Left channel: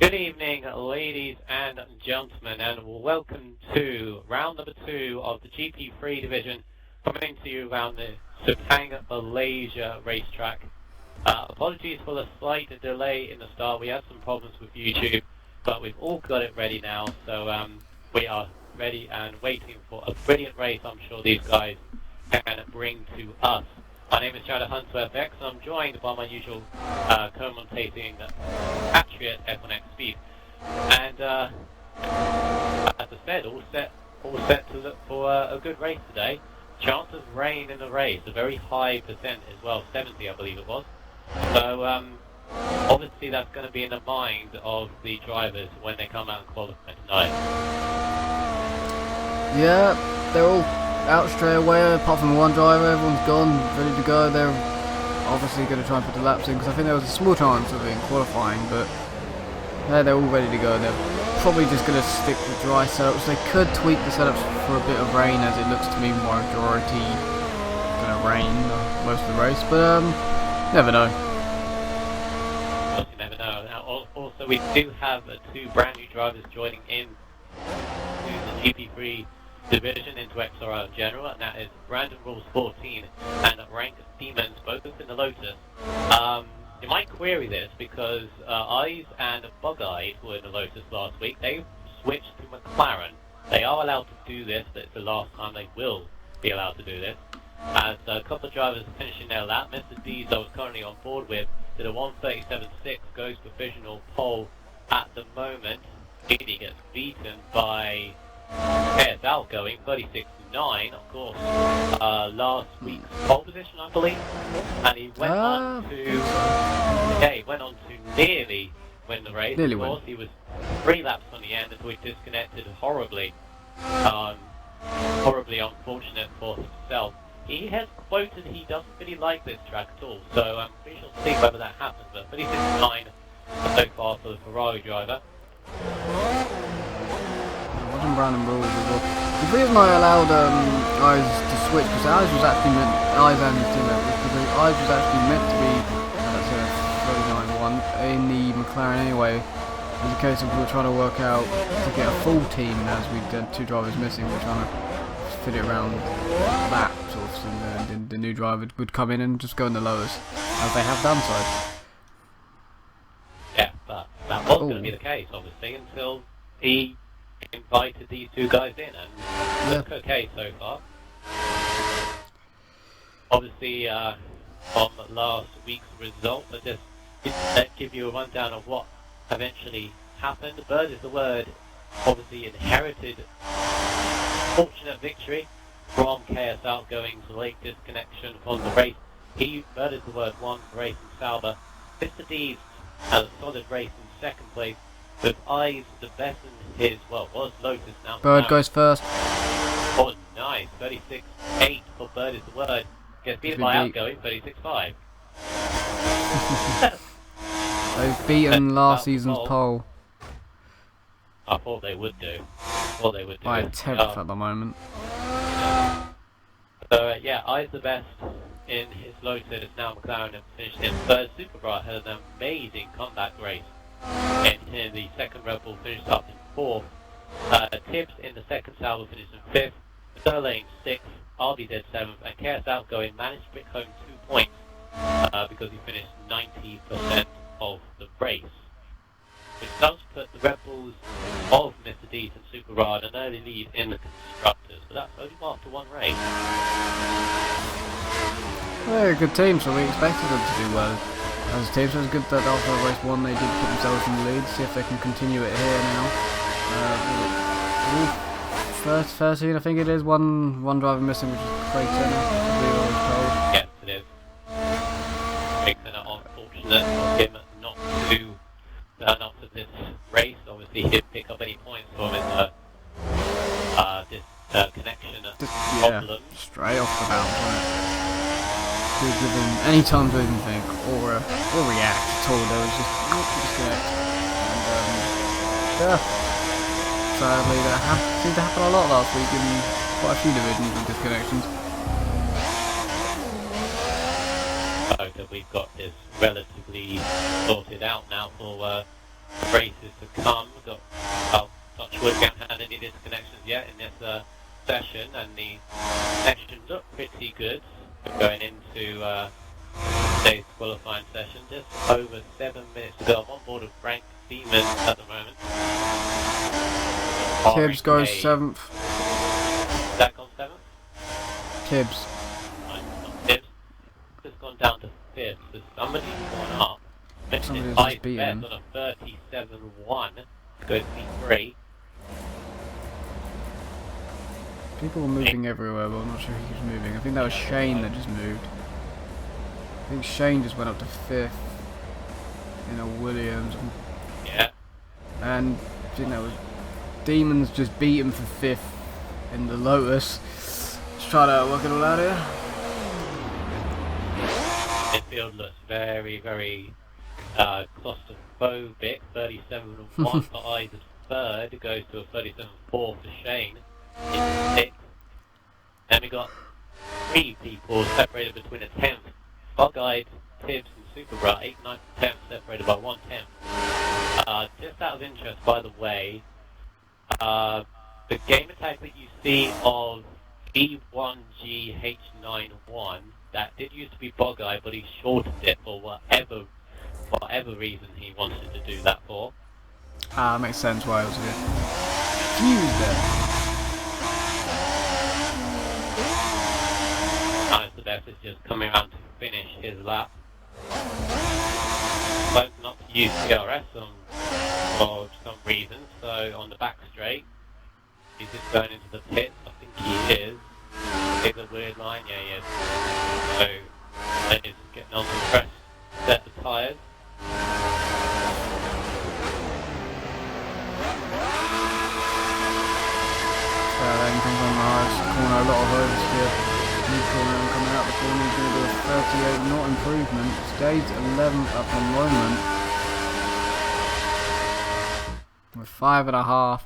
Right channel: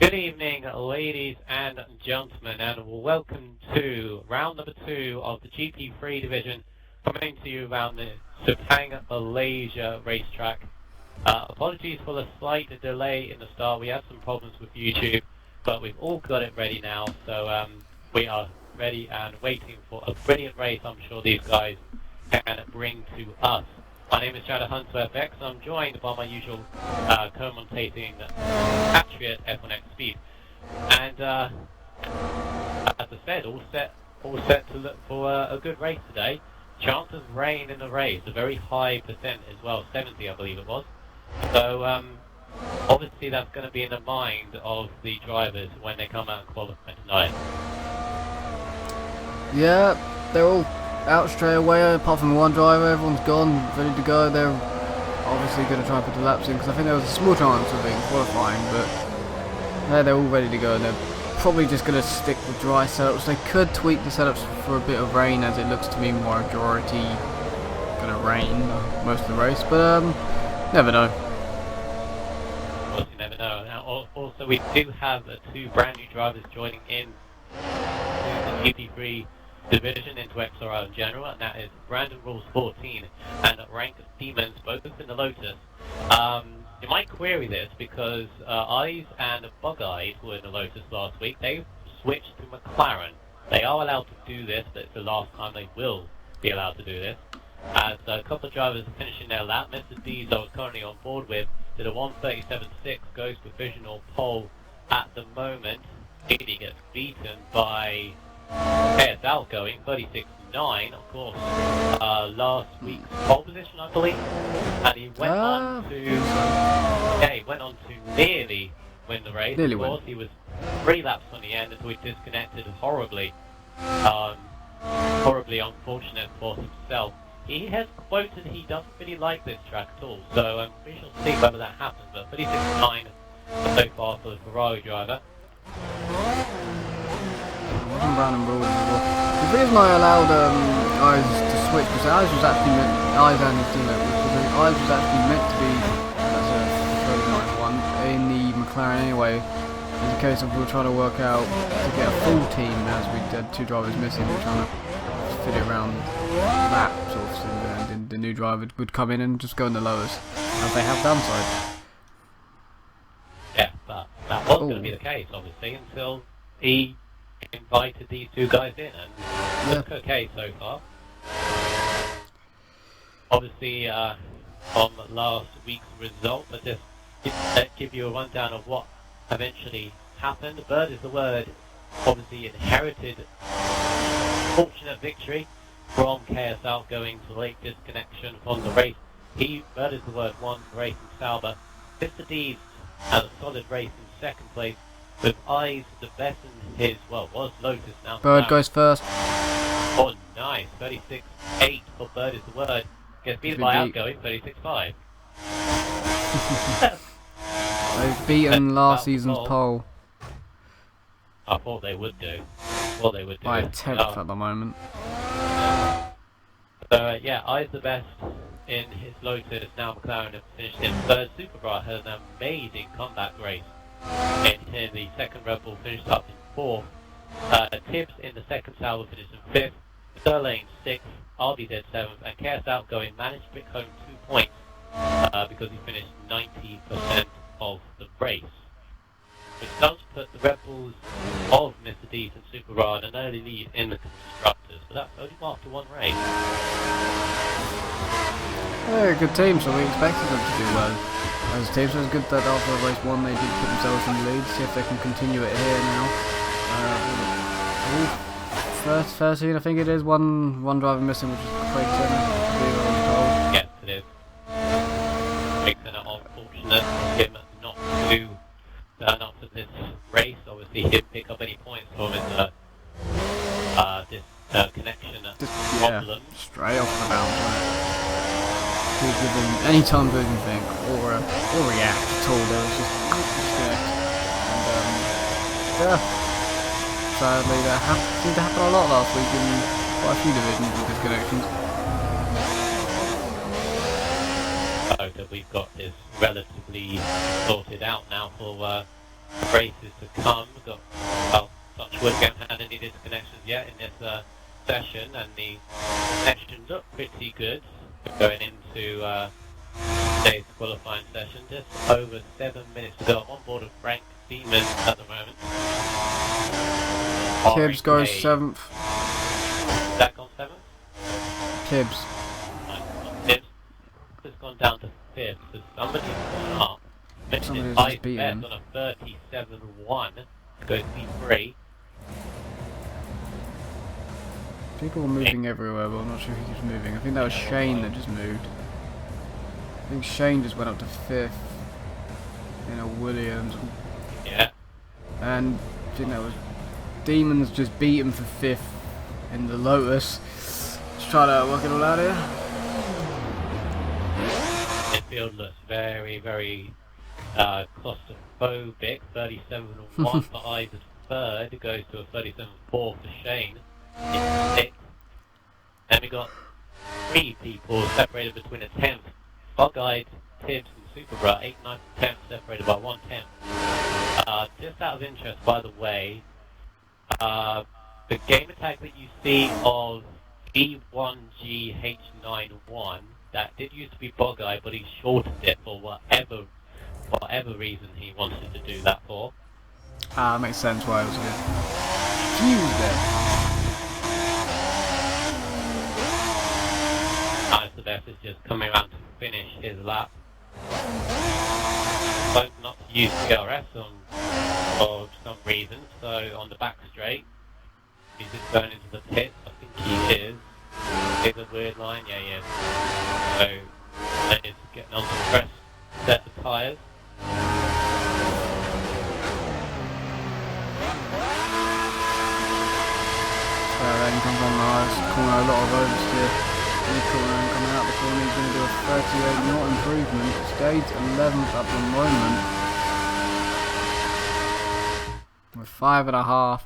Good evening, ladies and gentlemen, and welcome to round number 2 of the GP3 division, coming to you around the Sepang, Malaysia racetrack. Apologies for the slight delay in the start. We had some problems with YouTube, but we've all got it ready now, so we are ready and waiting for a brilliant race I'm sure these guys can bring to us. My name is Shadow Hunter FX, and I'm joined by my usual commentating Patriot F1X Speed. And as I said, all set to look for a good race today. Chance of rain in the race, a very high percent as well, 70 I believe it was. So obviously that's going to be in the mind of the drivers when they come out and qualify tonight. Yeah, they're all out straight away, apart from one driver. Everyone's gone, ready to go. They're obviously going to try and put the laps in, because I think there was a small chance of it in qualifying, but they're all ready to go, and they're probably just going to stick with dry setups. They could tweak the setups for a bit of rain, as it looks to me majority going to rain most of the race, but never know. Of course, you never know. Now, also, we do have two brand new drivers joining in to the GP3 division into XRL in general, and that is Brandon Rules 14 and Rank Demons, both in the Lotus. You might query this because Eyes and Bug-Eyed were in the Lotus last week. They switched to McLaren. They are allowed to do this, but it's the last time they will be allowed to do this. As a couple of drivers are finishing their lap, Mr. D's I was currently on board with did a 1:37.6, goes provisional pole at the moment. He gets beaten by XRL going 36.9, of course, last week's pole position, I believe, and he went on to nearly win the race. Of course, he was 3 laps on the end until he disconnected horribly, horribly unfortunate for himself. He has quoted he doesn't really like this track at all, so we shall see whether that happens. But 36.9 so far for the Ferrari driver. Wasn't Brandon Rules as well. The reason I allowed Eyes to switch, because Eyes was actually meant, Eyes and his teammate, because Eyes was actually meant to be, that's a 39.1 in the McLaren anyway. It's a case of we were trying to work out to get a full team, as we had 2 drivers missing. We were trying to fit it around that sort of thing, and the new driver would come in and just go in the lowest, as they have done so. Yeah, but that was going to be the case, obviously, until he invited these 2 guys in, and look okay so far. Obviously, on last week's result, but just give you a rundown of what eventually happened. Bird is the word, obviously inherited fortunate victory from KSL going to late disconnection from the race. He, Bird is the word, won the race in Sauber. Mr. D's had a solid race in 2nd place, with Eyes the best in his, well, was Lotus now. Bird goes first. Oh, nice. 36.8 for Bird is the word. Gets beaten by Outgoing, 36.5. They've beaten last season's pole. I thought they would do. By a 10th at the moment. So, yeah, Eyes the best in his Lotus. Now McLaren have finished in 3rd. Superbright had an amazing comeback race. In the 2nd, Red Bull finished up in 4th. Tibbs in the 2nd, Sauber finished in 5th. Sterling 6th, RBZ 7th, and KS Outgoing managed to pick home 2 points because he finished 90% of the race, which does put the Red Bulls of Mr. D's and Super Rod an early lead in the constructors, but that's only after 1 race. Well, they're a good team, so we expected them to do well as a team, so it's good that after race 1 they did put themselves in the lead. See if they can continue it here now. 13 I think it is, one driver missing, which is Craig Turner, I believe I was told. Yes, it is. Craig Turner, unfortunate for him not to turn up to this race. Obviously he didn't pick up any points from his connection problem. Straight off the bounce, wasn't it? Didn't give him any time to even think or react at all. There was just disconnect, and yeah, sadly that seemed to happen a lot last week in quite a few divisions with disconnections. I hope that we've got this relatively sorted out now for races to come. We've got, well, touch wood, we haven't had any disconnections yet in this session, and the connection looked pretty good going into today's qualifying session. Just over 7 minutes to go. I'm on board with Frank Seaman at the moment. Tibbs goes 7th. That gone 7th? Tibbs. Tibbs has gone down to 5th, so somebody's gone up. Somebody has just beaten him. On a 37-1 to go P3. People were moving everywhere, but I'm not sure who was moving. I think that was Shane that just moved. I think Shane just went up to 5th in a Williams. Yeah. And I think that was Demons just beat him for 5th in the Lotus. Let's try to work it all out here. Midfield looks very, very claustrophobic. 37-1 for Ives third. It goes to a 37-4 for Shane in 6th. Then we got 3 people separated between a 10th. Bug-Eyed, Tibbs and Super Bra, 8th, 9th, 10th, separated by 1 10th. Just out of interest, by the way, the game tag that you see of B1GH91, that did used to be Bug-Eyed, but he shortened it for whatever reason he wanted to do that for. Makes sense why I was a bit confused there. The best is just coming around to finish his lap. But not to use CRS for some reason, so on the back straight, he's just going into the pits. I think he is. It's a weird line, yeah he is. So, then he's getting on the fresh set of tyres. Then comes on the highest corner, a lot of oversteer. Mid-corner and coming out the corner, he's going to do a 38 knot improvement. Stays 11th at the moment. With 5.5 to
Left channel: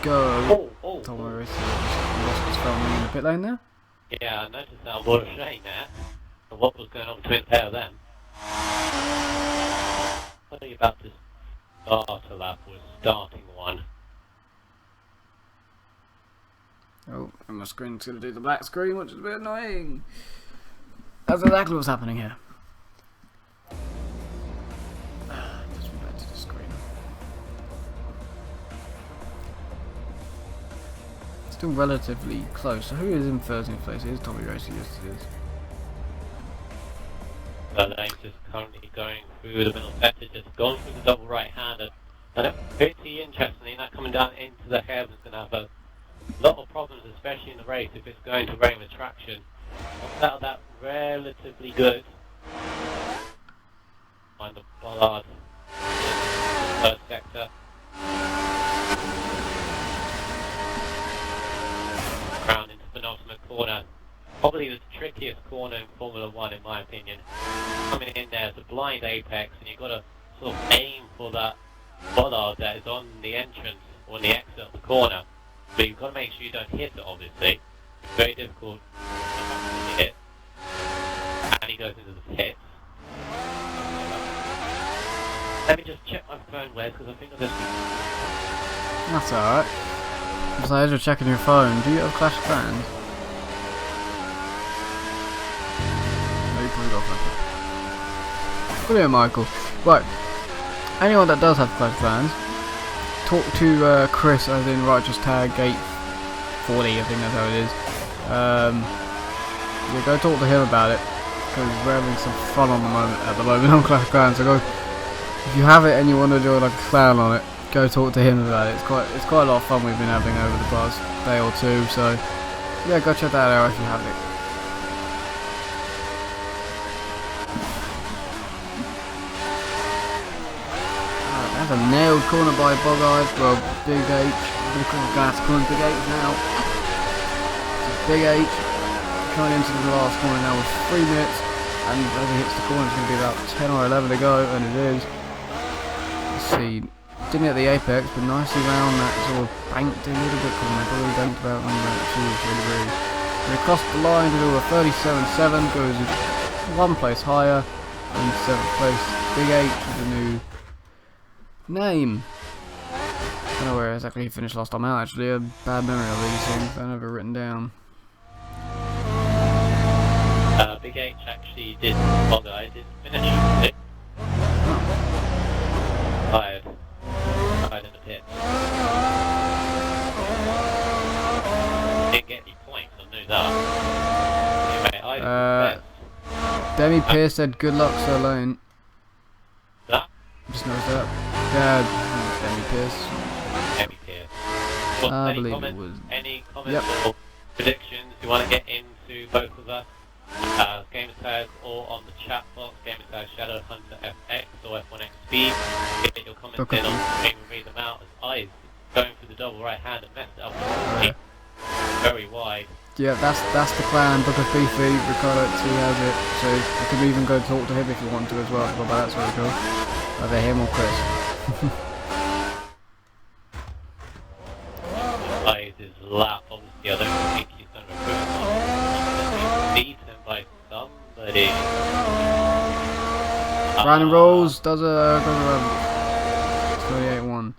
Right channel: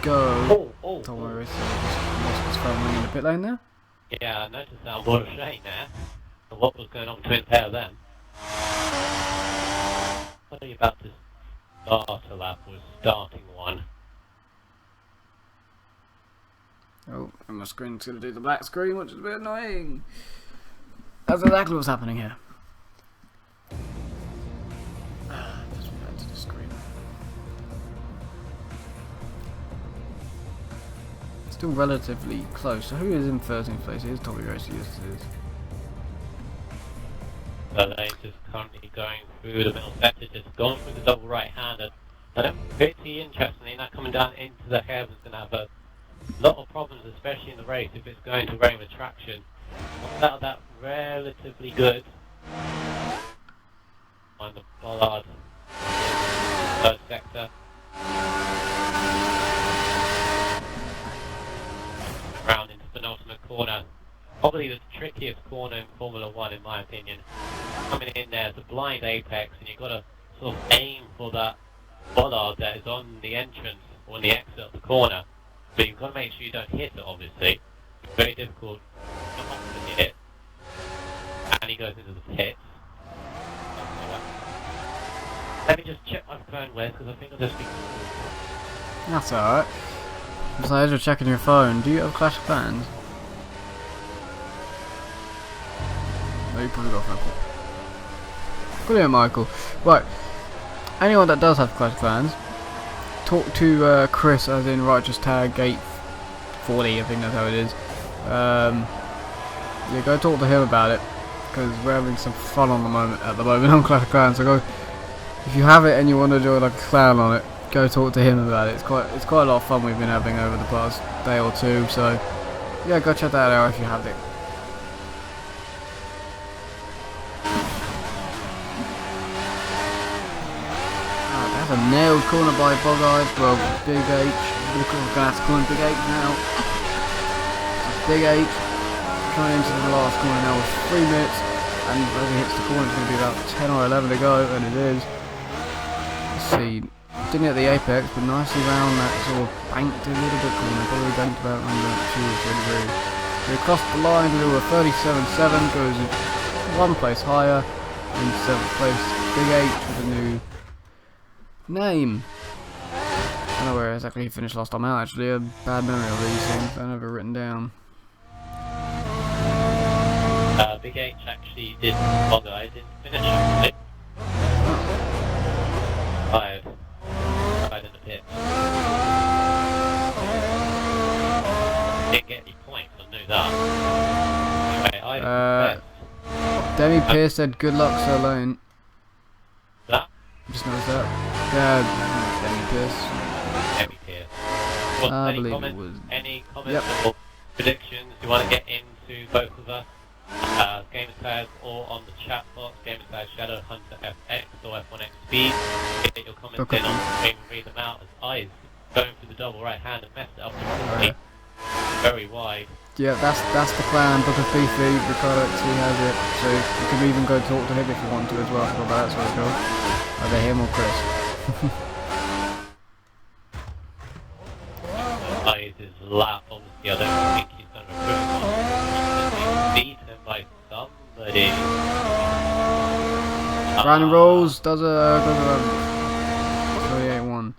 go. Tom Marissa just lost his front wing in the pit lane there. Yeah, I noticed that on board of Shane there. And what was going on between the pair of them? What are you about to start a lap was starting one? Oh, and my screen's going to do the black screen, which is a bit annoying. That's exactly what's happening here. Puts me back to the screen. Still relatively close. So who is in 13th place? It is Tommy Racer, yes it is. So they're just currently going through the middle sector, just going through the double right-hander. And pretty interestingly, that coming down into the hair is going to have a lot of problems, especially in the race, if it's going to rain with traction. Comes out of that relatively good. On the bollard, third sector. Round into the penultimate corner. Probably the trickiest corner in Formula 1 in my opinion. Coming in there, it's a blind apex, and you've got to sort of aim for that bollard that is on the entrance or the exit of the corner. But you've got to make sure you don't hit it, obviously. It's very difficult to hit. And he goes into the pits. Let me just check my phone, Wes, because I think I'm just... That's alright. Besides, you're checking your phone. Do you have Clash of Clans? No, you probably got Franklin. Brilliant, Michael. Right. Anyone that does have Clash of Clans, talk to Chris, as in Righteous Tag Gate 40, I think that's how it is. Yeah, go talk to him about it, because we're having some fun at the moment on Clash of Clans. So go, if you have it and you want to join like a clan on it, go talk to him about it. It's quite a lot of fun we've been having over the past day or two. So yeah, go check that out if you have it. That's a nailed corner by Bug-Eyed. Well, Big H. I'm going to have to call him Big H now. So Big H coming into the last corner now with 3 minutes, and as he hits the corner, it's going to be about 10 or 11 to go, and it is. Let's see. Didn't hit the apex, but nicely round that sort of banked a little bit corner. Probably banked about 2 or 3 degrees. He crossed the line to do a 37.7, goes 1 place higher. In 7th place, Big H with a new Name. I don't know where exactly he finished last time out. Actually, a bad memory of these things. I never written down. Big H actually did. Bogger, I didn't finish it. Oh. Fired in the pit. Didn't get any points. I knew that. Anyway, I Demi Pierce said, "Good luck, Sir Lane." that. Just noticed that. Yeah, Demi Pierce. Demi Pierce. I believe it was. Any comments or predictions you want to get into both of us? Gamertag or on the chat box, Gamertag Shadowhunter FX or F1XP. Get your comments in on the screen and read them out as I going through the double right hand and messed it up very wide. Yeah, that's the clan. Book of Beefy, Ricardo T has it, so you can even go talk to him if you want to as well. I forgot about that, so cool. Either him or Chris. His lap, obviously, I don't think he's done a good one. He's beaten by somebody. Brandon Rolls does a goes around 28-1.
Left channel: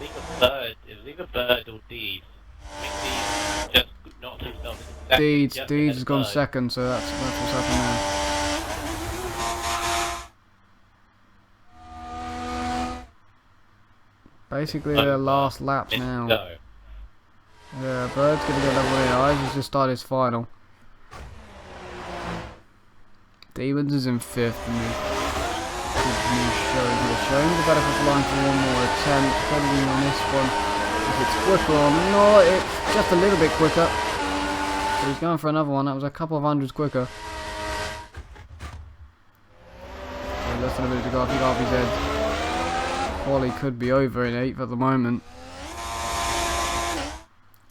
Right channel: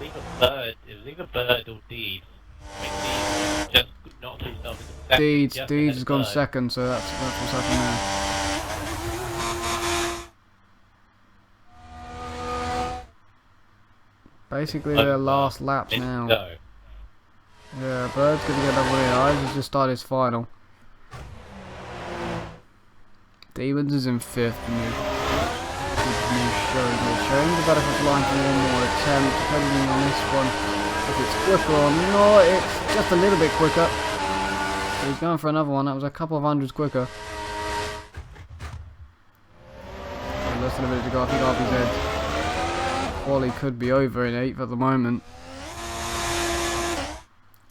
It was either Bird or Deeds. I think Deeds just knocked himself in the second. Deeds has gone second, so that's what's happened there. Basically their last laps now. Yeah, Bird's gonna get that one in. Eyes has just started his final. Demons is in 5th, the new showing here. Showing the better for line for one more attempt, depending on this one. If it's quicker or not, it's just a little bit quicker. But he's going for another one, that was a couple of hundreds quicker. So less than a minute to go, I think RPZ's quali could be over in 8th at the moment.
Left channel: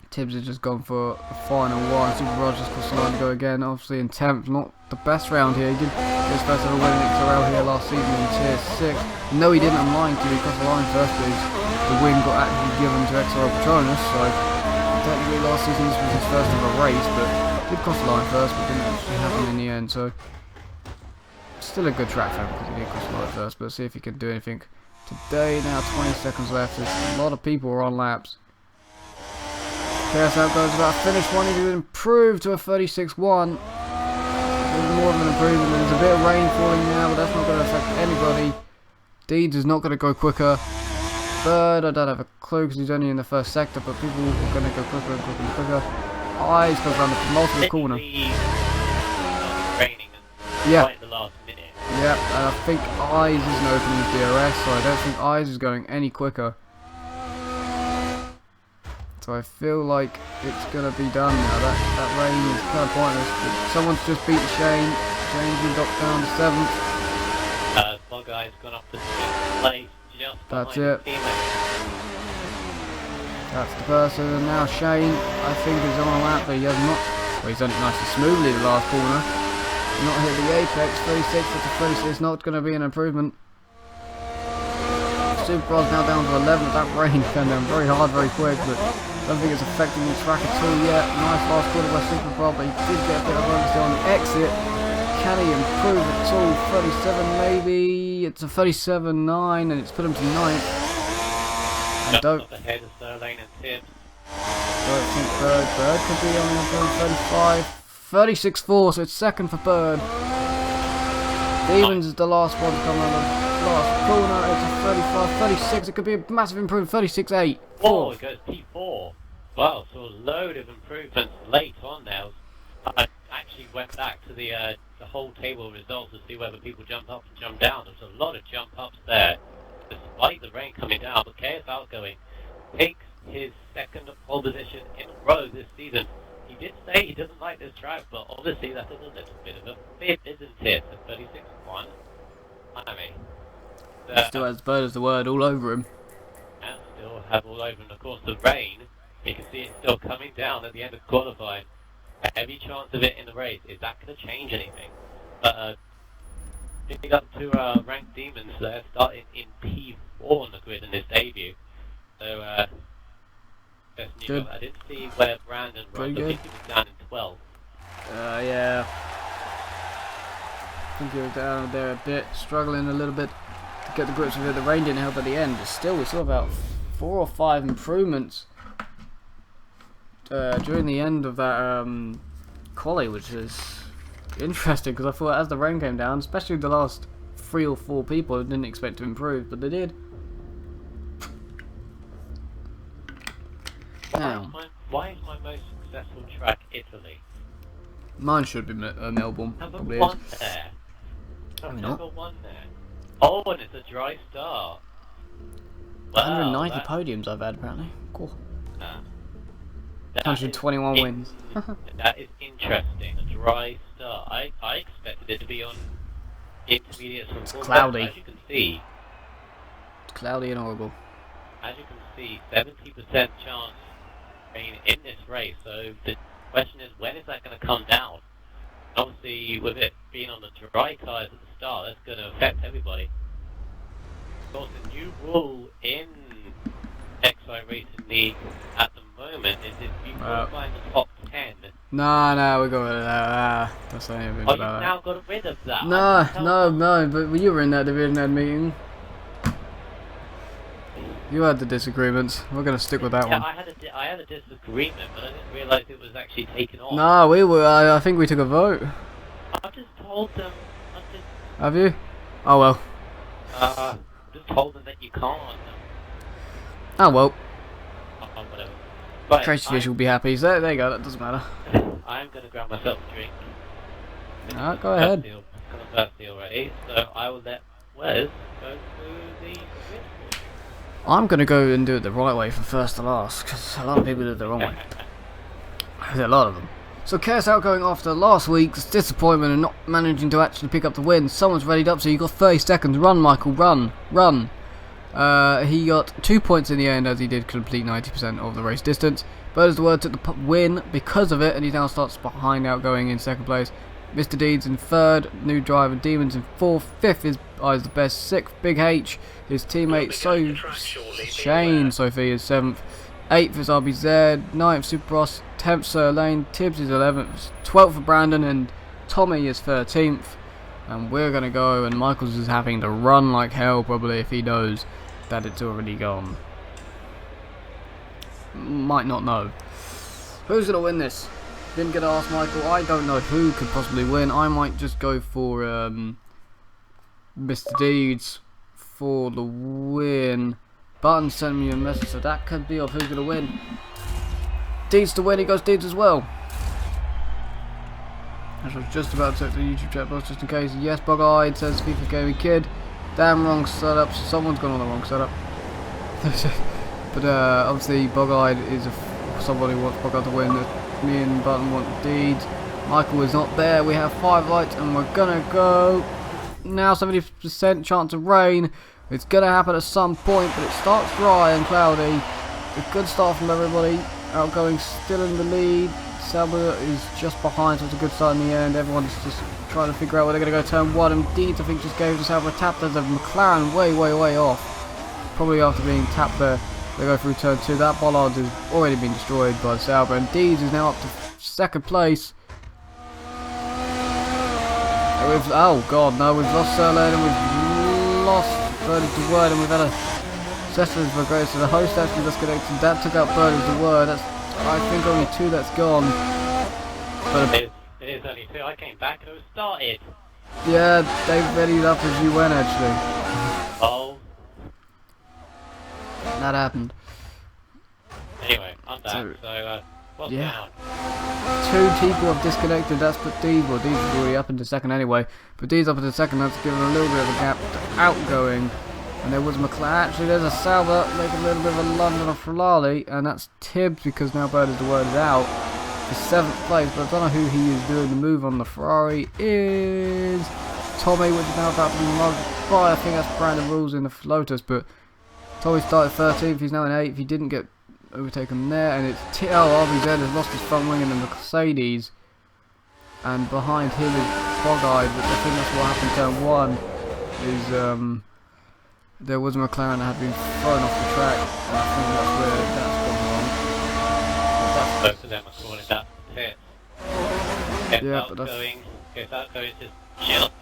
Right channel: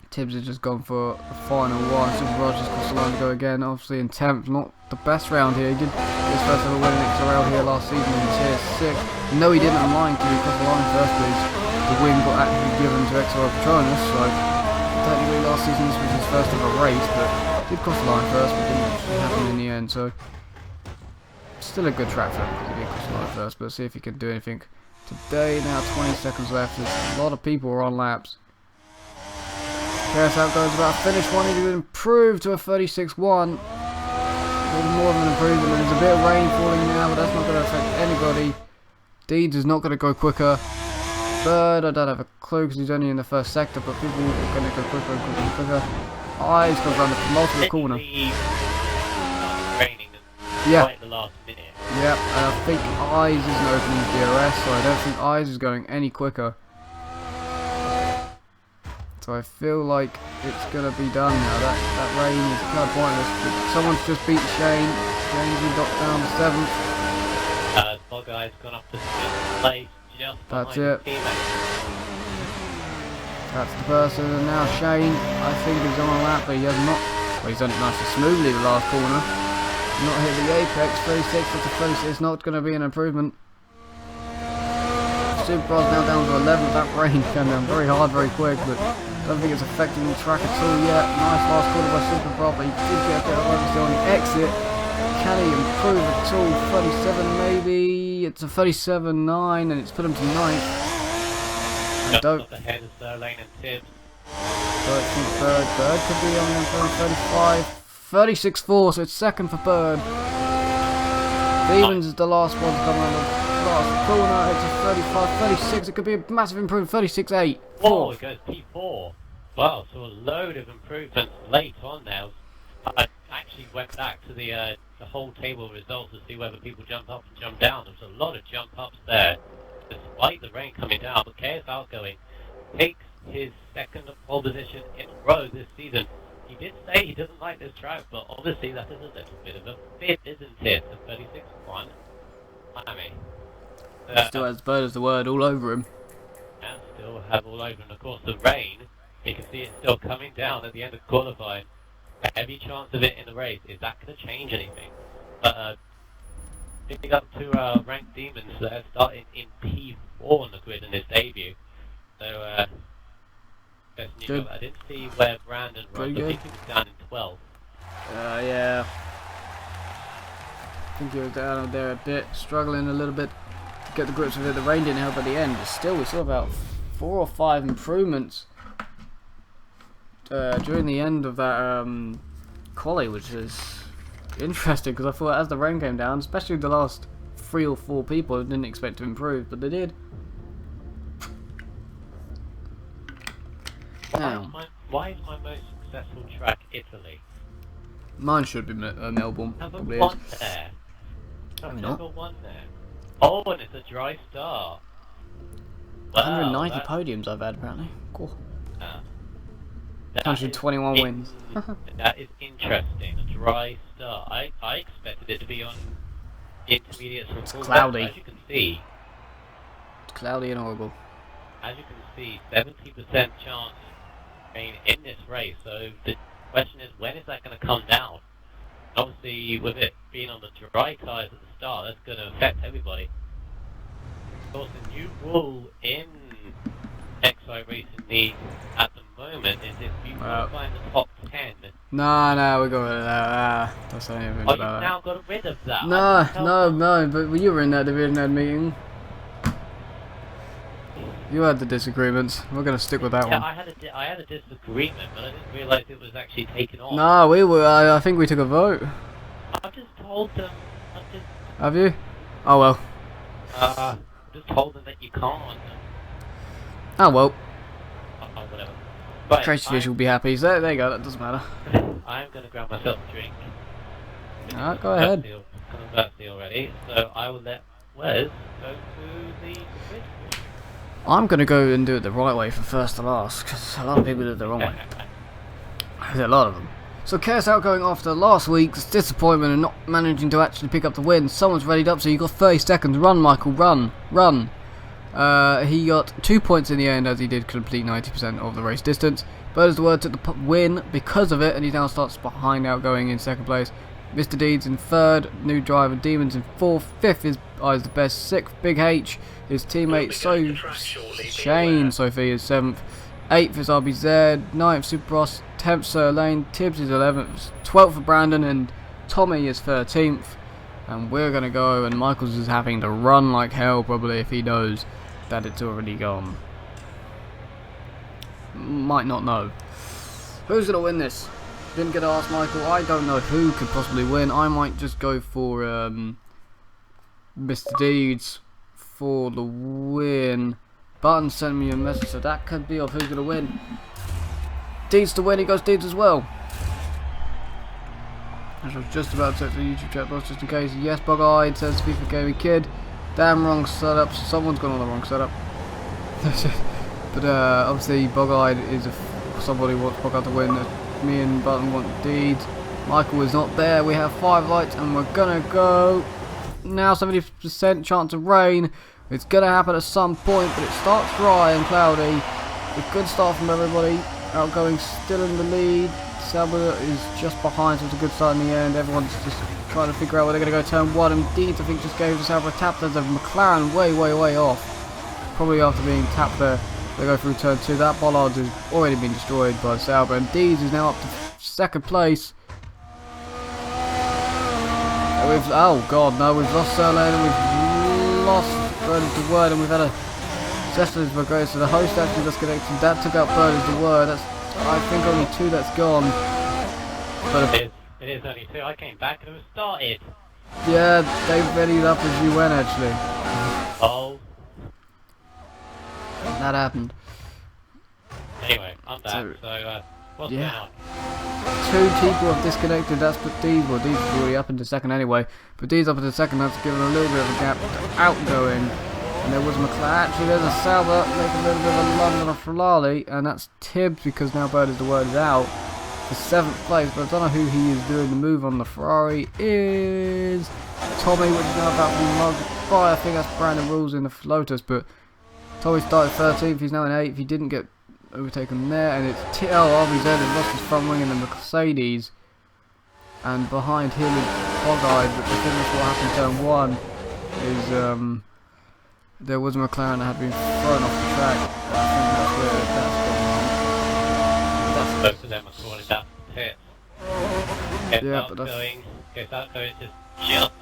Tibbs has just gone for a final one. Super Rogers crossed the line to go again. Obviously in 10th, not the best round here. He did get his first ever win in XRL here last season in Tier 6. No, he didn't. I'm lying to you. He crossed the line first, but the win got actually given to XRL Patronus. So technically last season this was his first ever race, but did cross the line first, but didn't actually happen in the end. So still a good track for him because he did cross the line first. But see if he can do anything today. Now 20 seconds left. There's a lot of people are on laps. KSL goes about finish one. He did improve to a 36-1. A little more of an improvement. There's a bit of rain falling now, but that's not going to affect anybody. Deeds is not going to go quicker. Bird, I don't have a clue because he's only in the first sector, but people are going to go quicker and quicker and quicker. Eyes goes around the penultimate corner. Yeah. Right at the last minute. Yep, and I think Eyes isn't opening his DRS, so I don't think Eyes is going any quicker. So I feel like it's going to be done now. That rain is kind of pointless, but someone's just beaten Shane. Shane's been knocked down to 7th. Bogey's gone up to 6th place. That's it. That's the person, and now Shane, I think, is on a lap, but he has not. Well, he's done it nice and smoothly the last corner. Not hit the apex. 36 to 36. It's not going to be an improvement. Superbras now down to 11th. That rain came down very hard, very quick, but I don't think it's affecting the track at all yet. Nice last corner by Superbras, but he did get a bit of oversteer on the exit. Can he improve at all? 37 maybe. It's a 37.9 and it's put him to 9th. And don't think Bird could be on the 35. 36.4, so it's second for Bird. Demons is the last one to come around the last corner. It's a 35, 36. It could be a massive improvement. 36.8. Oh, it goes P4. Wow, so a load of improvements late on now. I actually went back to the whole table of results to see whether people jump up and jump down. There was a lot of jump ups there, despite the rain coming down. But KS Outgoing takes his second pole position in a row this season. He did say he doesn't like this track, but obviously that is a little bit of a fit, isn't it? The 36.1. I mean, still has Bird as the word all over him. And still have all over him. Of course, the rain, you can see it still coming down at the end of qualifying. A heavy chance of it in the race. Is that going to change anything? But picking up to ranked Demons there, starting in P4 on the grid in his debut. So, best news. I didn't see where Brandon was. I think he was down in 12th. Yeah. I think he was down there a bit, struggling a little bit to get the grips with it. The rain didn't help at the end, but still we saw about 4 or 5 improvements during the end of that quali, which is interesting because I thought as the rain came down, especially the last 3 or 4 people, I didn't expect to improve, but they did. Now, why is my most successful track Italy? mine should be Melbourne. Number Probably 1 is. there. Maybe Number not. 1 there. Oh, and it's a dry start. Wow, 190 podiums I've had apparently. Cool. That 121 is wins. That is interesting. A dry start. I expected it to be on intermediates and full. Cloudy. As you can see. It's cloudy and horrible. As you can see, 70% chance rain in this race. So the question is, when is that going to come down? Obviously, with it being on the dry tyres at the start, that's going to affect everybody. Of course, the new rule in Xcite Racing League at the moment is if you qualify in the top 10. No, we got rid of that. Don't say anything Oh, about you've that. now got rid of that. No, but you were in that division head meeting. You had the disagreements. We're going to stick with that one. I had a disagreement, but I didn't realise it was actually taken off. No, we were. I think we took a vote. I just told them. Have you? Oh well. Just told them that you can't. Oh well. Whatever. But Tracy Fish will be happy. So there you go. That doesn't matter. I'm going to grab myself a drink. Alright, go ahead. Conversely already, so I will let Wes go to the grid. I'm going to go and do it the right way from first to last, because a lot of people do it the wrong way. A lot of them. So Chaos Outgoing after last week's disappointment and not managing to actually pick up the win. Someone's readied up, so you got 30 seconds. Run, Michael, run. He got 2 points in the end as he did complete 90% of the race distance. Bird is the word took the win because of it, and he now starts behind Outgoing in second place. Mr. Deeds in third, new driver Demons in fourth, fifth is the best, sixth Big H, his teammate Shane Sophie is seventh, eighth is RBZ, ninth Superbross, 10th Sir Lane, Tibbs is 11th, 12th for Brandon, and Tommy is 13th. And we're gonna go, and Michaels is having to run like hell probably if he knows that it's already gone. Might not know. Who's gonna win this? Didn't get to ask Michael. I don't know who could possibly win. I might just go for Mr. Deeds for the win. Button sent me a message, so that could be of who's gonna win. Deeds to win. He goes Deeds as well. I was just about to check the YouTube chat box just in case. Yes, Bug-Eyed says FIFA Gaming Kid. Damn wrong setup. So someone's gone on the wrong setup. But obviously Bug-Eyed is somebody who wants Bug-Eyed to win. Me and Button want Deeds. Michael is not there. We have 5 lights and we're gonna go now. 70% chance of rain. It's gonna happen at some point, but it starts dry and cloudy. A good start from everybody. Outgoing still in the lead. Sauber is just behind, so it's a good start in the end. Everyone's just trying to figure out where they're going to go turn 1. And Deeds, I think, just gave the Sauber a tap. There's a McLaren way off. Probably after being tapped there, they go through turn 2. That bollard has already been destroyed by Sauber. And Deeds is now up to second place. Oh god, no, we've lost Sirlane and we've lost Bird is the Word, and we've had a Cecil's Brigade. So the host actually disconnected. That took out Bird is the Word. That's, I think, only 2 that's gone. But it is only 2. I came back and it was started. Yeah, they readied up as you went actually. Oh. That happened. Anyway, I'm back. So what's going on? 2 people have disconnected. That's put Deeds. Well, Deeds is already up into second anyway. But Deeds up into second. That's given a little bit of a gap to Outgoing. And there was McLaren. Actually, there's a Sauber making a little bit of a London of Ferrari, and that's Tibbs because now Bird is the Word is out for 7th place. But I don't know who he is doing the move on. The Ferrari is Tommy, which is now about to be mugged by. I think that's Brandon Rules in the Lotus. But Tommy started 13th. He's now in 8th. He didn't get overtaken there, and it's RBZ has lost his front wing in the Mercedes, and behind him is Bog-Eyed. But I think that's what happened. Turn 1 is there was a McLaren that had been thrown off the track, and I think that's where that's gone wrong. That's both of them are calling that pit. Yeah, but that's... Outgoing is just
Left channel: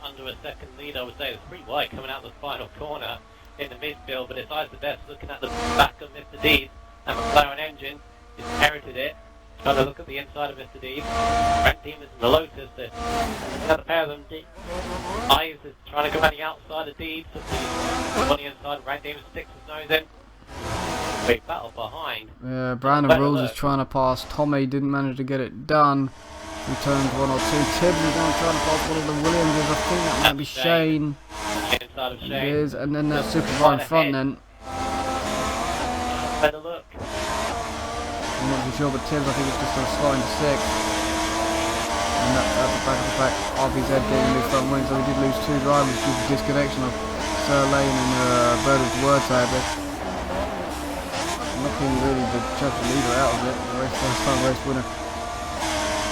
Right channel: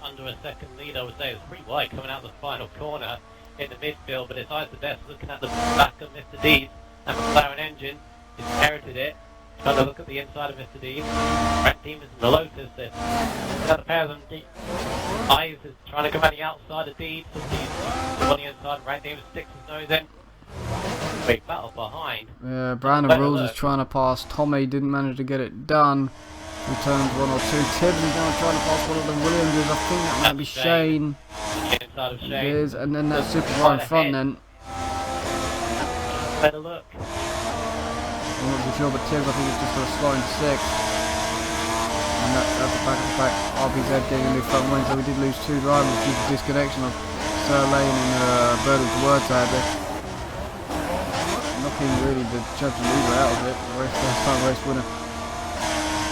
under a second lead, I would say. It's pretty wide coming out the final corner. in the midfield, but it's eyes the best looking at the back of Mr. D's and McLaren engine. He's inherited it. Trying to look at the inside of Mr. D's. Brent Demons and the Lotus. There's another pair of them. Eyes is trying to go on the outside of Deeds. On the inside, Brent Demons sticks his nose in. Big battle behind. Yeah, Brandon Rules is trying to pass Tommy, didn't manage to get it done. Returns 1 or 2. Tibbs is now trying to pass one of the Williamses. I think that might be Shane. Inside of Shane. It is, and then that super right in front then. Better look. I'm not too sure, but Tibbs I think it's just sort of sliding to 6. And that's at the back of the pack. RBZ getting a new front wing, so we did lose 2 drivers due to disconnection of Sir Lane and Birdwood's word sadly. Knocking really the chapter leader out of it. The race, first time race winner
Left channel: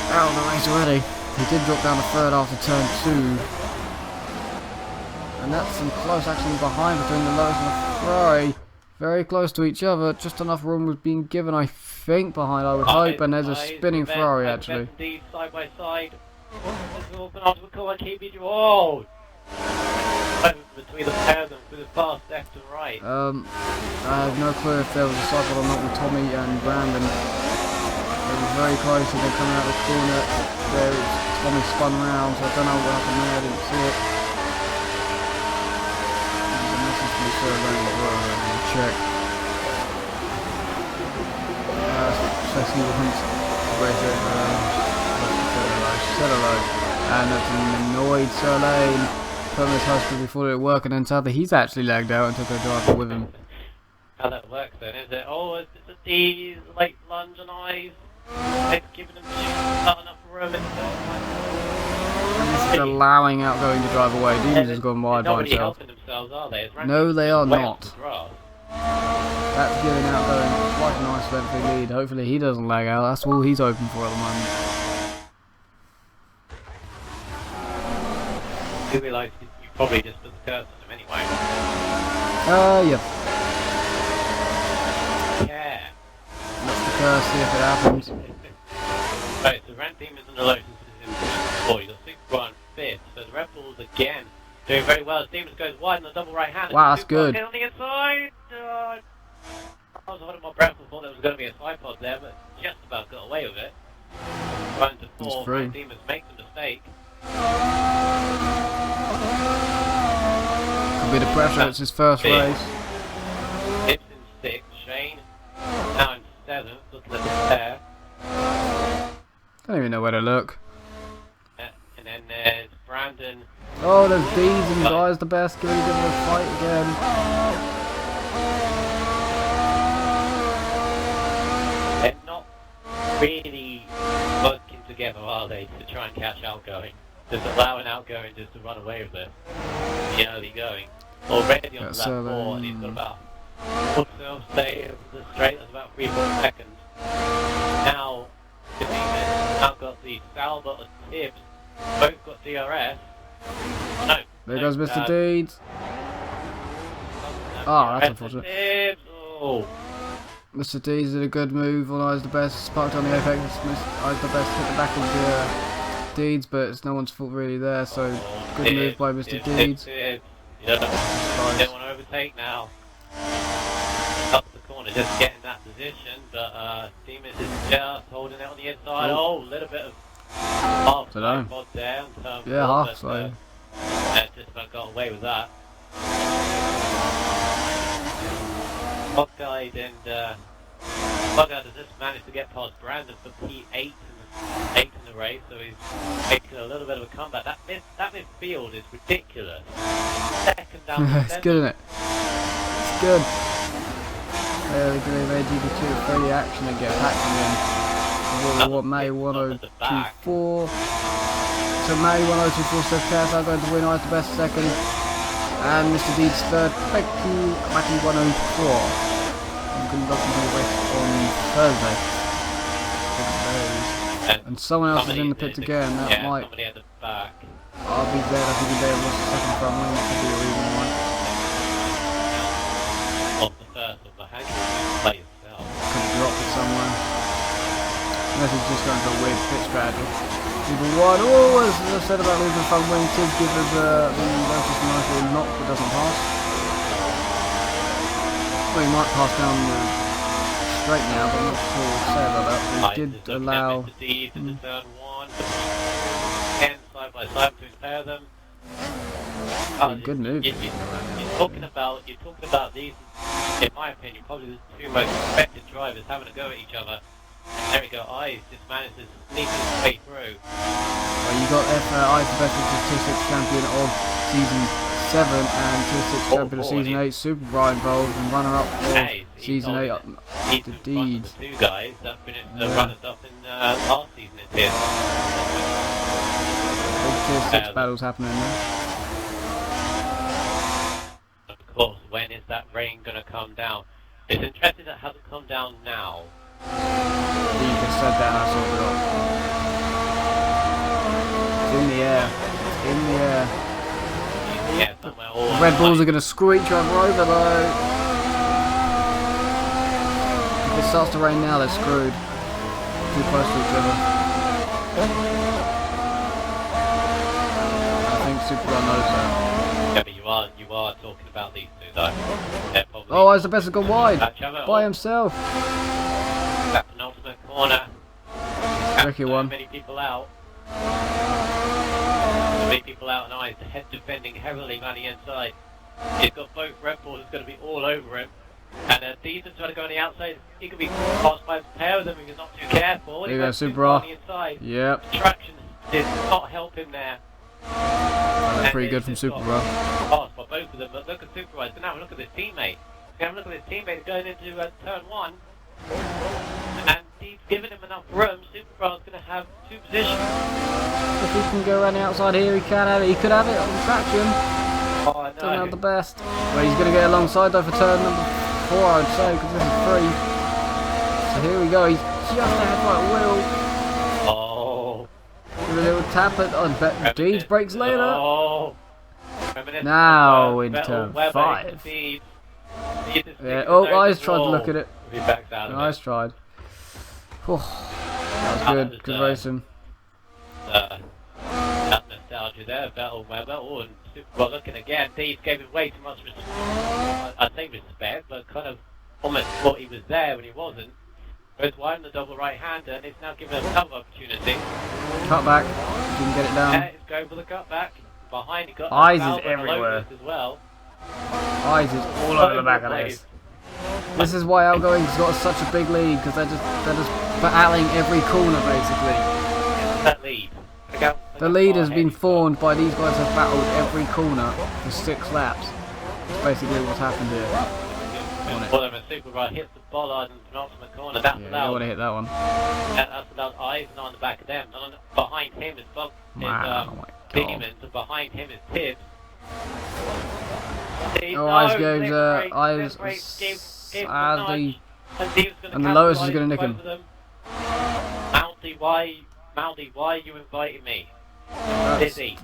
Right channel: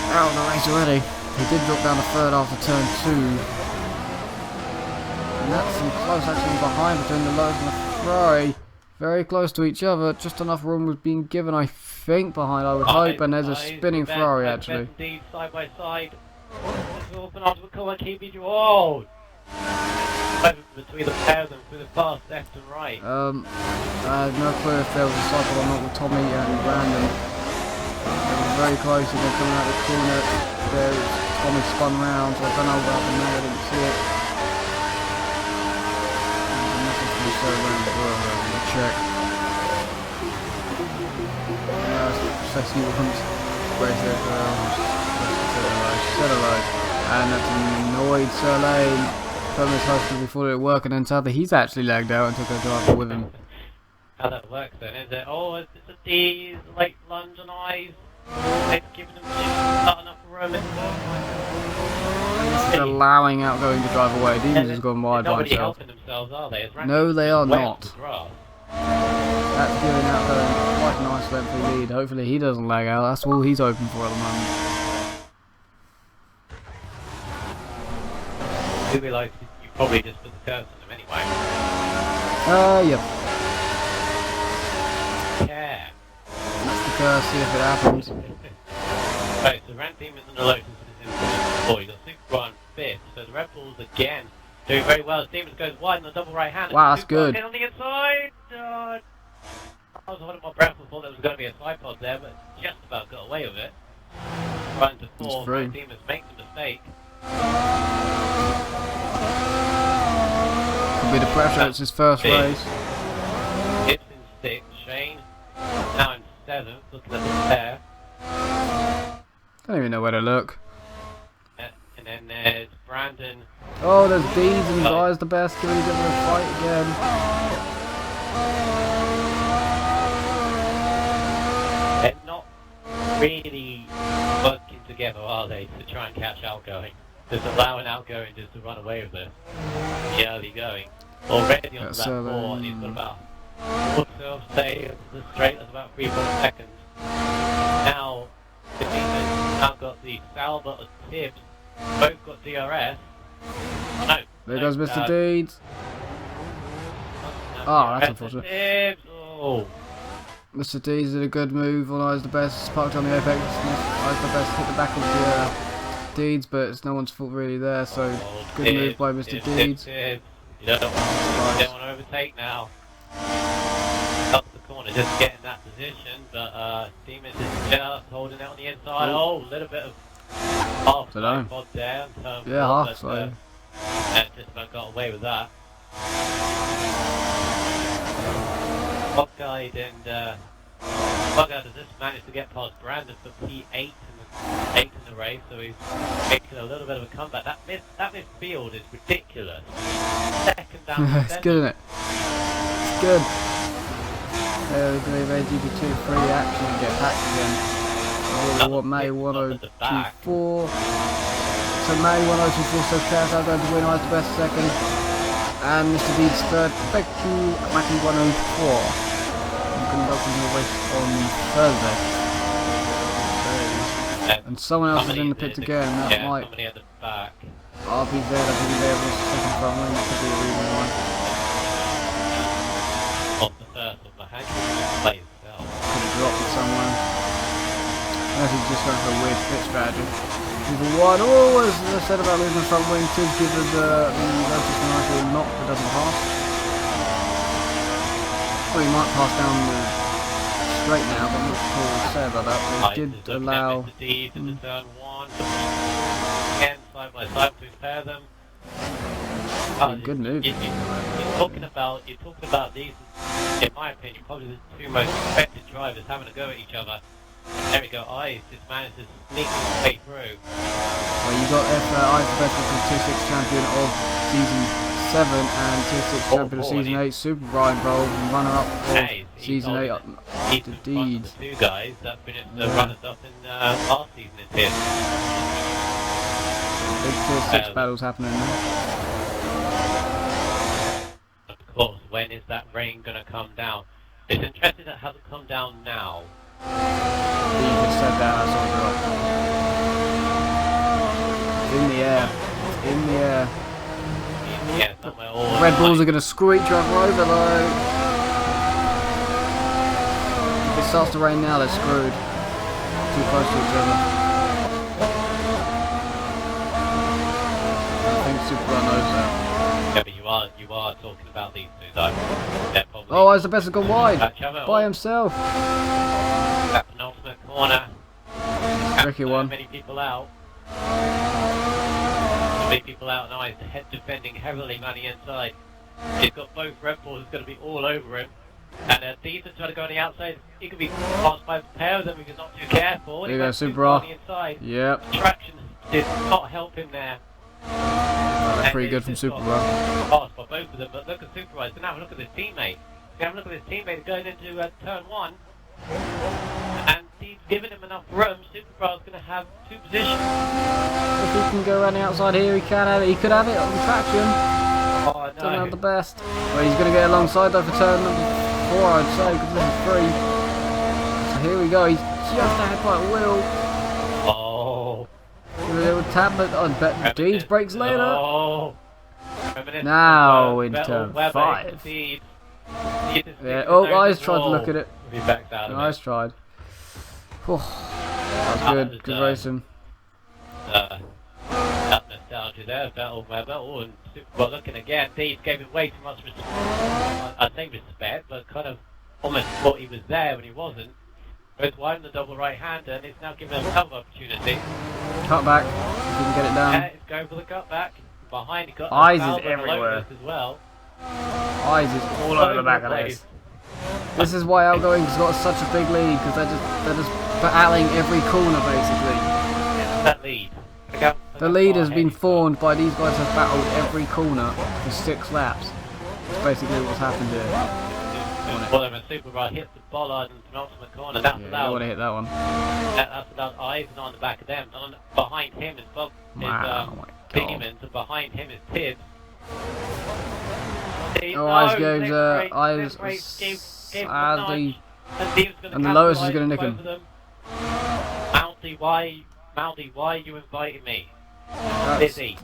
out of the race already. He did drop down the third after turn 2. And that's some close action behind between the Lotus and the Ferrari. Very close to each other. Just enough room was being given, I think, behind, I would hope. And there's a spinning Ferrari actually. Side by side. Oh! Between the pair of them through the fast left and right. I have no clue if there was a cycle or not with Tommy and Brandon. They were very close and then coming out of the corner. Tommy spun round, so I don't know what happened there, I didn't see it. There's a message from Sir Lane as well, I'm going to check. Ceci wants race it, she said hello. And that's an annoyed Sir Lane. Put his husband before it worked, and then sadly he's actually lagged out and took a driver with him. How that works then, is it? Oh, it's a D, late lunge and eyes. They're giving them not enough room. And this is allowing outgoing to drive away. Demons has gone wide by himself. No, they are not. That's giving outgoing quite a nice lengthy lead. Hopefully he doesn't lag out. That's all he's open for at the moment. You realise you probably just put the curse on him anyway. Yep. Yeah. And that's the curse, see if it happens. Right, so Rand Demons and the Lotus is in 4. You got 6 and 5th. So the Red Bulls again doing very well. Demons goes wide in the double right hand. Wow, that's good. On the inside. I was holding my breath and thought there was going to be a side pod there, but just about got away with it. Running to 4. Rand Demons makes a mistake. Could be the pressure, it's his first race. Tibbs in 6, Shane now in 7th, looking at the pair. Don't even know where to look. And then there's Brandon. Oh, there's Deeds and Guy's the best, giving him a fight again. They're not really working together, are they, to try and catch outgoing? Just allowing outgoing just to run away with it. The early going. Already on that 4, and he's got about 4 stay of the straight, that's about 3-4 seconds. Now, the Demons now got the Salva of Tibbs, both got DRS. No. There goes Mr. Deeds. Oh, that's unfortunate. Tibbs. Oh. Mr. Deeds did a good move on Eyes the Best, parked on the apex. Eyes the Best hit the back of the Deeds, but it's no one's fault really there, so good move by Mr. Deeds. You don't want to overtake now. Up the corner, just getting that position, but Demons is just holding it on the inside. Oh, a little bit of half pod there. Yeah, half slow. Just about got away with that. Bobguide and Bobguide has just managed to get past Brandon for P8 in the race, so he's making a little bit of a comeback. That midfield is ridiculous. Second down. It's good, isn't it? It's good. There we do a GP3 action and get packed again. What May 1024. So May 1024 says Chaos are going to win. Eyes the Best second. And Mr. Deeds third. Thank you, Mackie 104. I'm going to go to the race on Thursday. And someone else is in the pits again, that might... somebody at the back. RBZ, I think he there was the second front wing, that could be a reason why. Not the first of the hand play itself. Could have dropped it somewhere. Unless he's just going for a weird pit strategy. Level 1, oh, as I said about losing the front wing, Tibbs gives us the Lotus a nice little knock but doesn't pass. Well, he might pass down the straight now, but I'm not sure what to say about that. They did allow... into turn 1, again, side by side between the pair of them. Good move. You're talking about these, in my opinion, probably the two most expected drivers having a go at each other. There we go, Eyes just managed to sneak his way through. Well, you got Eyes the best with Tier 6 champion of Season 7 and Tier 6 champion of Season 8, Super Brian involved and runner-up of Season 8 up to Deeds. The two guys that finished the runners-up in last season in Tier 6. Big Tier 6 battles happening there. Of course, when is that rain going to come down? It's interesting that it hasn't come down now. You just said that, I saw it drop. It's in the air. It's in the air. The Red Bulls are going to screw each other over though. If it starts to rain now, they're screwed. Too close to each other. I think Super knows that. Yeah, but you are talking about these two though. Oh, Eyes the best has gone wide by himself. That penultimate corner. Tricky one. Many people out. And Eyes the head defending heavily on the inside. He's got both Red Bulls going to be all over him. And Deeds trying to go on the outside. He could be passed by a pair of them if he's not too careful. There you go, Super on the inside. Yep. The traction did not help him there. Well, that's pretty good from Super Passed by both of them, but look at Super Eyes. Now look at his teammate. Have a look at his teammate going into turn 1. And he's given him enough room. Supercar's going to have two positions. If he can go around the outside here, he can have it. He could have it on traction. Oh, no. Doesn't have the best. Well, he's going to get alongside though for turn number 4, I'd say, because this is 3. So here we go. He's just ahead by a wheel. Oh. Give a little tap, but I bet Deeds breaks later. Oh. Now in turn 5. Yeah. Oh, Eyes tried to look at it. Eyes tried. Oh, that was good. Good racing. That nostalgia there, Vettel and Super looking again. Deeds gave him way too much I'd say respect, but kind of almost thought he was there when he wasn't. Goes wide on the double right-hander, and it's now given him another opportunity. Cut back. Didn't get it down. Yeah, it's going for the cut back. Behind, he got Eyes is everywhere. As well. Eyes is all over the back of this. This is why Outgoing's got such a big lead, because they're just battling every corner basically. That lead. The lead has been formed by these guys have battled every corner for 6 laps. That's basically what's happened here. Well, a Super Ride hits the bollard in the penultimate corner. That's you don't want to hit that one. That's allowed Eyes not on the back of them. Behind him is Bob. Wow, my God. And behind him is Tibbs. Oh, Eyes goes, Eyes sadly, and the Lotus is going to nick him. Mounty, why are you inviting me? Dizzy.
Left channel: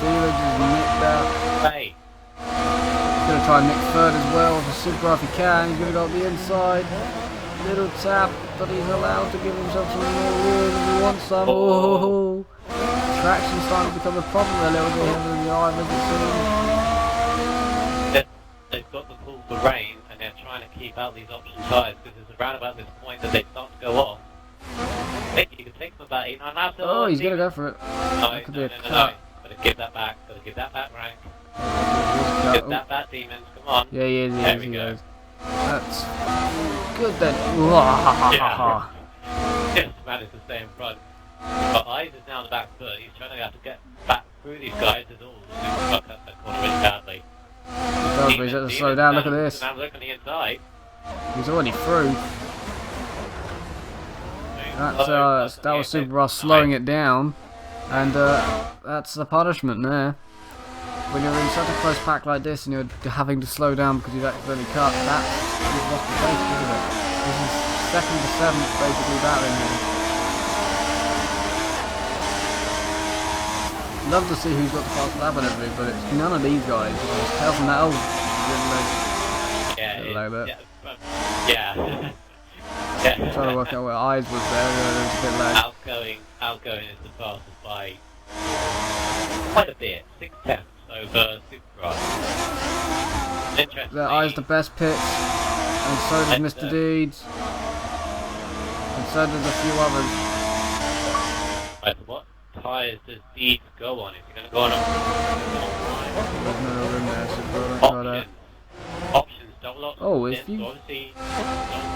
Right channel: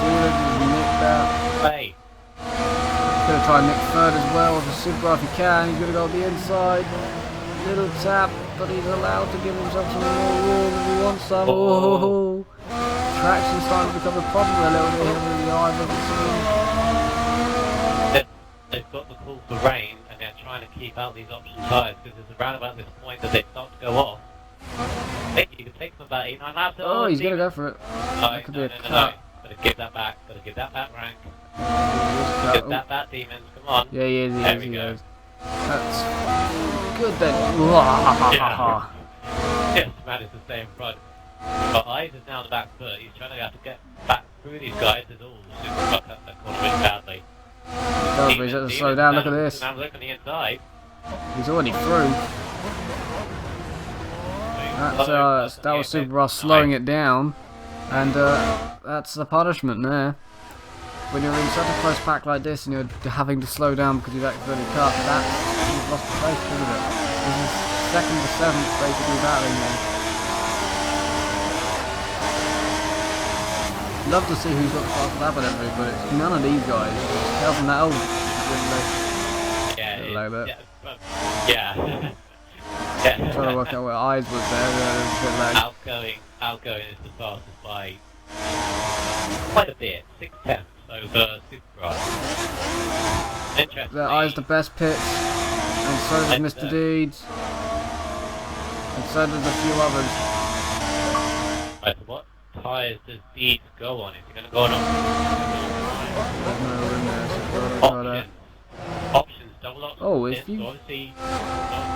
Dealer just nicked that. Hey. He's going to try and nick third as well with a Super if he can. He's going to go up the inside. Little tap, but he's allowed to give himself some more room if he wants some. Oh. Traction's starting to become a problem a little bit here with the Ivers, it seems. They've got the pull for rain, and they're trying to keep out these option tyres because it's around about this point that they start to go off. I think you can take them about 8-9 laps. Oh, he's going to go for it. That could be a cut. Gotta give that back. Gotta give that back, Rank. Give that back, Demons. Come on. Yeah, he is. He goes. That's good then. Yeah. Yes, managed to stay in front. But Eyes is now on the back foot. He's trying to have to get back through these guys. There's all super fuck up that corner really badly. He does, but he's got to slow down. Look at this. Now look on the inside. He's already through. That was Super Ross slowing it down, and that's the punishment there. When you're in such a close pack like this and you're having to slow down because you've accidentally cut, you've lost the pace, isn't it? This is 2nd to 7th basically battling here. Love to see who's got the fastest lap and everything, but it's none of these guys. You can just tell from that Yeah. I'm trying to work out where Eyes was there. There was a bit lag. Outgoing is the fastest by quite a bit. 6/10 over Super Ride. Interesting. The Eyes the best pits. And so does Mr. Deeds. And so does a few others. Right, what tyres does Deeds go on? Is he going to go on There's no room there, so don't try that. Options, double options. Oh, if you... So obviously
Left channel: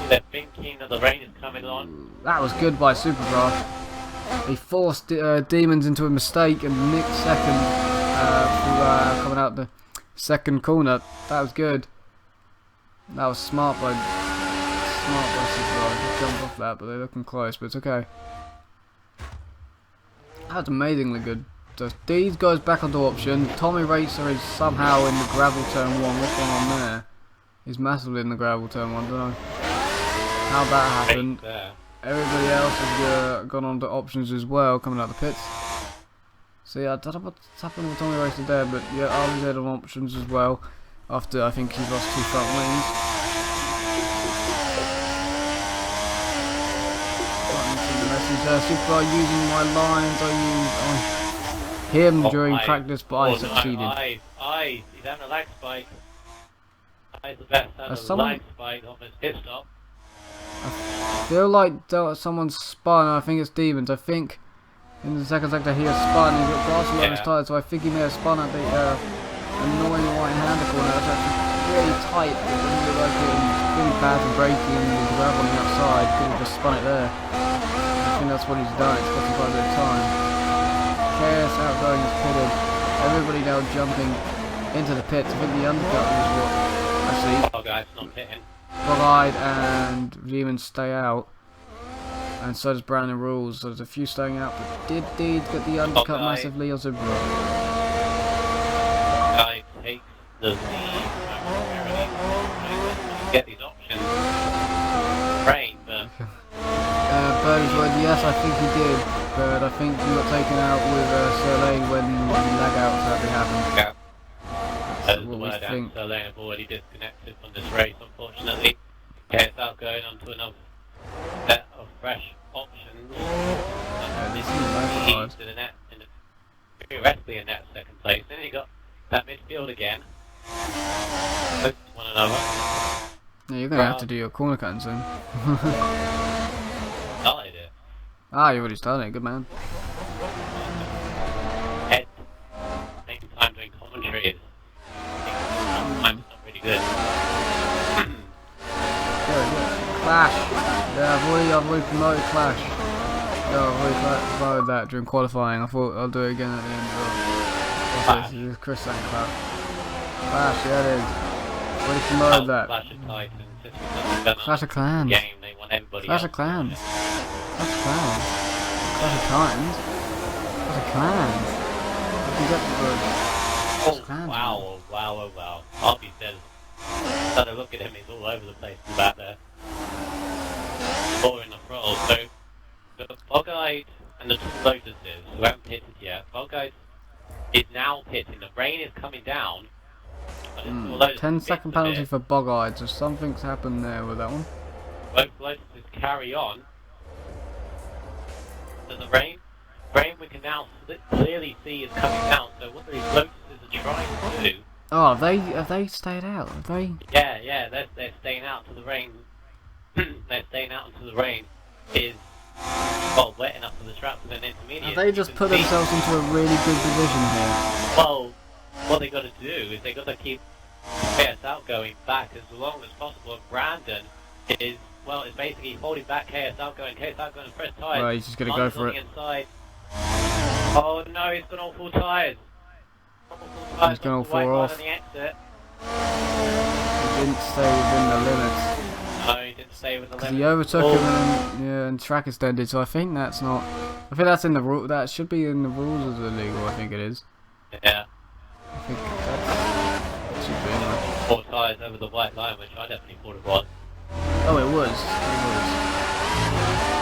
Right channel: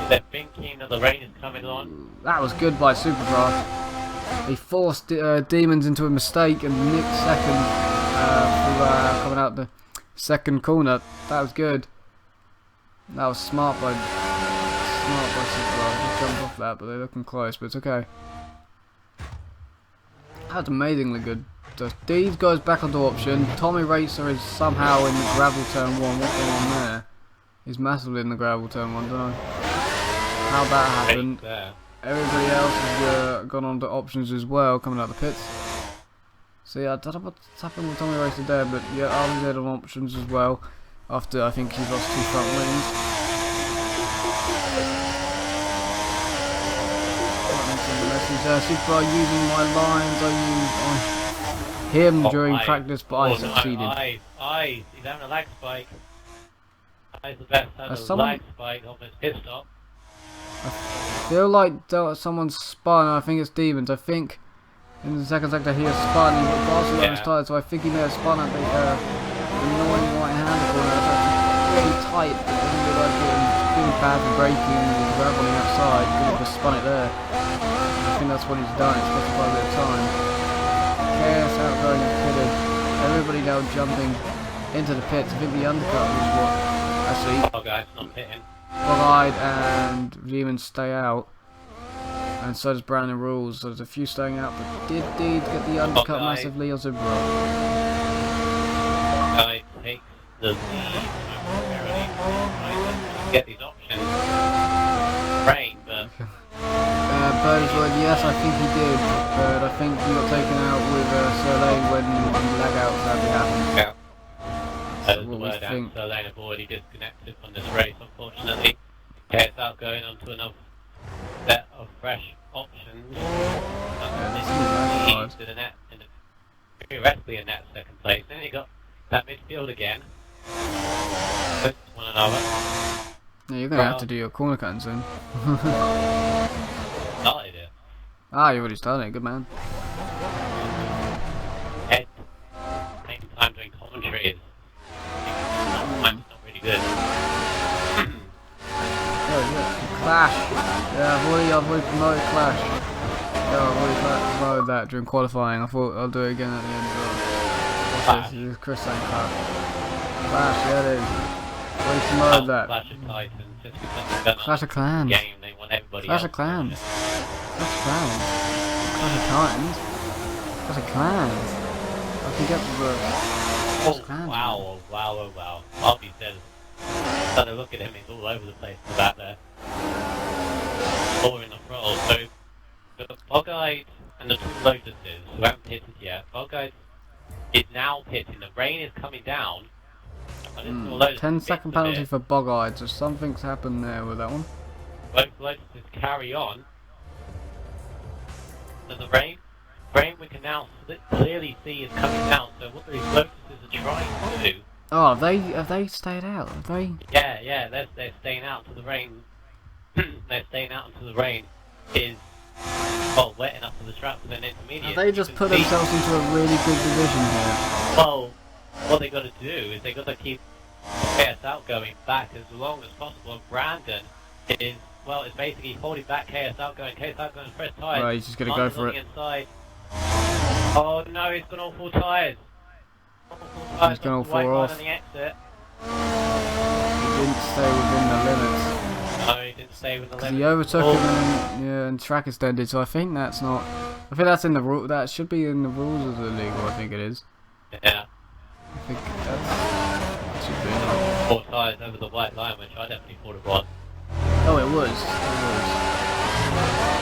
they're thinking that the rain is coming on. That was good by Superbra. He forced Demons into a mistake and nicked second through coming out the second corner. That was good. That was smart by Superbra. Just jumped off that, but they're looking close, but it's okay. That's amazingly good. So Deeds goes back onto option. Tommy Racer is somehow in the gravel turn 1. What's going on there? He's massively in the gravel turn 1. Don't know how that happened. Everybody else has gone on to options as well, coming out of the pits. So yeah, I don't know what's happened with Tommy Racer there, but yeah, RVZ on options as well. After I think he's lost 2 front wings. The message, Super using my lines I used on him during practice, but I succeeded. No, he's having a lag spike. He's the best having a lag spike on his pit stop. I feel like someone's spun. I think it's Demons. I think in the second sector he has spun and he got grass all on his tyres, so I think he may have spun at the annoying right-hander corner. That's actually really tight, but it doesn't look like it. It's really bad for braking. The gravel on the outside, could have just spun it there. I think that's what he's done. It's costing quite a bit of time. KS outgoing is pitted. Everybody now jumping into the pits. I think the undercut was what actually. Oh, guys, not pitting. Bog-eyed and Demons stay out, and so does Brandon Rules. So there's a few staying out, but did Deeds get the undercut massively on Zubro? Guy takes the lead momentarily. Get these options. Great, but Birdie's word, yes, I think he did, but I think he got taken out with Soleil when the lag out sadly happened. Yeah. That's what we think. So they have already disconnected from this race, unfortunately. Okay, it's out going on to another set of fresh options. This is hard. To the net, theoretically in that second place. Then you got that midfield again. Close to one another. Yeah, you're gonna have to do your corner cutting soon. Started it. Ah, you already started it, good man. Ed, taking time doing commentary is not really good. Yeah. Clash. Yeah, I've already promoted Clash. Yeah, I've already promoted that during qualifying. I thought I'll do it again at the end as well. What's this? This is Chris saying Clash. Clash, yeah it is. Already promoted that. Clash of Titans. Clash of Clans. Game, they want everybody Clash of Clans. Clash of Clans. Clash of Titans. Clash of Clans. I can get the Clash of Clans. Wow. Harvey says, started to look at him, he's all over the place in the back there. Or in the throttle. So, the Bog-eyed and the 2 Lotuses who haven't pitted yet, Bog-eyed is now pitting, the rain is coming down. 10-second penalty for Bog-eyed, so something's happened there with that one. Both Lotuses carry on. So the rain we can now clearly see is coming down, so what these Lotuses are trying to do... Oh, have they stayed out? Have they? Yeah, they're staying out to the rain. They're staying out into the rain is, well, wet enough for the trap for an intermediate. Have they just put themselves into a really good position here? Well, what they got to do is they got to keep KS outgoing back as long as possible, and Brandon is, well, is basically holding back KS outgoing first tyres. Right, he's just gonna go for it. Inside. Oh no, he's gone all 4 tyres. He's gone all 4 off. He didn't stay within the limits. No, he didn't stay within the limits. He overtook him and track extended, so I think that's not... I think that's in the rule. That should be in the rules of the legal, I think it is. Yeah. I think that should be in 4 tyres over the white line, which I definitely thought it was. Oh, it was.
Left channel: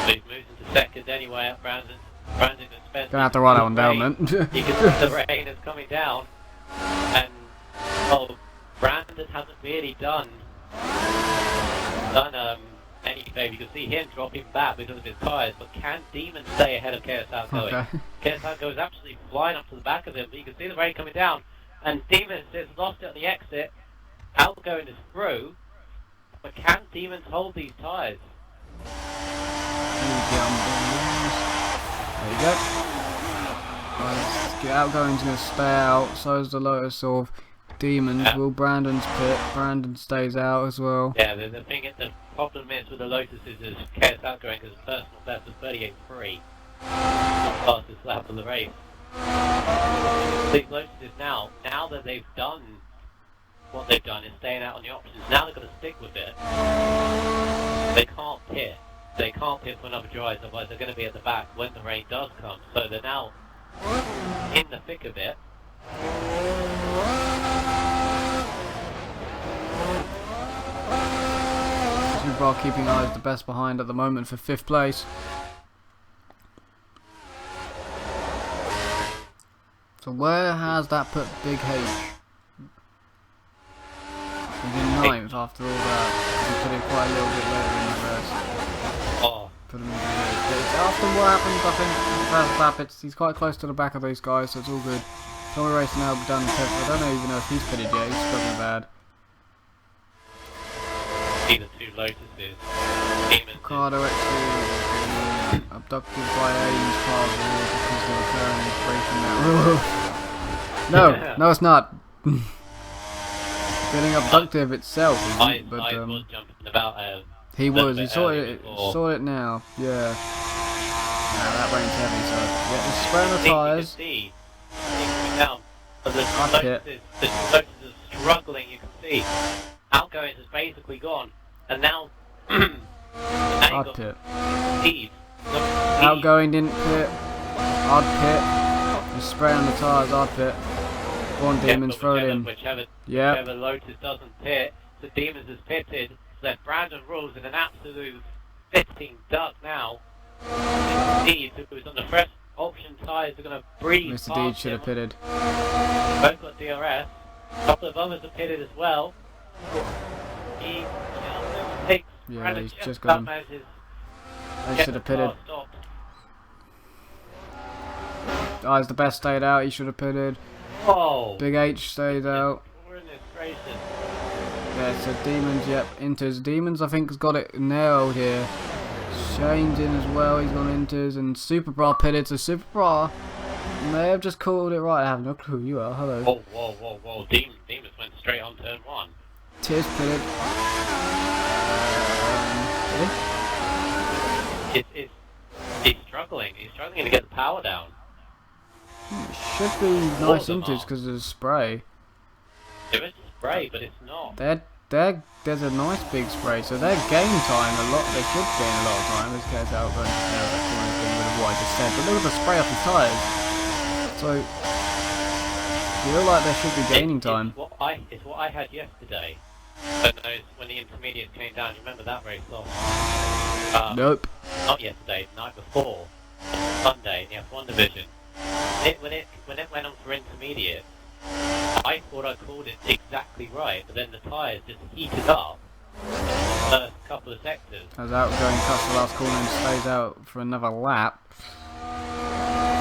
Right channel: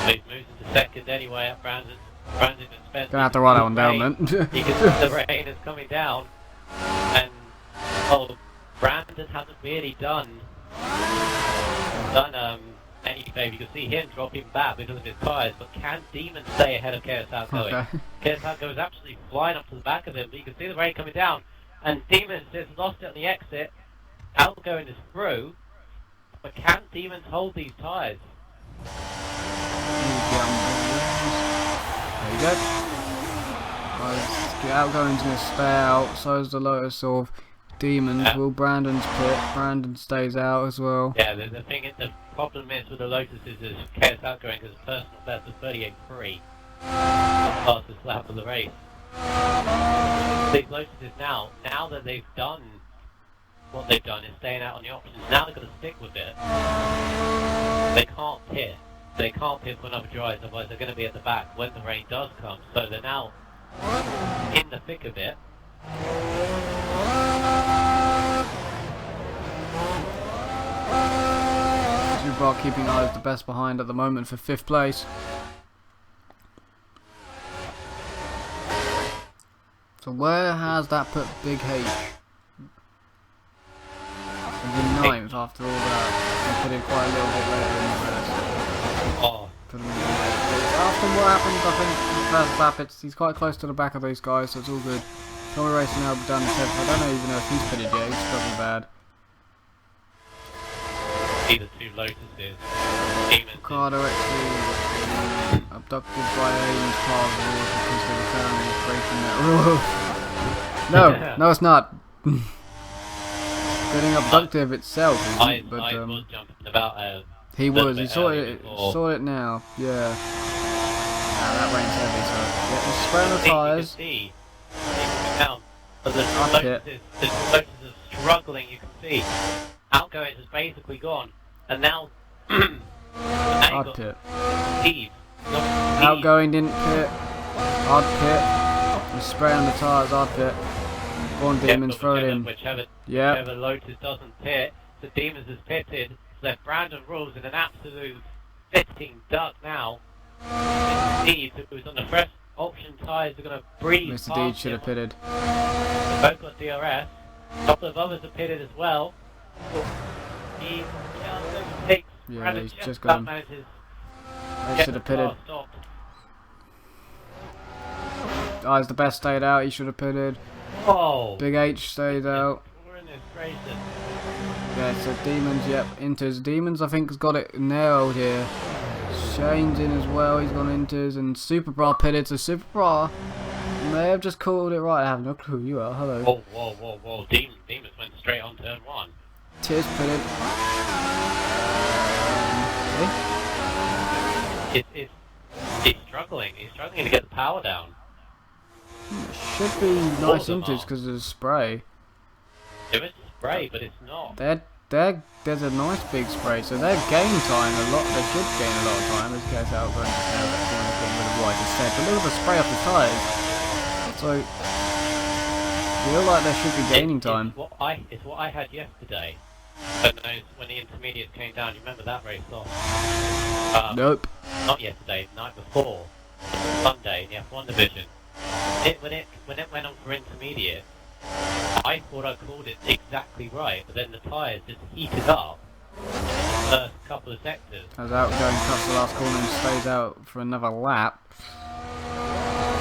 But he's moved into second anyway at Brandon. Brandon and Spencer. Gonna have to write that one down then. You can see the rain is coming down. And, well, Brandon hasn't really done any favour. You can see him dropping back because of his tyres, but can Demon stay ahead of KS Outgoing? Okay. KS Outgoing is absolutely flying up to the back of him, but you can see the rain coming down, and Demon just lost it at the exit. Outgoing is through, but can Demons hold these tyres? There you go. Guys, Outgoing's going to stay out, so is the Lotus of Demons. Yeah. Will Brandon's pit? Brandon stays out as well. Yeah, the problem is with the Lotus is chaos outgoing because personal best is 38.3. Not fastest lap of the race. These Lotuses now that they've done what they've done is staying out on the options, now they're going to stick with it. They can't pit. They can't pit for another drive, otherwise they're going to be at the back when the rain does come. So they're now in the thick of it. Super keeping eyes the best behind at the moment for 5th place. So where has that put Big H? He's in 9th after all that. He put it quite a little bit later in the rest. Oh. Put him in Big H. But after what happened, I think in the first lap, he's quite close to the back of those guys, so it's all good. Tommy Race now done 10th. I don't even know if he's pitted yet. He's struggling bad. Either two Lotuses. Ricardo actually been abducted by aliens part of the rule because they were currently breaking that rule. No, it's not. Getting abductive itself isn't, but was jumping about. he saw it now. Yeah. Nah, that rain's heavy, so yeah, just spray on the tyres. But the Lotuses are struggling. You can see Outgoings is basically gone, and now. Hard pit. Speed. Outgoing didn't pit. Hard pit. Just spray on the tyres. Hard pit. Go on, Demons, throw it in. Whichever Yep. Lotus doesn't pit, the Demons has pitted. Left Brandon Rules in an absolute fitting duck now. Deeds, who's on the fresh option tyres, are going to breathe. Mr. Deeds should have pitted. Both got DRS. A couple of others have pitted as well. He just takes. Yeah, he's just got him. They should have pitted. Guy's the best stayed out, he should have pitted. Oh. Big H stayed out. Yeah, so Demons, yep, Inters. Demons, I think, has got it nailed here. Shane's in as well, he's gone Inters, and Super Bra pitted, so Super Bra may have just called it right. I have no clue who you are, hello. Whoa. Demons went straight on turn 1. Tears pitted. He's struggling to get the power down. It should be nice Inters because of the spray. There is spray, but it's not. There's a nice big spray, so they gain time a lot. They should gain a lot of time. This case out going to nail that corner thing with what I just said. But look at the spray off the tyres. So you feel like they should be gaining time. It's what I had yesterday. When the intermediates came down, you remember that race off? Nope. Not yesterday, the night before. Sunday in the F1 division. When it went on for intermediate, I thought I called it exactly right, but then the tyres just heated up in the first couple of sectors. As Outgoing cuts the last corner and stays out for another lap.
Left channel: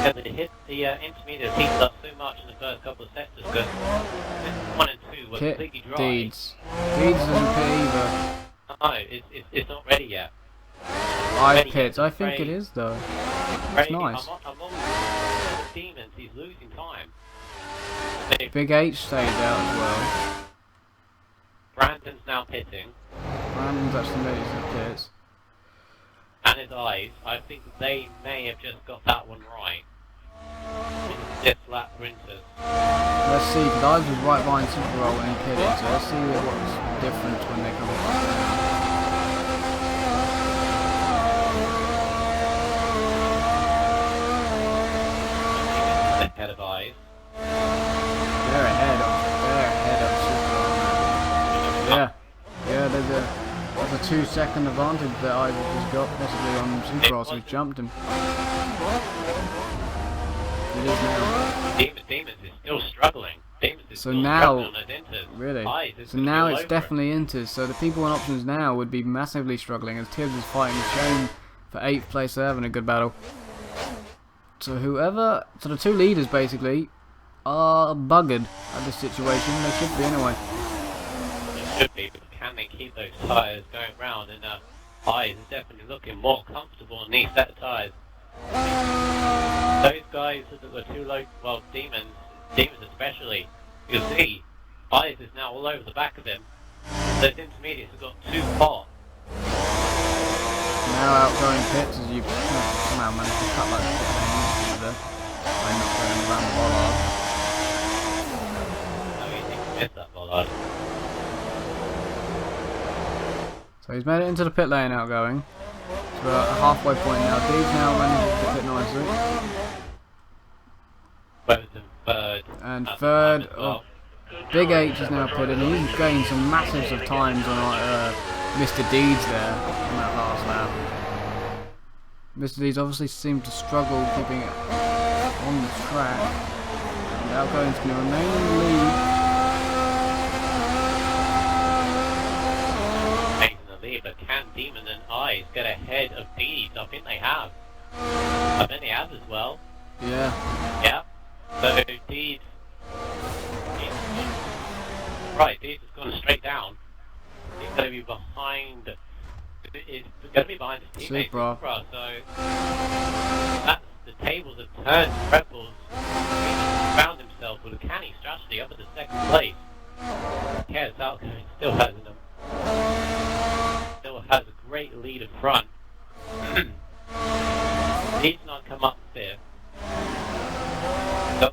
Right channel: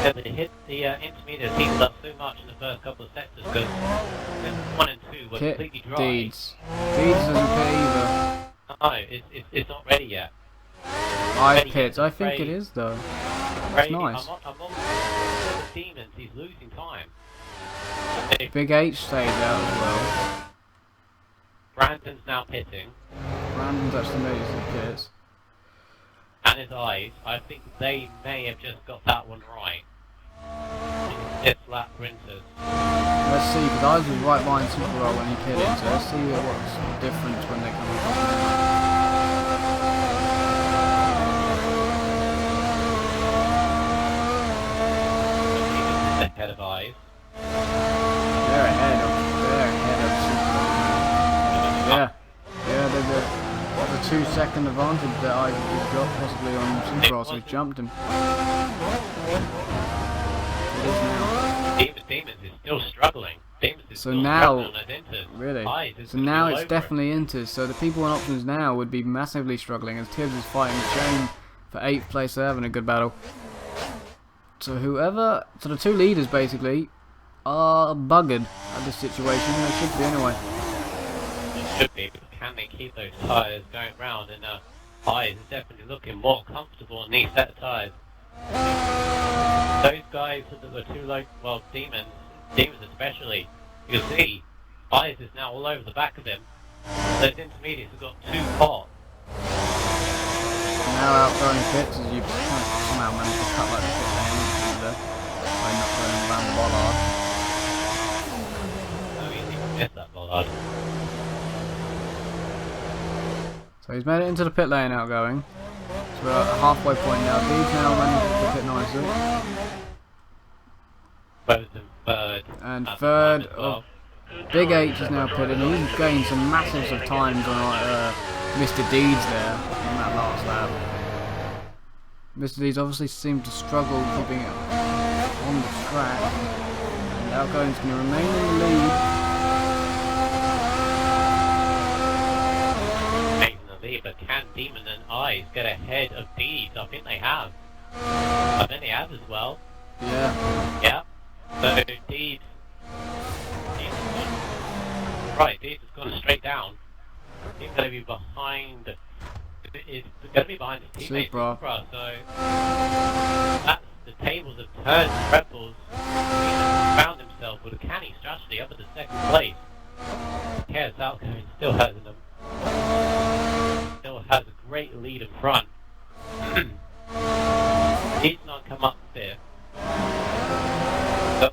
Yeah, but it hit the intermediate heated up so much in the first couple of sectors because 1 and 2 were completely dry. Deeds doesn't pit either. No, it's not ready yet. I pit. I think it is though. It's nice. I'm on the Demons. He's losing time. Big H stays out as well. Brandon's now pitting. Brandon's actually made it to the pits. And his eyes, I think they may have just got that one right. This lap sprinters. Let's see, because Eyes was right behind Super Roll when he pitted, so let's see what's the difference when they come up now. Ahead of Eyes. They're ahead of Super Roll, man. Yeah, there's a 2-second advantage that Eyes has just got, possibly on Super Roll, so he's jumped him. It is now. Demons is still struggling. So now, really? So now it's definitely Inters. So the people on options now would be massively struggling as Tibbs is fighting Shane for 8th place. They're having a good battle. So the two leaders basically are buggered at this situation. They should be anyway. They should be, but can they keep those tyres going round, and Eyes is definitely looking more comfortable in these set of tyres. Those guys that were too low, well, Demons especially, you'll see Eyes is now all over the back of him. Those intermediates have got too hot. Now outgoing pits as you somehow managed to cut like the pit lane there by not going around the bollard. How easy to miss that bollard. So he's made it into the pit lane outgoing. So we're at a halfway point now. Deeds now manages to pit nicely. Both in third. And third, Big H is now pitted. He's gained some massives of times on Mr. Deeds there in that last lap. Mr. Deeds obviously seemed to struggle keeping it on the track. And outgoing's going to remain in the lead. Making the lead, but can Demon and Eyes get ahead of Deeds? I think they have. I think they have as well. Yeah. Yep. So Deeds. Right, Deeds has gone straight down. He's going to be behind. It's going to be behind his teammate Supra. So that's the tables have turned. Red Bulls found himself with a canny strategy up at the second place. Chaos Outcome still has a great lead in front. He's not come up there. So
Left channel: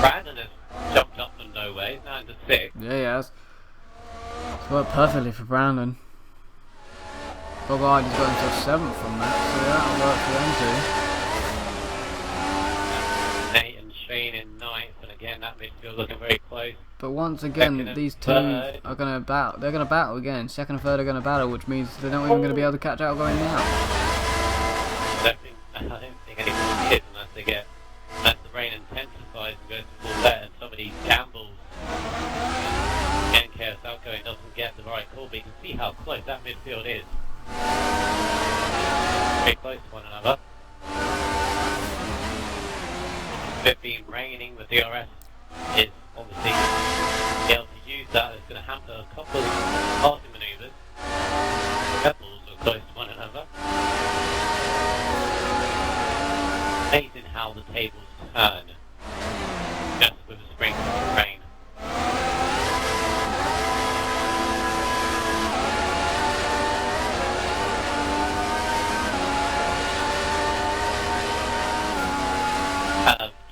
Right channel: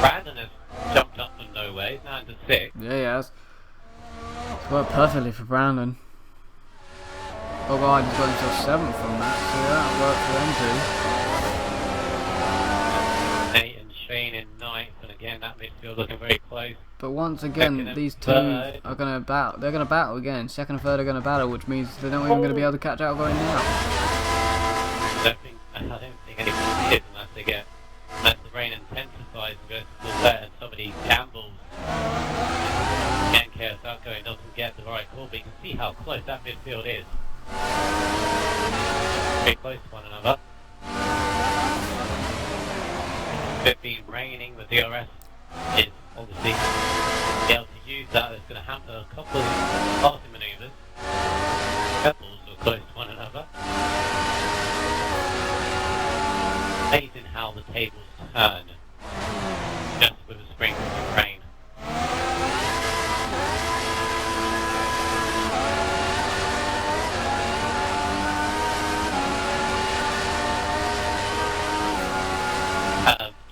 Brandon has jumped up from nowhere. He's now into 6th. Yeah, he has. It's worked perfectly for Brandon. Bogard has got himself 7th from that, so that'll work for them too. Nate and Shane in 9th, and again that midfield looking very close. But once again, these two are going to battle. They're going to battle again. Second and third are going to battle, which means they're not even going to be able to catch outgoing now. I don't think anyone is unless they get, unless the rain intensifies and goes to full bet and somebody gambles. Again, Chaos Outgoing doesn't get the right call, but you can see how close that midfield is. Very close to one another. It's been raining, the DRS is obviously be able to use that. It's going to hamper a couple of passing manoeuvres. Pebbles are close to one another. Amazing how the tables turn just with a sprinkle of rain.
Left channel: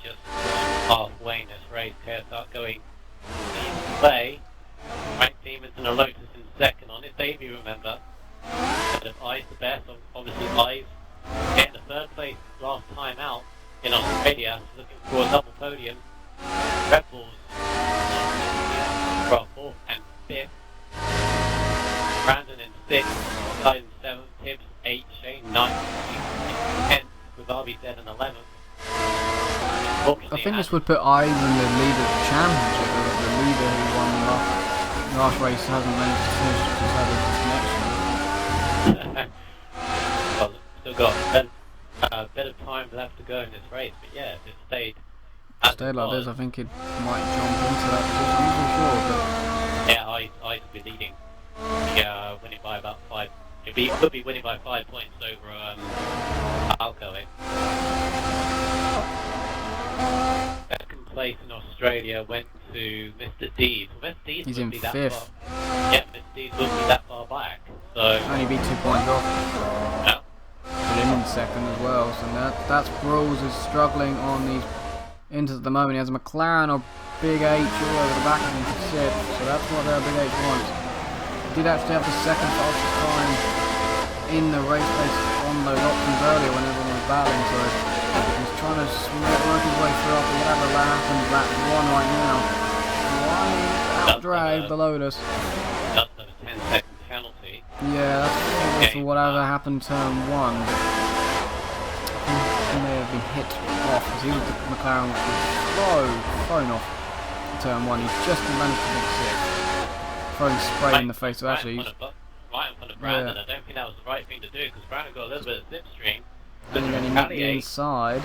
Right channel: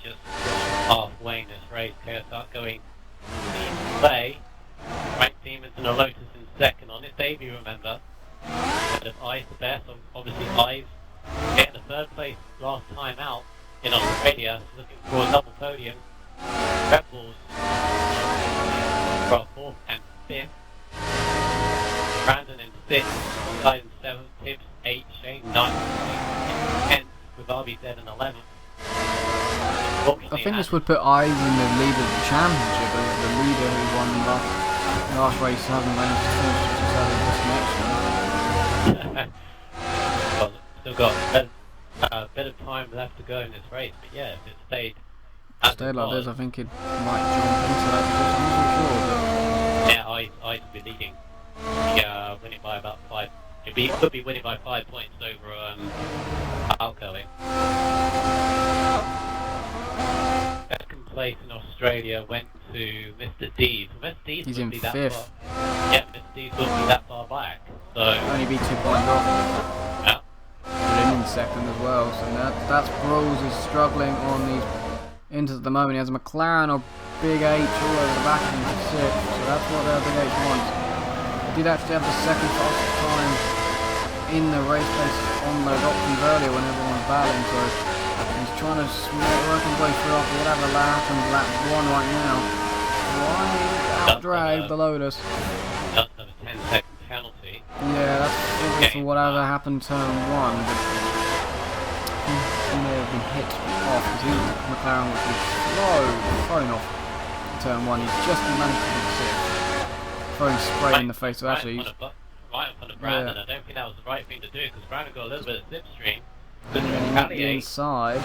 Just halfway in this race, Chaos Outgoing leads the way. Frank Demons and a Lotus in 2nd on it. Davey, remember, instead of Eyes the best. Obviously Eyes getting the 3rd place last time out in Australia, looking for a double podium. Red Bulls for 4th and 5th. Brandon in 6th, Guys in 7th, Tibbs 8th, Shane 9th, 10th, with RBZ in 11th. I think this would put Eyes in the lead of the championship, as the leader who won the last race hasn't managed to finish just had a disconnection. Well, still got a bit of time left to go in this race, but yeah, if it stayed like this, I think it might jump into that position. I'm not so sure, but yeah, Eyes would be leading. Winning by about 5. It could be winning by 5 points over Outgoing. Second place in Australia went to Mr. Deeds. Mr. Deeds he's in 5th. Yeah, Mr. Deeds wouldn't be that far back. So only be 2 points off. yeah. Put him in 2nd as well. So that's Brawls is struggling on these inters at the moment. He has a McLaren or Big H all over the back of him to sit. So that's what Big H wants. He did actually have the 2nd fastest time in the race pace on those options earlier when everyone was battling. So he's trying to work his way through after whatever happened lap 1 right now. Right out drag the Lotus. Just have a 10-second penalty. Yeah, that's probably for whatever happened turn 1. But he may have been hit off because he was the McLaren which was thrown off turn 1. He just managed to make 6th. Throwing spray in the face of Ashley. Right in front of Brandon. I don't think that was the right thing to do because Brandon got a little bit of slipstream. And then he nicked the inside.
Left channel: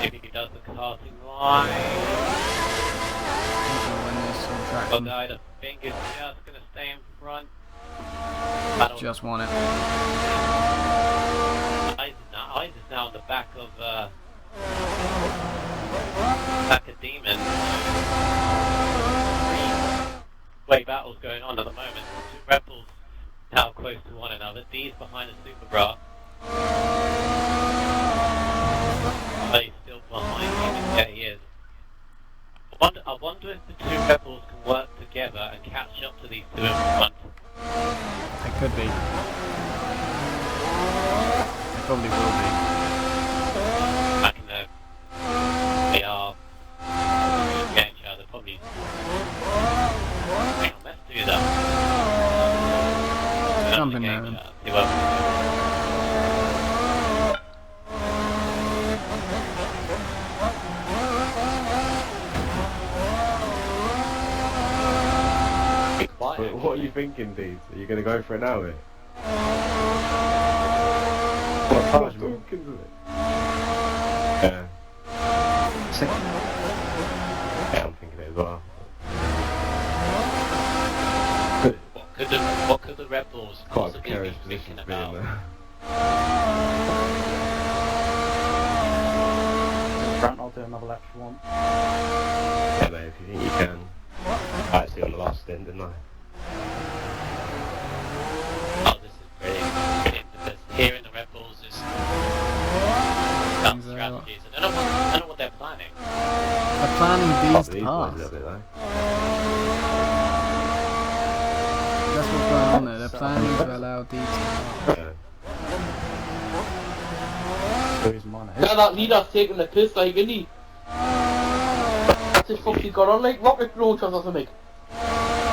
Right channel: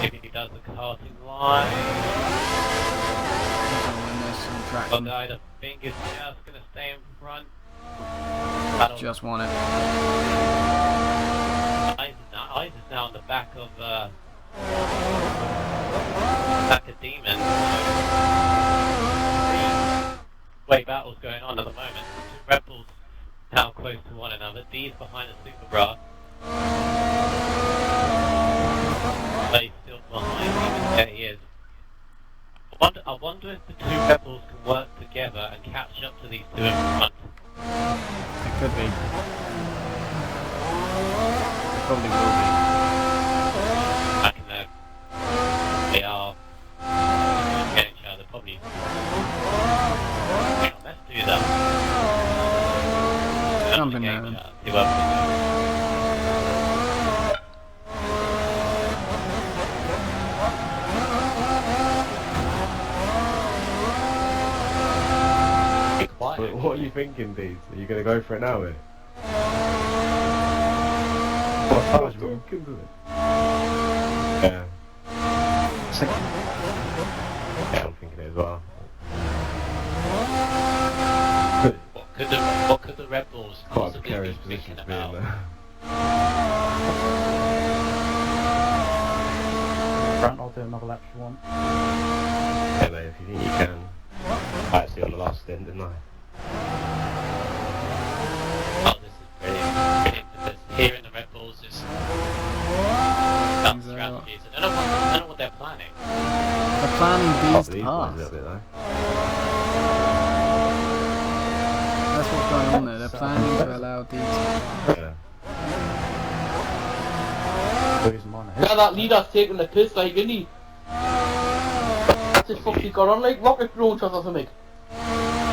Maybe he does the karting line. He's going to win this, I'm traction. guy, I think is just going to stay in front. Just won it. Eyes is now on the back of Demon. Three-way battles going on at the moment. Two rebels now close to one another. D's behind the Super Bra. But he's still behind him. Yeah, he is. I wonder if the two rebels can work together and catch up to these two in front. It could be. It probably will be. I can know. They are getting each other, probably. Hang on, let's do that. Jump in there. See what we do. What are you thinking, Deeds? Are you going to go for it now, mate? What time? Yeah. Yeah, I'm thinking it as well. What could the rebels Quite a possibly precarious be position thinking to be in about? there. Grant, I'll do another lap if you want. Yeah, mate, if you think you can. I actually on the last stint, didn't I? Oh, this is brilliant because hearing the rebels is dumb strategies. I don't know what they're planning. They're planning these to These pass. ones a little bit, though. That's what's going on there. They're planning to allow these to pass. Yeah. Losing mine. Yeah, that leader's taking the piss, like, isn't he? That's his fucking got on like rocket launchers or something.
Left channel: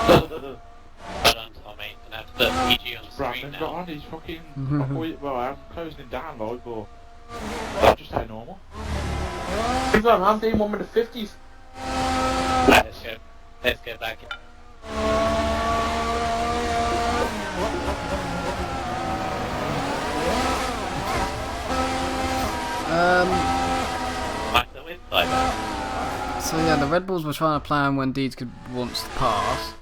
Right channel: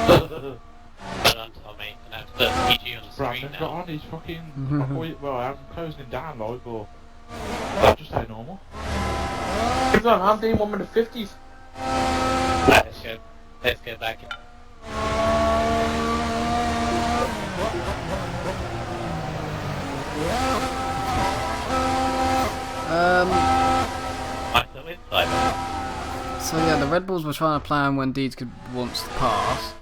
Well done, Tommy. And that's the PG on the screen Brandon got now. on, he's fucking... well, I'm closing him down, like, but... just how normal. He's on, I'm doing one with the 50s. Let's go back. Right, so inside. So yeah, the Red Bulls were trying to plan when Deeds wants to pass.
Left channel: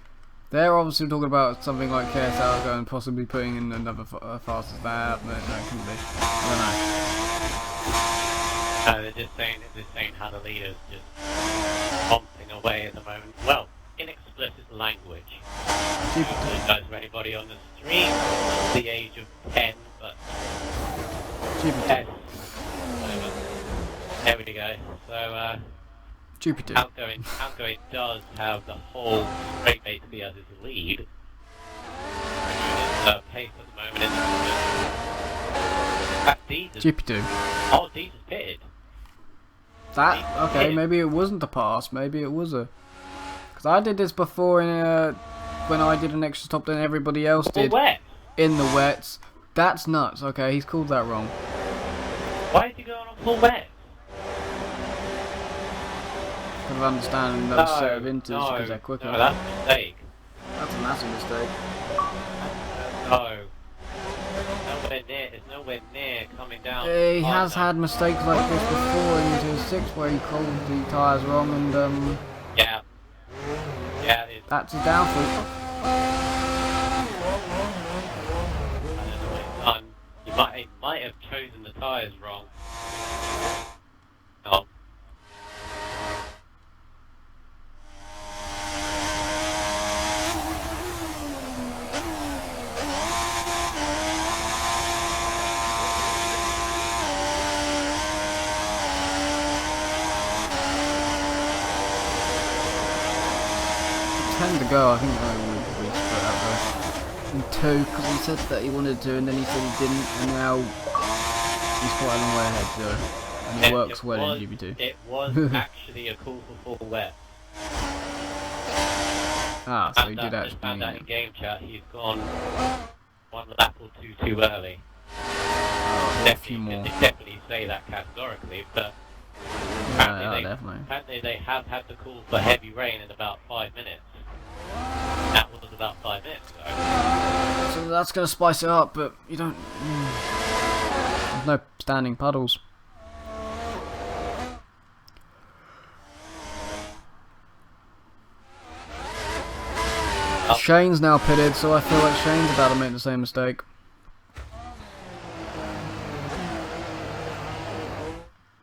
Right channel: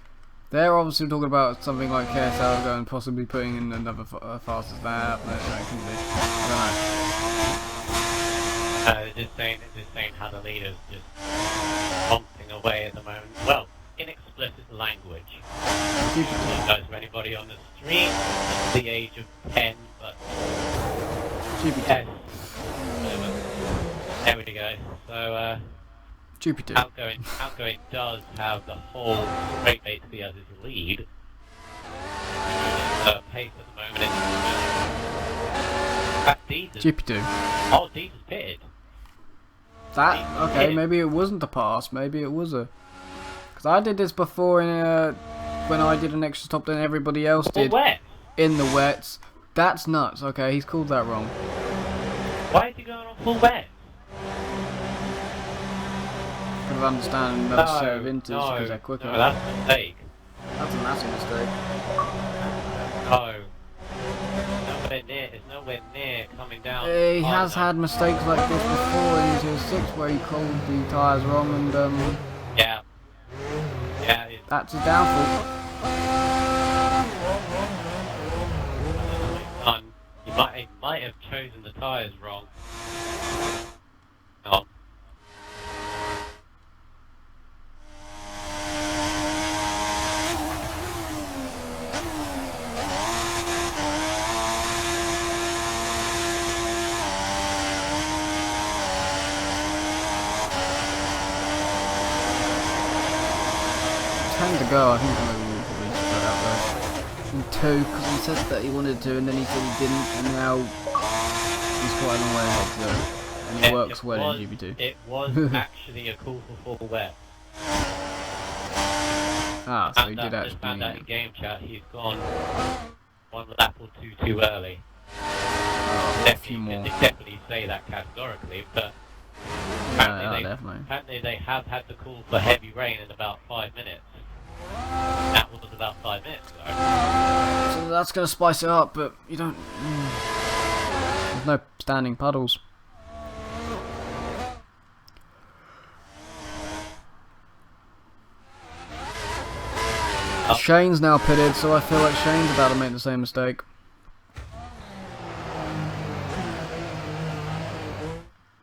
They're obviously talking about something like KSL going, possibly putting in another fastest lap. No, it couldn't be. I don't know. They're just saying how the leader's just pumping away at the moment. Well, in explicit language. I apologize for anybody on the stream at the age of 10, but... GP2. Yes. There we go. So, GP2. Outgoing does have the whole straight basically as his lead. Pace at the moment is GP2. Oh, Deeds is pitted. That, okay, maybe it wasn't a pass, maybe it was a... Because I did this before in when I did an extra stop than everybody else did in the wets. That's nuts, okay, he's called that wrong. Why is he going on full wet? Could have understand another set of inters because they're quicker. No, that's a mistake. That's a massive mistake. No. It's nowhere near coming down. He has had mistakes like this before in Tier 6 where he called the tyres wrong and Yeah. Yeah, that's his downfall. He might have chosen the tyres wrong. No. Tend to go, I think we will probably split up though. In two, because he said that he wanted to and then he said he didn't, and now he's quite a long way ahead, so. And it works well in GP2. It was actually a call for full wet. Ah, so he did I actually found mean out in it. game chat he's gone one lap or two too early. Oh, a few more. Definitely say that categorically, but Yeah, definitely. apparently they have had the call for heavy rain in about 5 minutes. That was about 5 minutes ago. So that's going to spice it up, but you don't... There's no standing puddles. Shane's now pitted, so I feel like Shane's about to make the same mistake.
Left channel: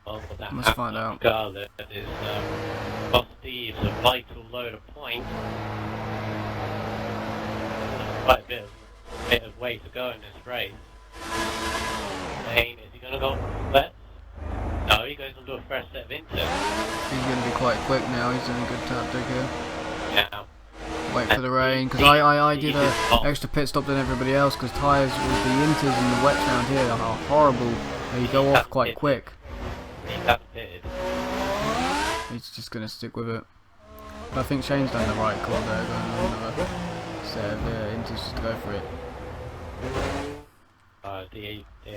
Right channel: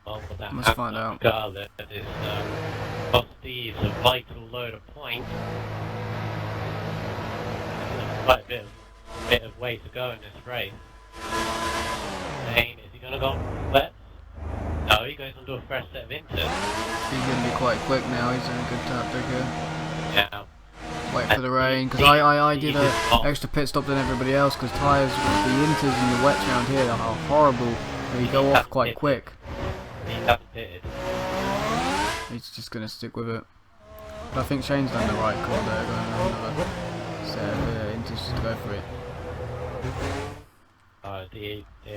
Well, for that Let's find out. regardless, it is cost Steve's a vital load of points. There's quite a bit of way to go in this race. Shane, is he going to go wet? No, he goes onto a fresh set of inters. He's going to be quite quick now. He's doing a good tactic here. Now, Wait for the rain, because I did a extra pit stop than everybody else, because tyres with the inters and the wets around here are horrible. They go off quite quick. he hasn't pitted. He's just going to stick with it. But I think Shane's done the right call there, going on another set of inters just to go for it. D0, D.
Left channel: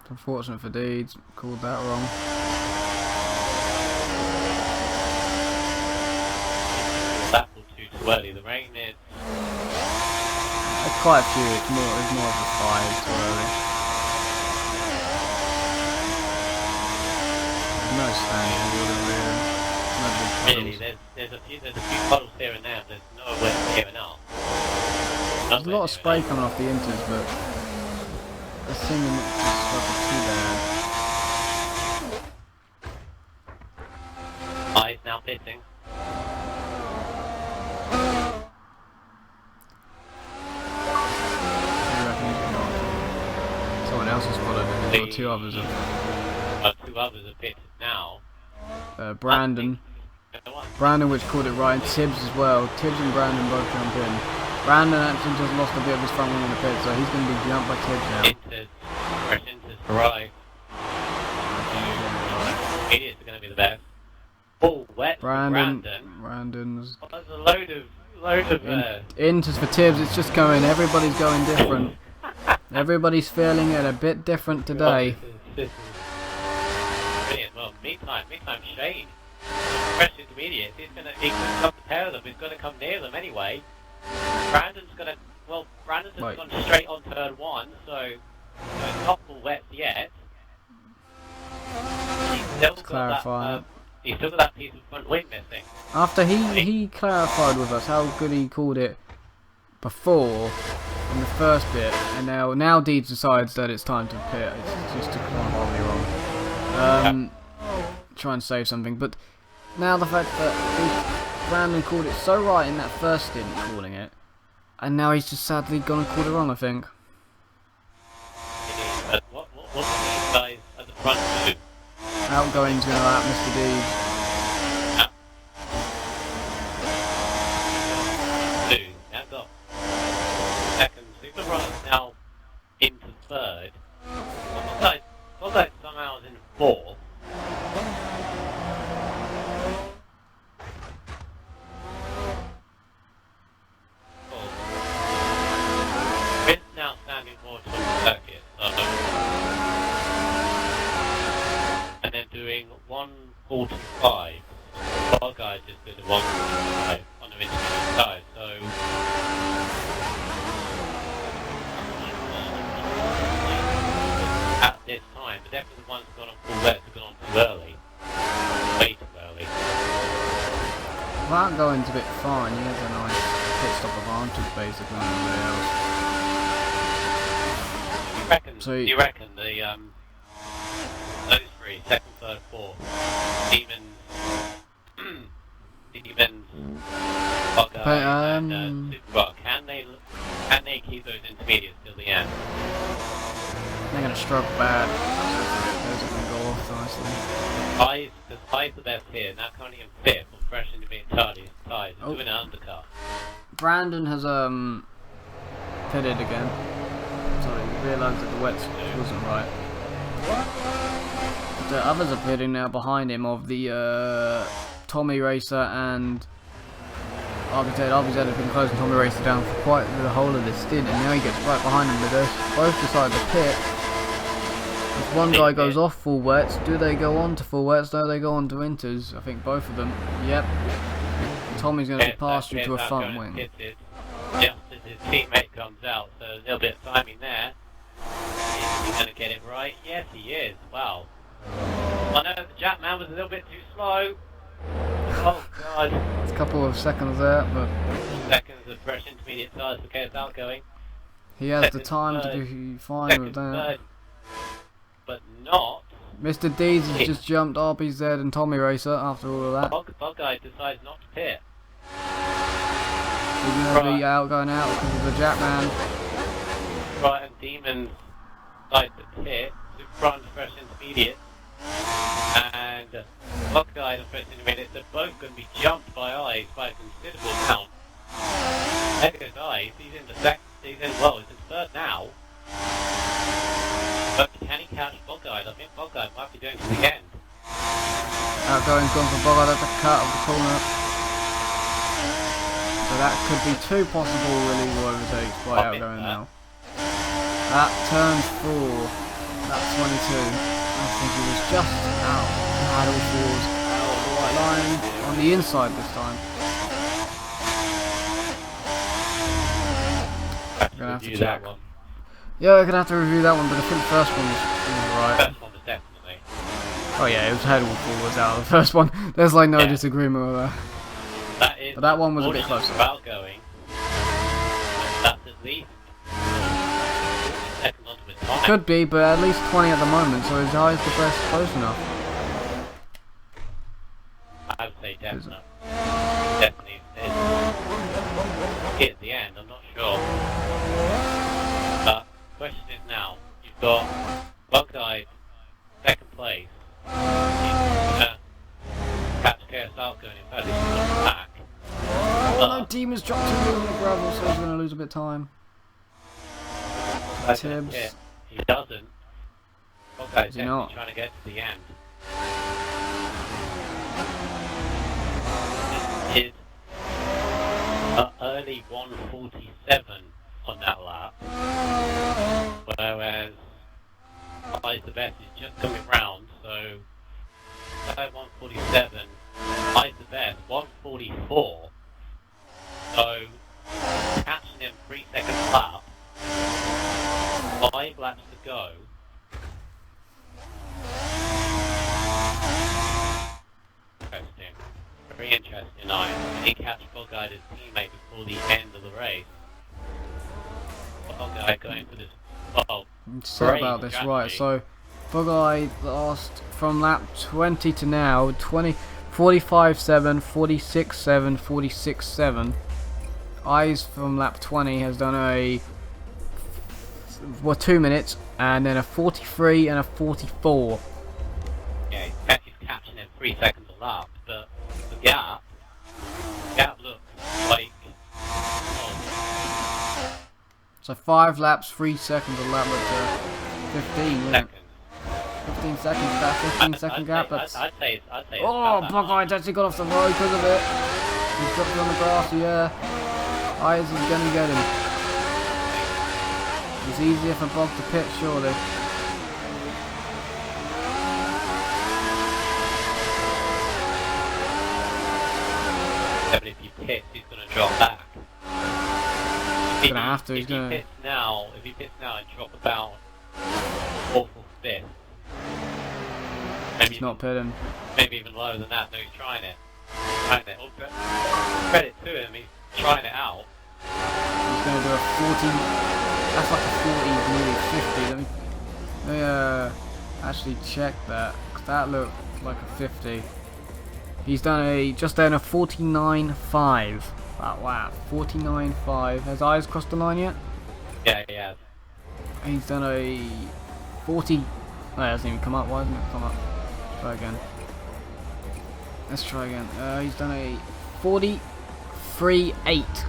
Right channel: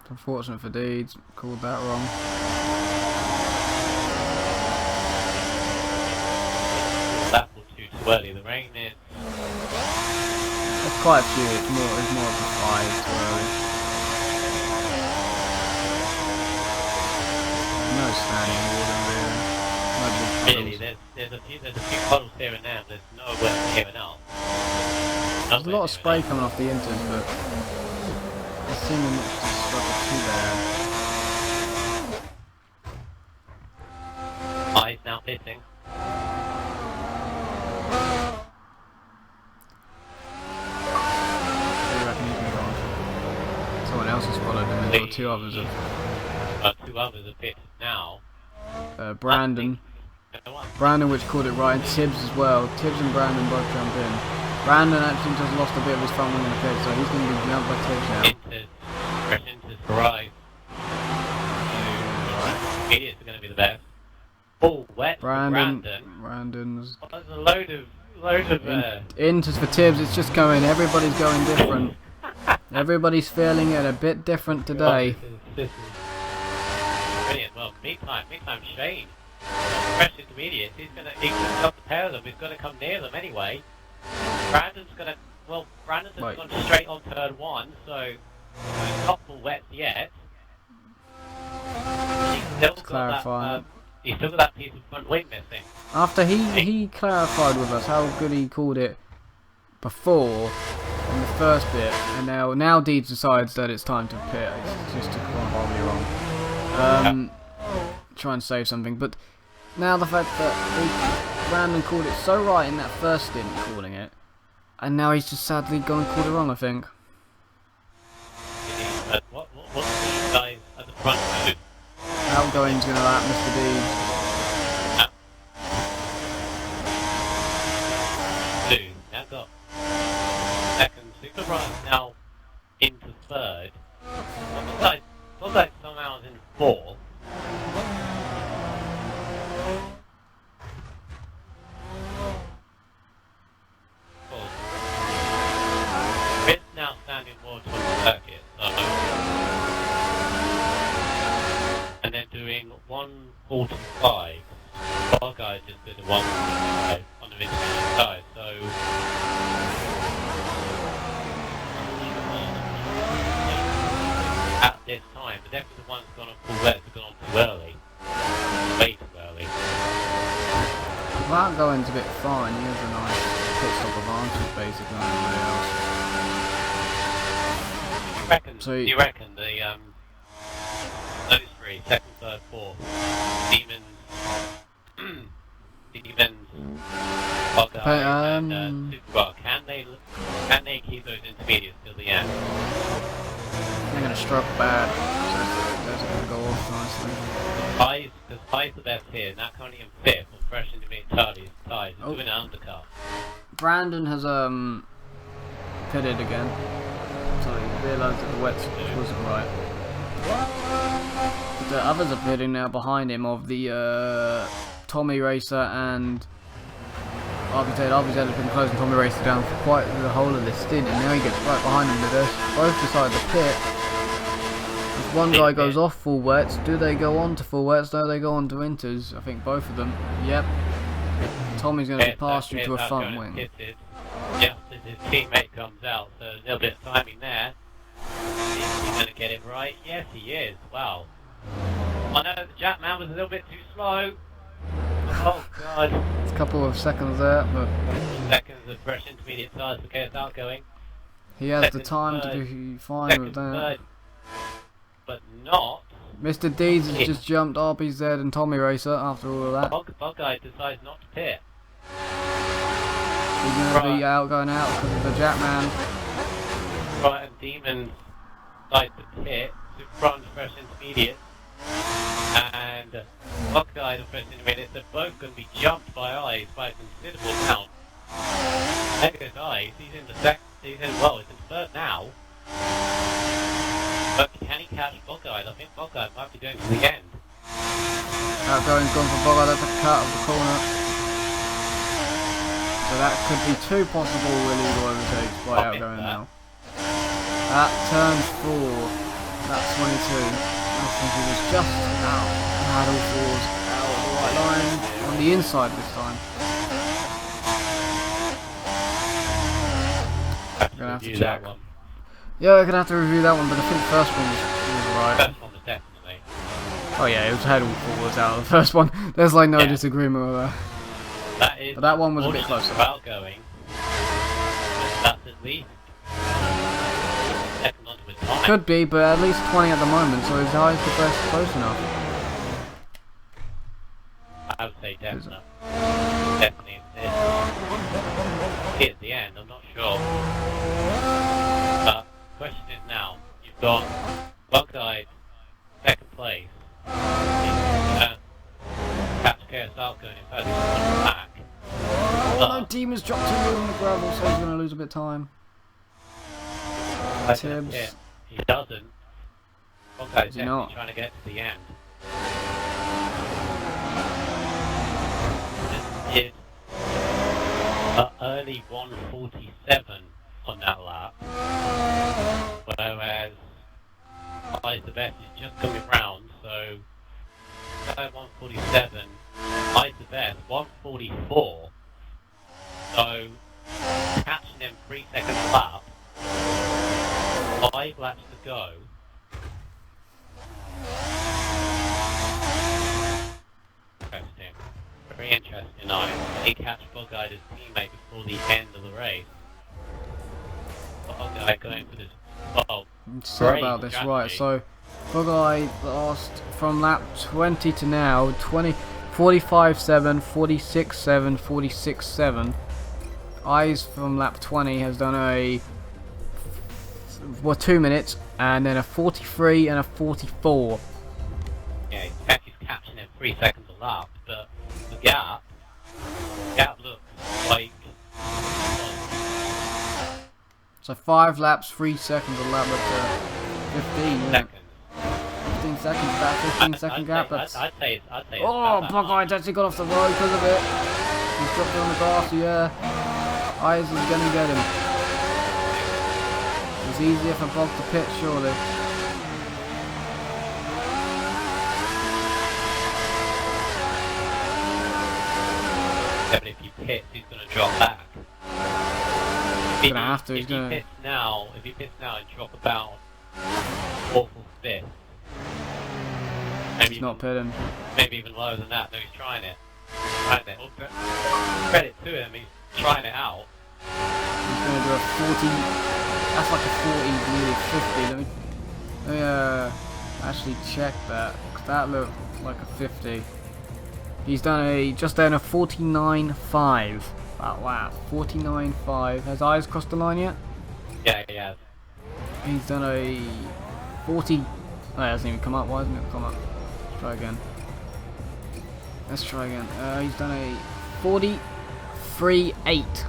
It's unfortunate for Deeds, called that wrong. That was too early. The rain is. There's quite a few. It's more of a 5 too early. There's no standing water really. No big Really, puddles. there's a few puddles here and there. There's nowhere here and now. There's a lot of spray coming off the inters, but they seem not to struggle too bad. He's now pitting. I reckon he's going to go on to... Someone else has followed him as well. Two others have... Two others are pitted now. Brandon, which called it right, and Tibbs as well. Tibbs and Brandon both jump in. Brandon actually just lost a bit of his front wing in the pit, so he's going to be jumped by Tibbs now. Inters for right. Idiots are going to be the best. Oh, wet. Brandon's... Oh, there's a load of Inters for Tibbs, it's just going, everybody's going different. Everybody's feeling it a bit different today. This is brilliant. Well, meantime, Shane. Fresh intermediates. He's going to stop the pair of them. He's going to come near them anyway. Brandon's just gone straight on turn 1, so it's not full wet yet. He's still got that piece of front wing missing. After he clarified with us how good he called it before in the first bit, and now Deeds decides that it's time to pit. It's just gone horribly wrong. Try and save something, but now the fact that Brandon called it so right in that first stint calling it, and now he's just sadly gone and called it wrong, I think. What these guys at the front do? Outgoing's going to lap Mr. Deeds. Blue, now got second. Super right now into third. Looks like somehow is in fourth. It's now standing more towards the circuit, and then doing 1:45. Our guy just did a 1:45 on the intermediate side, so at this time, but definitely the ones gone on full wet have gone on too early. Way too early. Well, Outgoing's a bit fine, he has a nice pit stop advantage basically on everybody else. Do you reckon the those three, second, third, fourth, Demons, Bugger, and Superbug, can they keep those intermediates till the end? They're going to struggle bad. Those are going to go off nicely. High's the best here, now currently in fifth, and fresh into being ties, and doing an undercut. Brandon has pitted again. Sorry, he realised that the wet wasn't right. But the others are pitting now behind him of the Tommy Racer and RBZ. RBZ has been closing Tommy Racer down for quite the whole of this stint, and now he gets right behind him. But they both decide to pit. If one guy goes off full wets, do they go on to full wets? No, they go on to inters. I think both of them. Yep. Tommy's going to be passed through to a front wing. Just as his teammate comes out, so a little bit of timing there. Is he going to get it right? Yes, he is. Wow. I know the Jackman was a little bit too slow. Oh god. It's a couple of seconds there, but Seconds of fresh intermediate tyres for KS outgoing. he has the Second, time to third, be fine Second, with that. third. But not. Mr. Deeds has just jumped RBZ and Tommy Racer after all of that. Bug guy decides not to pit. He's going to be going out because of the Jackman. Right, and Demons decide to pit to front fresh intermediate. And Bug guy and fresh intermediate are both going to be jumped by Eyes by a considerable amount. There goes Eyes, he's in the second, he's in third now. But can he catch Bug guy? I think Bug guy might be going to the end. Outgoing's gone for Bogart at the cut of the corner. So that could be two possible illegal overtakes by outgoing now. At turn 4, lap 22, I think he was just out. Had all fours out of the white line on the inside this time. Gonna have to check. Yeah, we're gonna have to review that one, but I think the first one was right. First one was definitely. Oh yeah, it was had all fours out of the first one. There's like no disagreement with that. But that one was a bit closer. Outgoing. That's at least second onto his time. Could be, but at least 20 at the moment, so his highest the best close enough. I would say definitely. Definitely hit at the end, I'm not sure. But question is now, you've got Bug Guy second place. He's gonna catch KS outgoing, in fact he's coming back. Oh no, Demon's dropped too low on the gravel, so he's going to lose a bit of time. Tibbs. He doesn't. Bug Guy's Is he definitely not? trying to get to the end. This is early 147 on that lap, whereas Eyes the Best is just coming round, so 147, Eyes the Best 144, so catching him 3 seconds lap, 5 laps to go. Interesting. Very interesting. I he catch Bug Guy his teammate before the end of the race. Bug Guy going for this. Oh, Say about this, right? So, Bug Guy lost from lap 20 to now 45.7, 46.7, 46.7. Eyes from lap 20 has done a 2 minutes and then a 43 and a 44. yeah, he's catching him 3 seconds a lap, but the gap looks like. So 5 laps, 3 seconds a lap at 15, isn't it? 15 seconds, that 15-second gap. That's. I'd say it's Oh, about that Bug Guy's actually got off the road because of it. He's dropped it on the grass. Yeah, Eyes is gonna get him. It's easier for Bog to pit, surely. But if he pits, he's going to drop back. He's gonna have to. He's If gonna. he pits now and drop about 4th or 5th. He's not pitting. Maybe even lower than that. No, he's trying it. Credit to him, he's trying it out. He's gonna do a 40. That's like a 40, nearly 50. Let me actually check that, because that looked like a 50. He's done just done a 49.5. Wow, 49.5. Has Eyes crossed the line yet? Yeah, he has. He's done a 40. Oh, it hasn't even come up. Why hasn't it come up? Let's try again. Let's try again. He's done a 43.8.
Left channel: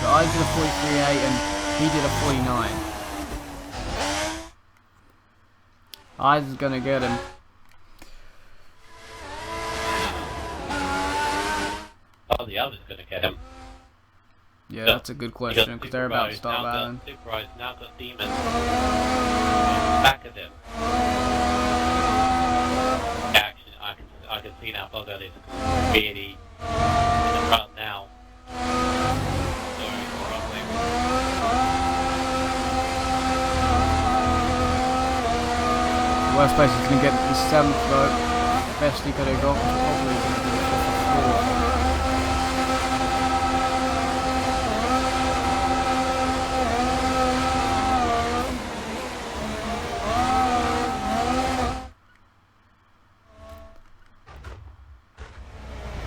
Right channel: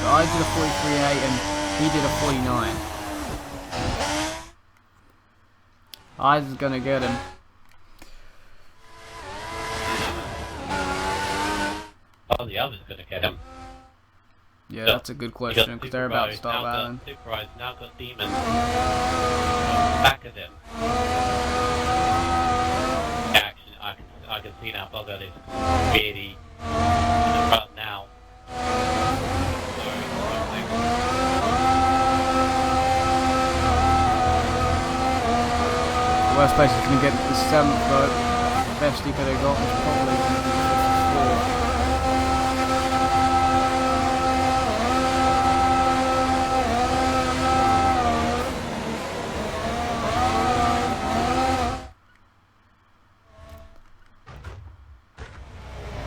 So I did a 43.8 and he did a 49. Eyes is gonna get him. Oh, the other's going to get him. Yeah, that's a good question because they're about to start battling. Superrise now got Demons back at him. Yeah, actually, I can see now Bugger is really in the front now. Worst place is going to get the 7th though. Best he could have got was probably going to be 54th.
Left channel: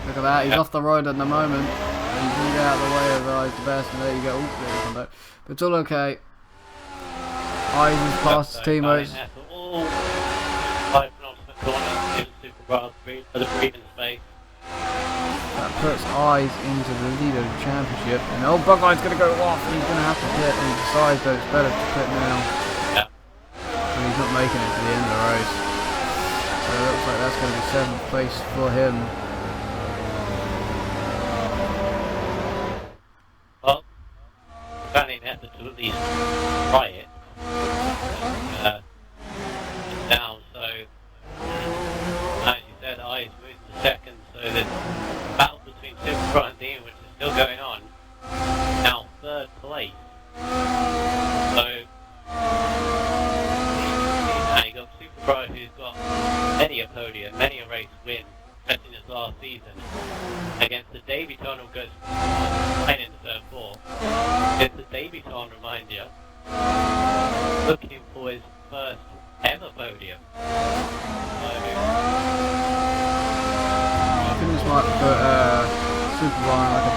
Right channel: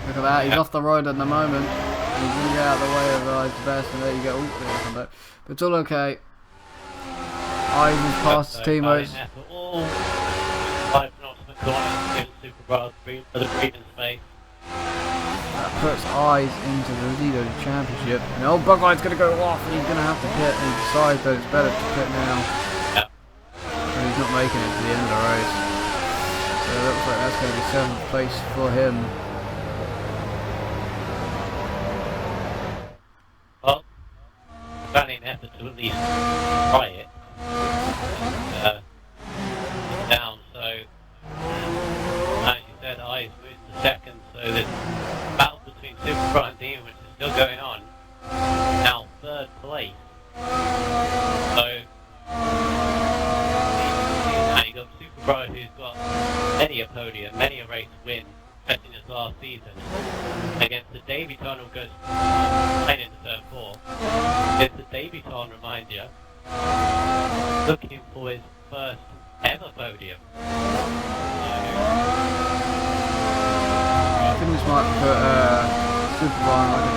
Look at that, he's off the road at the moment. And he's going to get out of the way of the best, and there you go. Oh, there you come back. But it's all okay. Eyes is past his teammates. That puts Eyes into the lead of the championship. And old Bugey's going to go off, and he's going to have to pit. And he decides that it's better to pit now. Yeah. But he's not making it to the end of the race. So it looks like that's going to be 7th place for him. Well, planning an effort to at least try it. Down, so as you said, Eyes moved to 2nd, so there's a battle between Super and Dean, which is still going on. Now 3rd place. So now you got Super who's got many a podium, many a race win, especially in his last season, against the Daviton who goes 9 in the 3rd 4. It's the Daviton, remind you, looking for his first ever podium. I think this might put Super on like a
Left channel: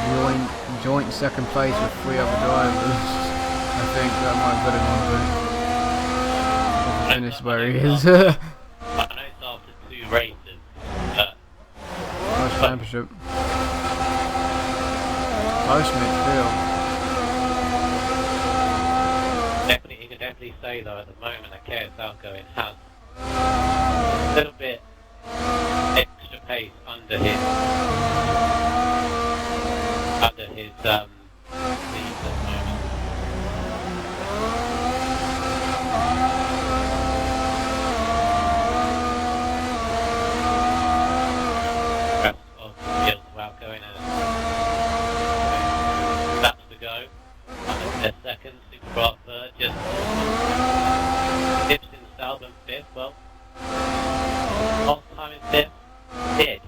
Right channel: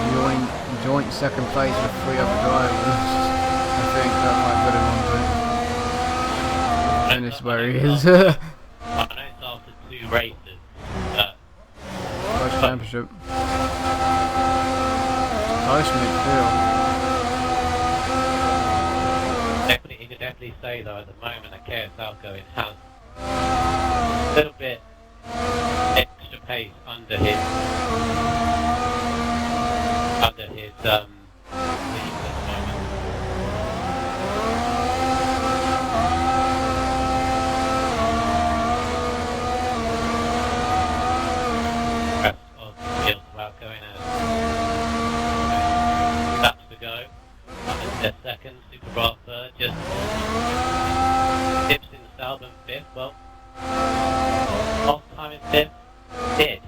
joint 2nd place with 3 other drivers. I think that might put him on to finish where he is. I know it's after 2 races. First championship. Close midfield. Definitely, you can definitely say though at the moment that KSL going has a little bit extra pace under his lead at the moment. Rest of the field throughout going out. Laps to go. They're 2nd, Super Bra 3rd, just Tips in Stalbum 5th. Well, last time in 5th, did.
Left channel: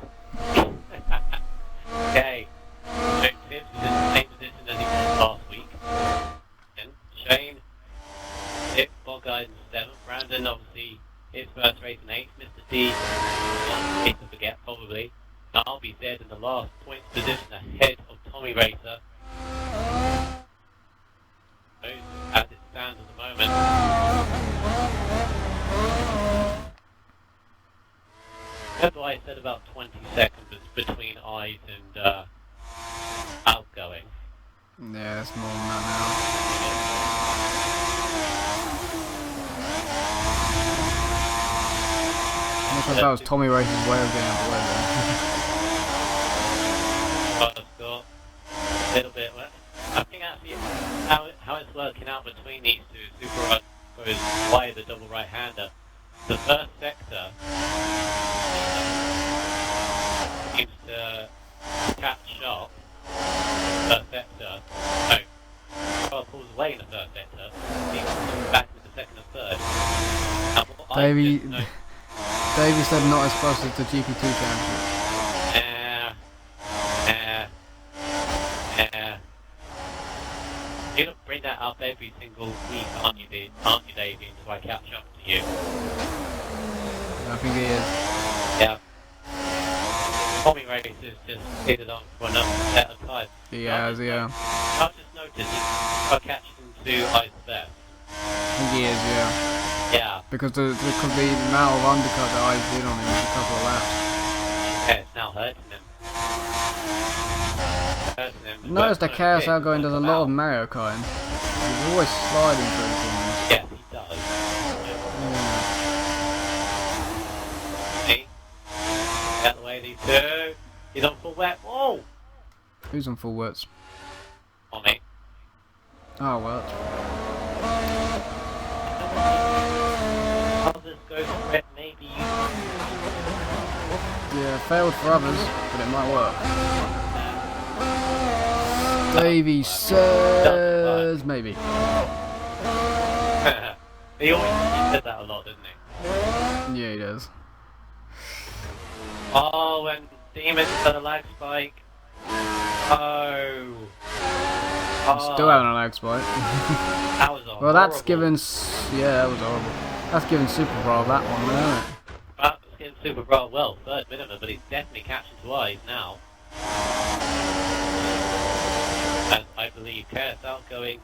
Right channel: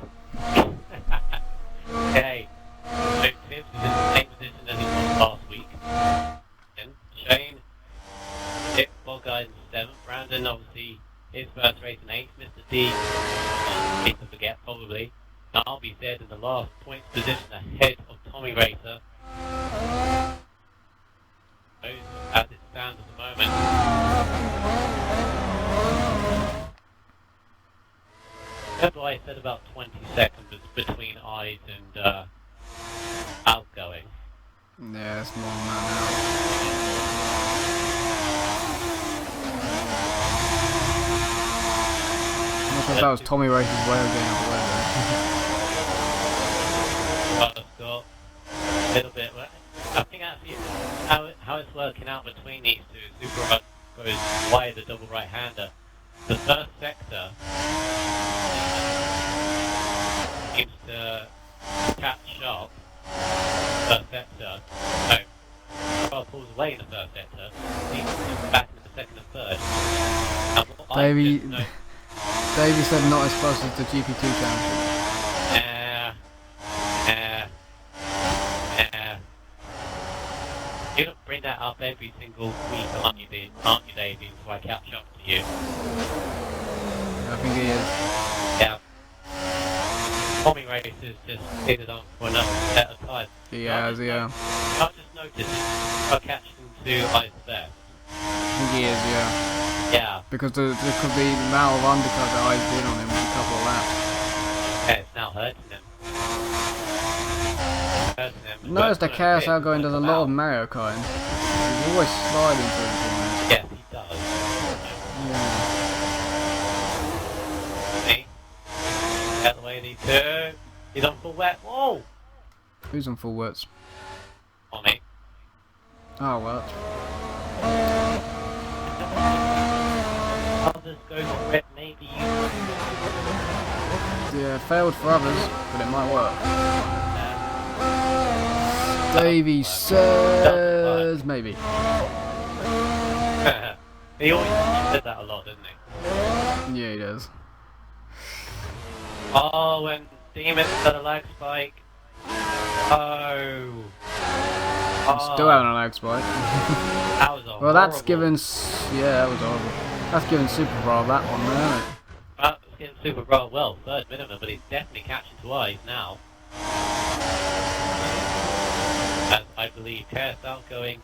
Okay, so Tips is in the same position as he was last week. Then Shane, 6th, Bogeyes in 7th, Brandon obviously his first race in 8th, Mr. D, to forget probably. I'll be third in the last points position ahead of Tommy Racer. As it stands at the moment. Remember I said about 20 seconds between Eyes and outgoing. Yeah, it's more than that now. I'm not sure if that was Tommy Race's way of getting out of the way there. Scott, a little bit. I think actually how it's working out between these two, Super goes wide the double right-hander. The first sector seems to catch sharp. First sector, no, car pulls away in the first sector, seems to come back into the 2nd and 3rd. Davey said not as close as the GP2 championship. You don't bring that up every single week, aren't you, Davey, until I catch up to you? I think he is. Yeah. Tommy Race is just figured on for another set of time. He has, yeah. I've just noticed I catch them to Ice there. I think he is, yeah. Yeah. Because there could be the amount of undercut that I did on him with a couple of laps. Yeah, it's now hurting him. Notice that KSL going does a lot of Mario Karting. He's always sliding through the corners. Yeah, he does. Yeah. See? Get the way these two. He's on full wet. Whoa! Who's on full wets? On me. Oh, well. Others go for it, maybe you. Yeah, failed for others, but it might work. Davey says maybe. He always said that a lot, didn't he? Yeah, he does. Oh, and Demon's got a lag spike. Oh. Still having a lag spike. That was a Well, that's horrible- given. Yeah, that was horrible. That's given Super Brawl that one, isn't it? That's getting Super Brawl, well, third minimum, but he's definitely catching to eyes now. And I believe Chaos Outgoing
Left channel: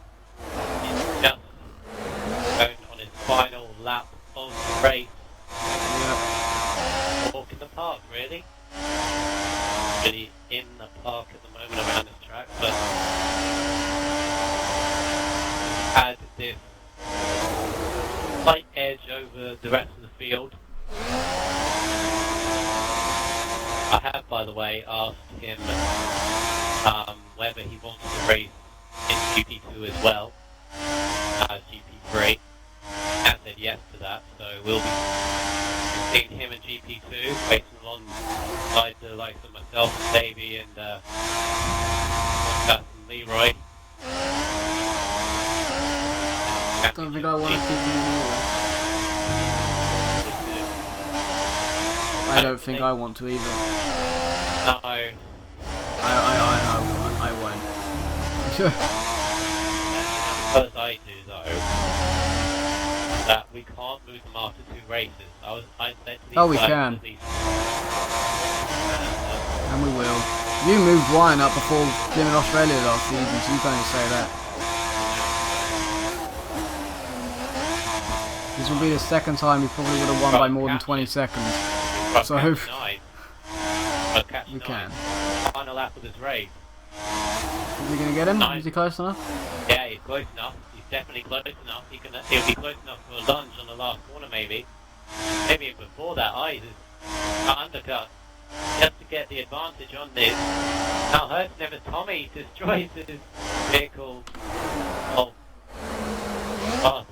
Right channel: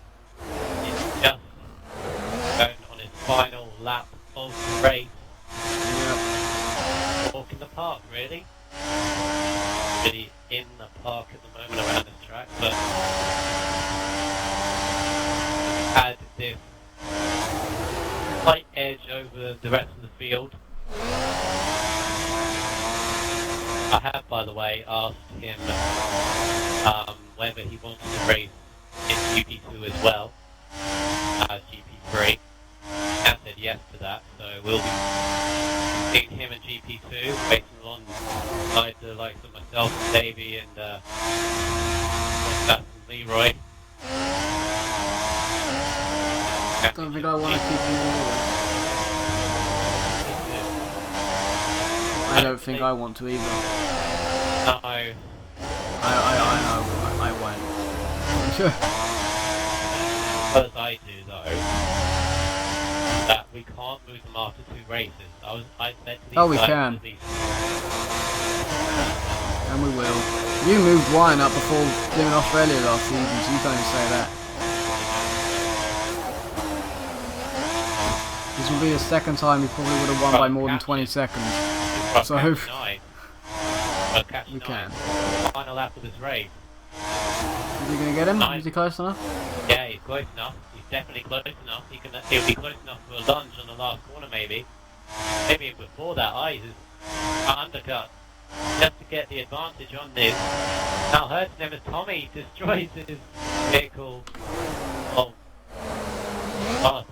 is just going on his final lap of the race. Yep. Walk in the park, really. Really in the park at the moment around this track, but had this slight edge over the rest of the field. I have, by the way, asked him whether he wants to race in GP2 as well as GP3. And said yes to that, so we'll be seeing him in GP2, racing alongside the likes of myself and Davey and Leroy. I don't think I want to keep him anyway. I don't think I want to either. No. I won't. Because I do though, that we can't move them after 2 races. I said to these Oh, we guys can. at least- And we will. You moved Wine up before him in Australia last season, so you can't even say that. This will be the second time he probably would have won by more than 20 seconds. Well, So- catch 9. Well, catch We 9. can. Final lap of this race. Is he going to get him? 9. Is he close enough? Yeah, he's close enough. He's definitely close enough. He'll be close enough for a lunge on the last corner, maybe. Maybe before that, Eyes is undercut just to get the advantage on this. Now hurting him as Tommy destroys his vehicle of last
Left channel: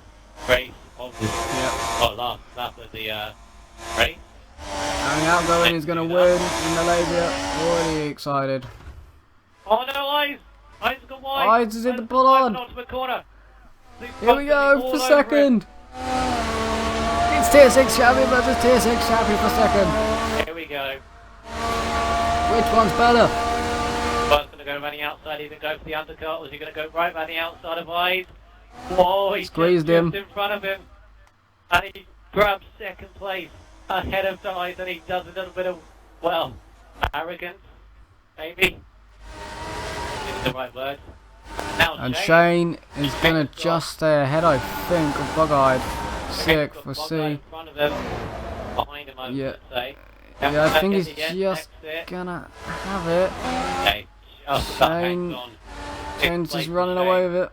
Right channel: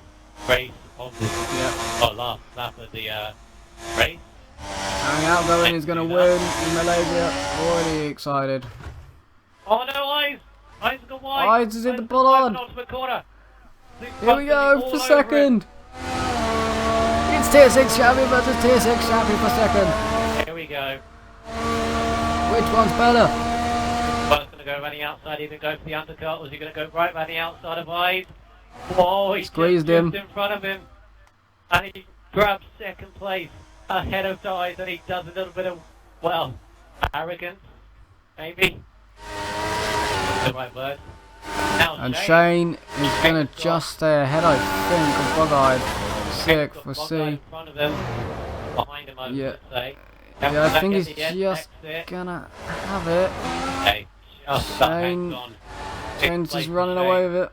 race of this. Yep. Oh, last lap of the race. Going Outgoing is going to win in Malaysia. Already excited. Oh no, Eyes! Eyes has gone wide! Eyes is in the bollard. Ultimate corner! Here we go for second. It's tier 6 champion versus tier 6 champion for second. Here we go. Which one's better? One's going to go around the outside, either go for the undercut, or is he going to go right around the outside of Eyes? Whoa, he Squeezed just him. in front of him. And he grabs second place ahead of Eyes, and he does a little bit of, well, arrogance, maybe. Is the right word. Now And Shane is going to just stay ahead, I think, of Bug-Eyed. Sick for C. In front of him, behind him, I would Yeah. say. Yeah, I think he's At the end, just exit. gonna have it. Okay, just about Shane- hangs on. Shane's Sixth just place running for away Shane. with it.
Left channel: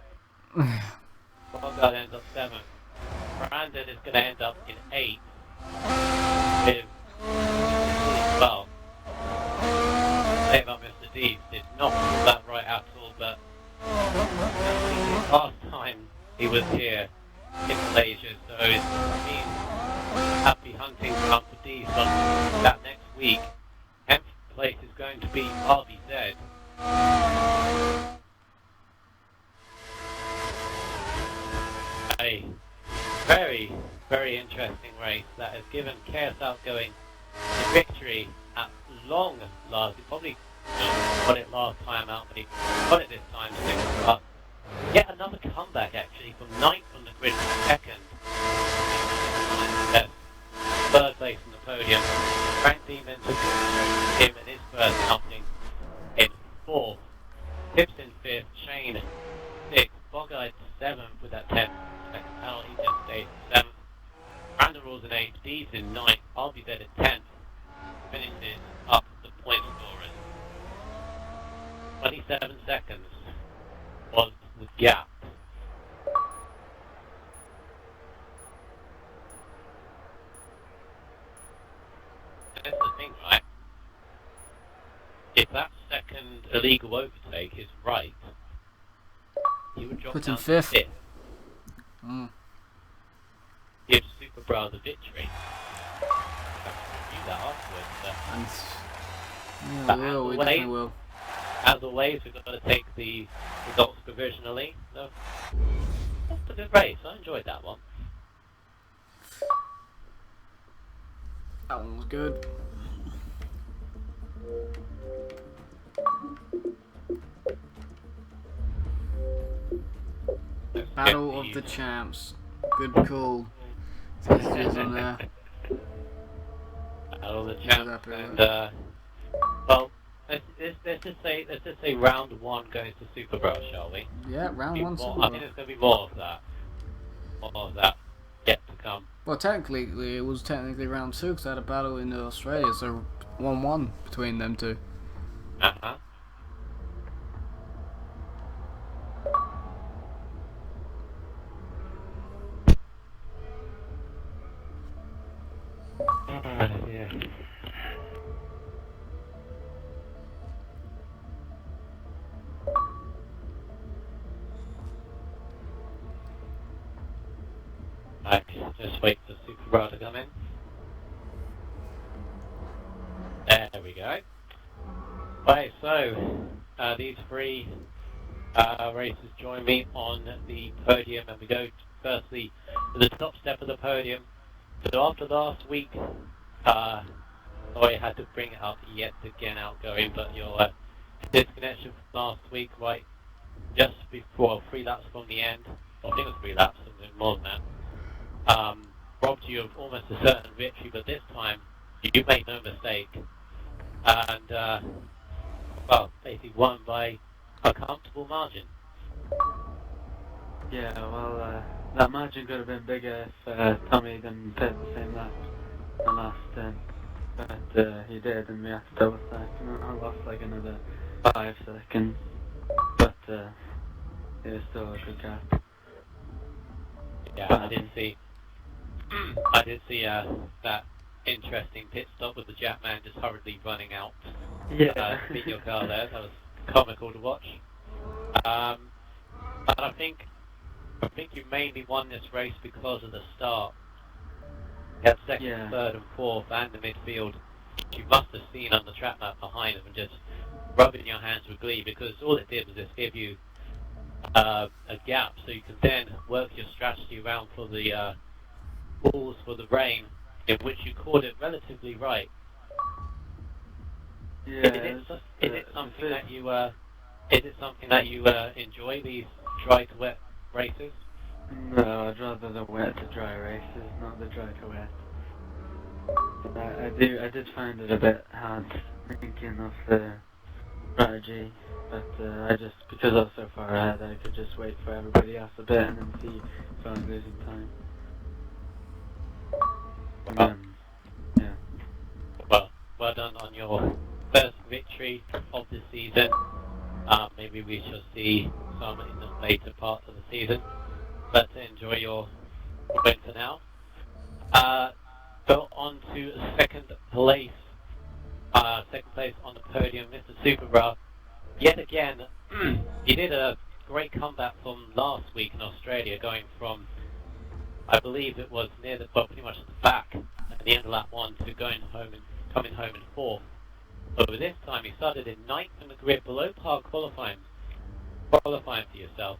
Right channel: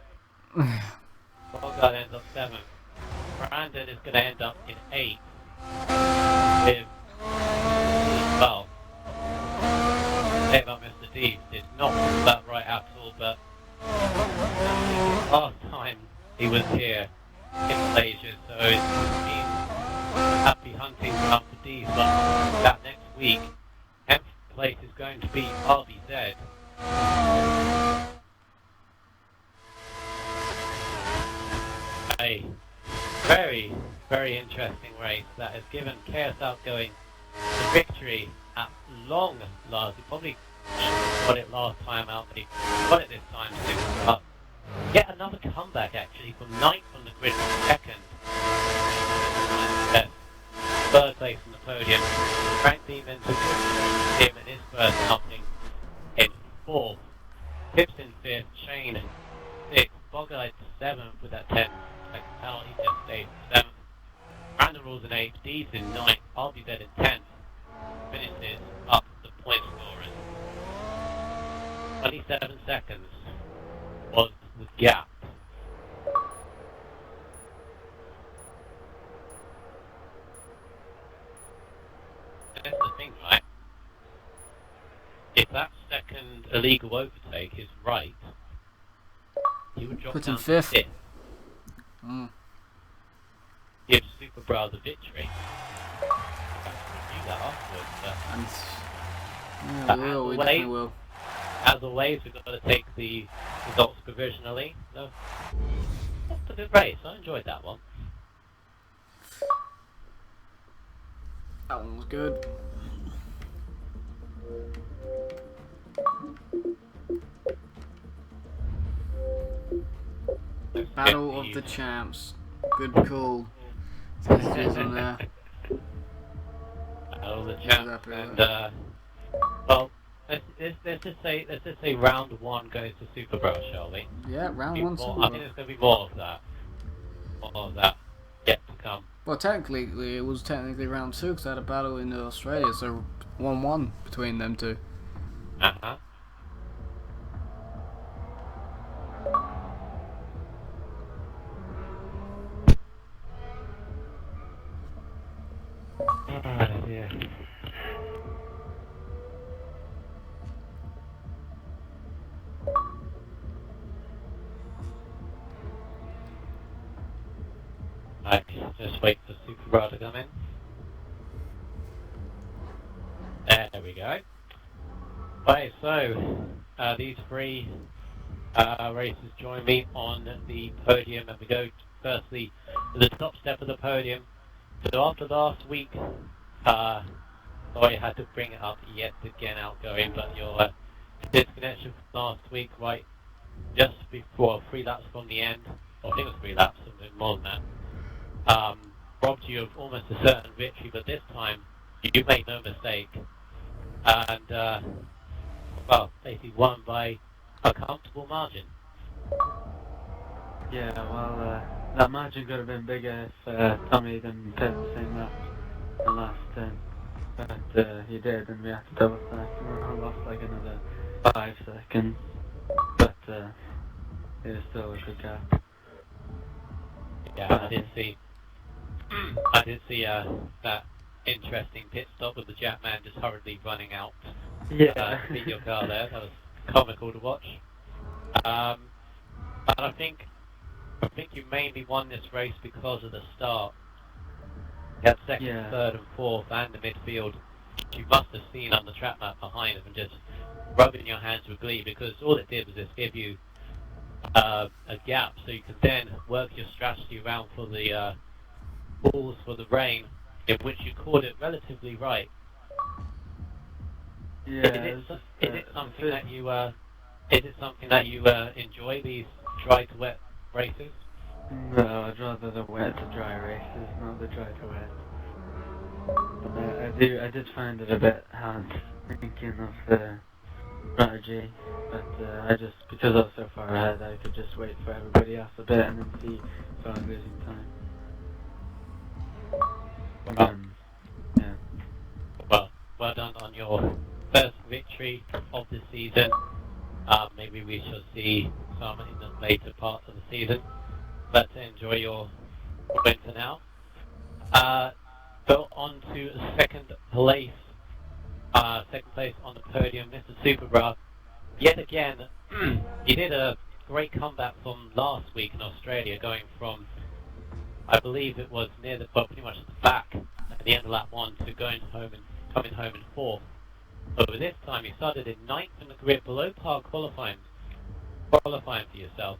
Bogart ends up 7th. Brandon is going to end up in 8th. With, well, say about Mr. D, did not do that right at all, but last time he was here in Malaysia, so it means happy hunting ground for D, but that next week, 10th place is going to be RBZ. A very, very interesting race that has given Chaos Outgoing the victory at long last. He probably got it last time out, but he got it this time. But yet another comeback actually from 9th on the grid to 2nd. Yes. 3rd place on the podium. Frank Demon took him in his first outing in 4th. Tips in 5th. Shane 6th. Bogeyed 7th with that 10th. He just stayed 7th. Random Rules in 8th. D's in 9th. RBZ in 10th. Finishes up the point scorers. 27 seconds was the gap. And that's the thing, right? If that second illegal overtake is right, he would drop Put down him to 5th. 5th. Mm. Give Super Bra the victory. Do that afterwards, but And yeah, we will. We definitely will. as always, we've got to take the results provisionally. So, that's a good race. I enjoyed that one. That one was good. Battle of the Champs. Good call. Messages on there. Battle of the Yeah, Champs. happy with And that. well, let's just say round one goes to Super Brawl, shall we? Yeah, round one More, Super I Bowl. think there's going to be more of that. More of that yet to come. Well, technically, it was technically round 2 because I had a battle in Australia, so 1-1 between them two. Uh-huh. Yeah. Right, just wait for Super Brawl to come in. There we go. Right, so these three races join me on the podium, and we go firstly to the top step of the podium. So after last week, sorry I had to bring it up yet again, outgoing, but your disconnection from last week, right, just before 3 laps from the end, or I think it was 3 laps, something more than that, robbed you of almost a certain victory, but this time you made no mistake, and well, basically won by a comfortable margin. Yeah, well, that margin could have been bigger if Tommy didn't pit the same lap the last turn. But he did, and we had to double stack. I lost like another 5 seconds. But it was still a good gap. Yeah, I did see that interesting pit stop with the Jetman just hurriedly running out. Yeah. Beat your car there. That was comical to watch. But I think you mainly won this race because of the start. You had second, Yeah. third, and fourth, and the midfield. You must have seen on the track map behind them and just rubbing your hands with glee, because all it did was just give you a gap, so you could then work your strategy around for the balls for the rain, in which you called it relatively right. Yeah. Is it something that you enjoy, these dry to wet races? No, I'd rather the wet to dry races, not the dry to wet. I did find it a bit hard thinking of the strategy, but because I was so far ahead, I could just wait for everybody else a bit and then see if I was losing time. Yeah. Well done on your first victory of the season. Maybe we shall see some in the later parts of the season. Let's enjoy your winter now. Go on to second place. Second place on the podium, Mr. Superbra. Yet again, you did a great comeback from last week in Australia, going from, I believe it was near the, well, pretty much the back at the end of lap 1 to coming home in 4th. But this time you started in 9th in the grid, below par qualifying for yourself,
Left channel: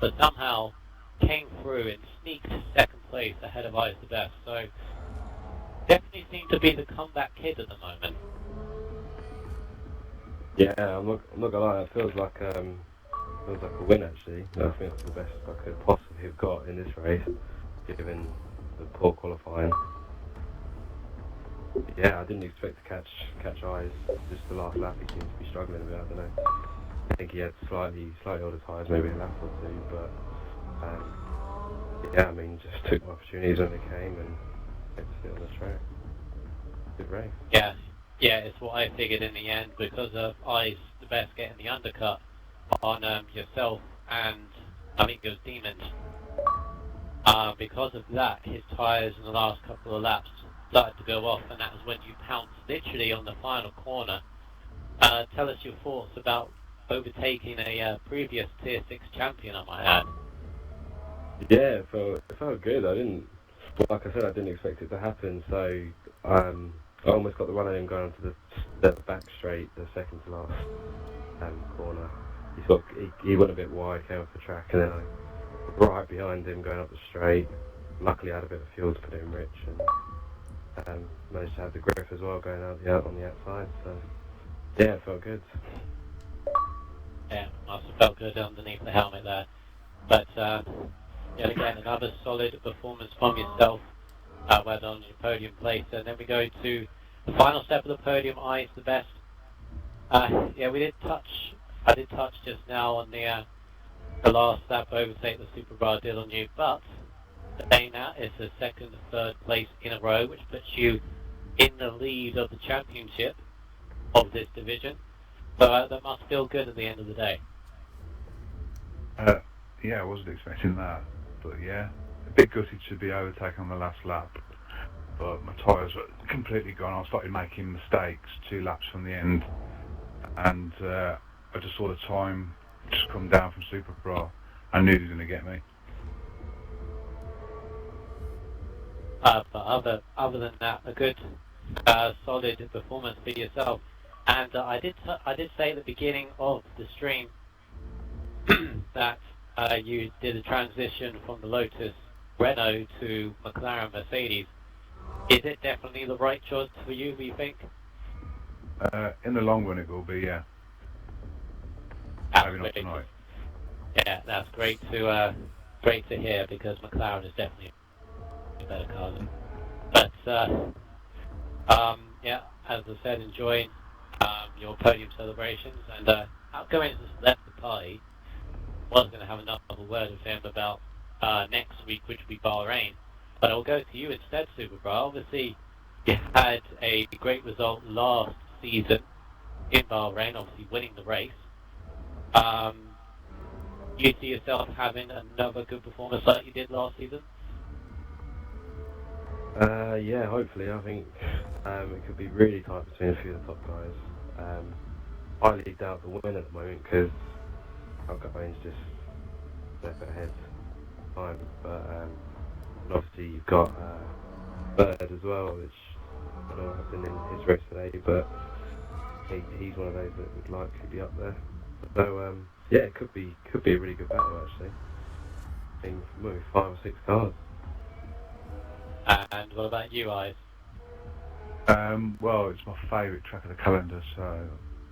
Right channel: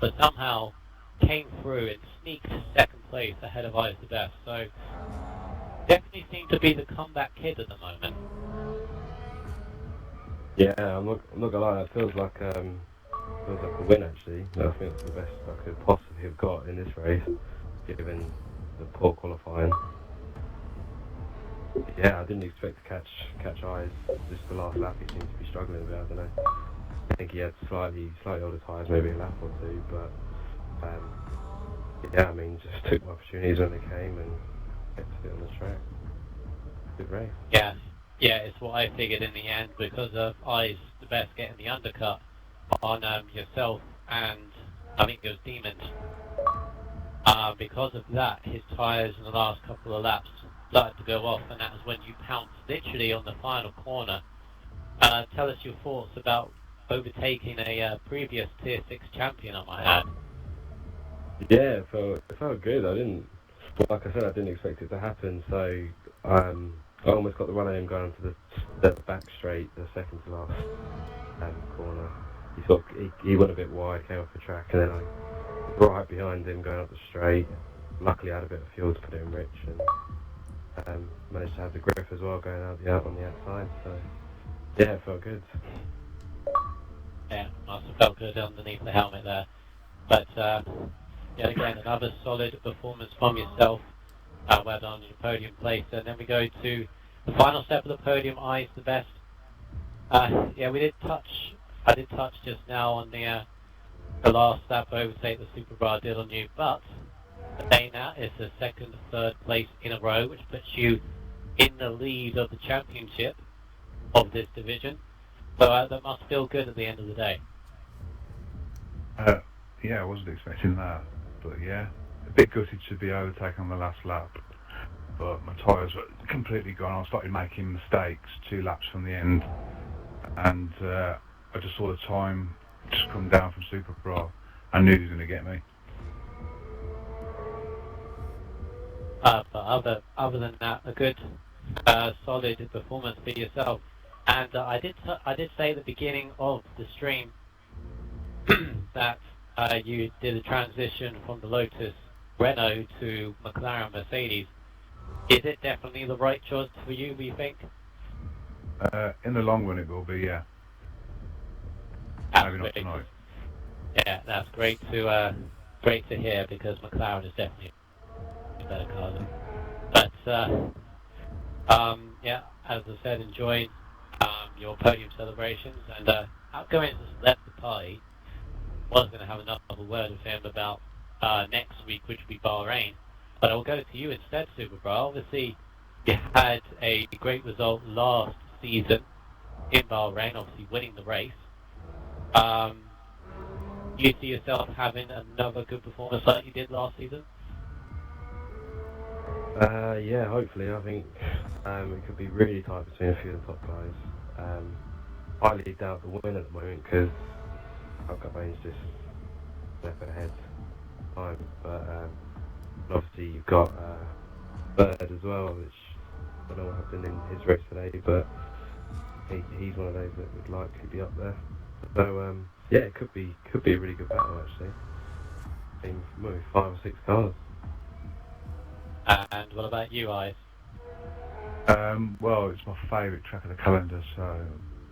but somehow came through and sneaked second place ahead of I's the Best. So definitely seemed to be the comeback kid at the moment. Yeah, I'm not gonna lie, it feels like a win actually. I think it's the best I could possibly have got in this race, given the poor qualifying. Yeah, I didn't expect to catch eyes. Just the last lap, he seemed to be struggling a bit. I don't know. I think he had slightly older tyres, maybe a lap or two, but yeah, I mean, just took my opportunities when they came and kept it on the track. Good race. Yeah, it's what I figured in the end, because of I's the Best getting the undercut on yourself and I think it was Demons. Because of that, his tyres in the last couple of laps started to go off, and that was when you pounced literally on the final corner. Tell us your thoughts about overtaking a previous Tier 6 champion, I might add. Yeah, it felt good. Like I said, I didn't expect it to happen, so I almost got the run of him going to the back straight, the second to last corner. He went a bit wide, came off the track, and then I right behind him going up the straight. Luckily I had a bit of fuel to put it in rich, Managed to have the grip as well going out on the outside, so yeah, it felt good. Yeah, must have felt good underneath the helmet there. But yet again, another solid performance from yourself. Well done on your podium place. And then we go to the final step of the podium, eyes the best. Yeah, I did touch just now on the last lap overtake the Super Bra did on you, but saying that, it's the second, third place in a row, which puts you in the lead of the championship of this division. So that must feel good at the end of the day. Yeah, I wasn't expecting that, but yeah, a bit gutted to be overtaken on the last lap. But my tyres were completely gone. I started making mistakes 2 laps from the end, and I just saw the time just come down from Super Bra. I knew he was going to get me. But other than that, a good, solid performance for yourself. And I did say at the beginning of the stream that you did a transition from the Lotus Renault to McLaren Mercedes. Is it definitely the right choice for you, do you think? In the long run, it will be, yeah. Maybe not tonight. Yeah, that's great to hear, because McLaren is definitely a better car than. But yeah, as I said, enjoying your podium celebrations, and outgoing just left the party. Was going to have another word with him about next week, which will be Bahrain. But I'll go to you instead, Super Bra. Obviously, you had a great result last season in Bahrain, obviously winning the race. You see yourself having another good performance like you did last season? Yeah, hopefully. I think it could be really tight between a few of the top guys. I highly doubt the win at the moment, because Alcabane's just step ahead time. But obviously you've got Bird as well, which I don't know what happened in his race today, but he's one of those that would likely be up there. So yeah, it could be a really good battle actually. I think maybe 5 or 6 cars. And what about you, Ives? Well, it's my favourite track of the calendar, so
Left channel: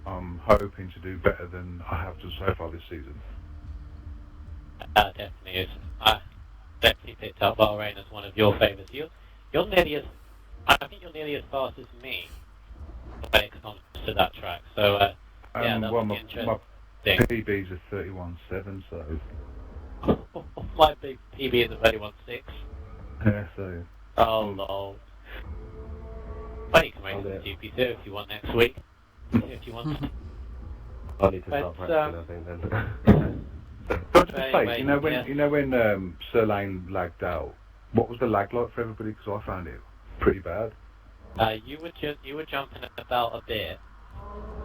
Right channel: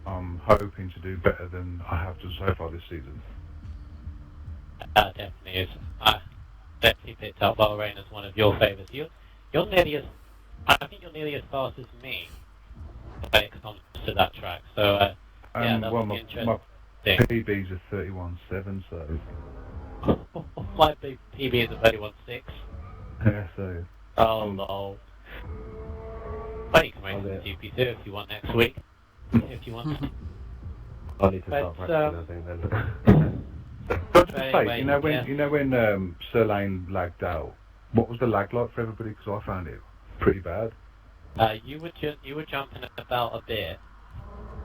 I'm hoping to do better than I have done so far this season. Definitely is. I definitely picked up Bahrain as one of your favourites. You're nearly as, I think you're nearly as fast as me when it comes to that track. So yeah, that'll be interesting. My PB's a 31.7, so my big PB is a 31.6. yeah, so. Oh lol. Well, you can race the GP2 if you want next week. If you want. I need to start practicing, I think then. But to Anyway, say, you know when Sir Lane lagged out, what was the lag like for everybody? Because I found it pretty bad. You were jumping about a bit.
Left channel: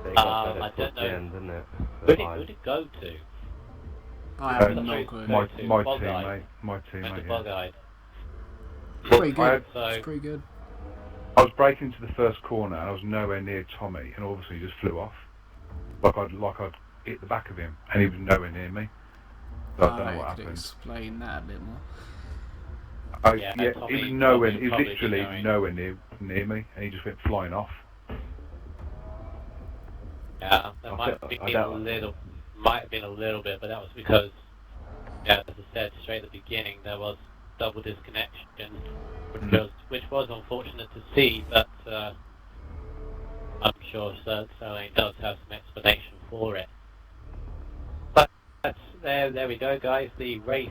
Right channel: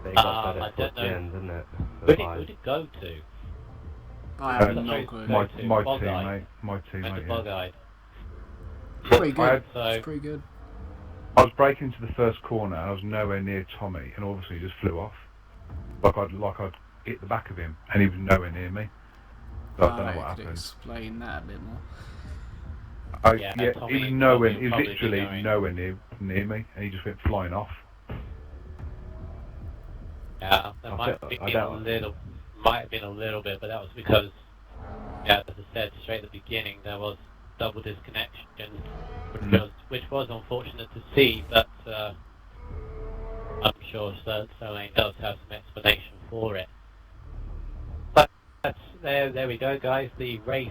It got better I don't towards the know. end, didn't it? Who'd it go to? I have no clue. My Bog-eyed. teammate. Bog-eyed. Pretty good. So, It's pretty good. I was braking into the first corner and I was nowhere near Tommy, and obviously he just flew off. Like I'd hit the back of him, and he was nowhere near me. So I don't know what Could happened. explain that a bit more. Yeah, He Tommy was nowhere. He was probably literally going. nowhere near me, and he just went flying off. yeah, that might have been a little bit, but that was because, yeah, as I said straight at the beginning, there was double disconnection, which was unfortunate to see, but I'm sure Sir Lane does have some explanation for it. But there we go, guys. The race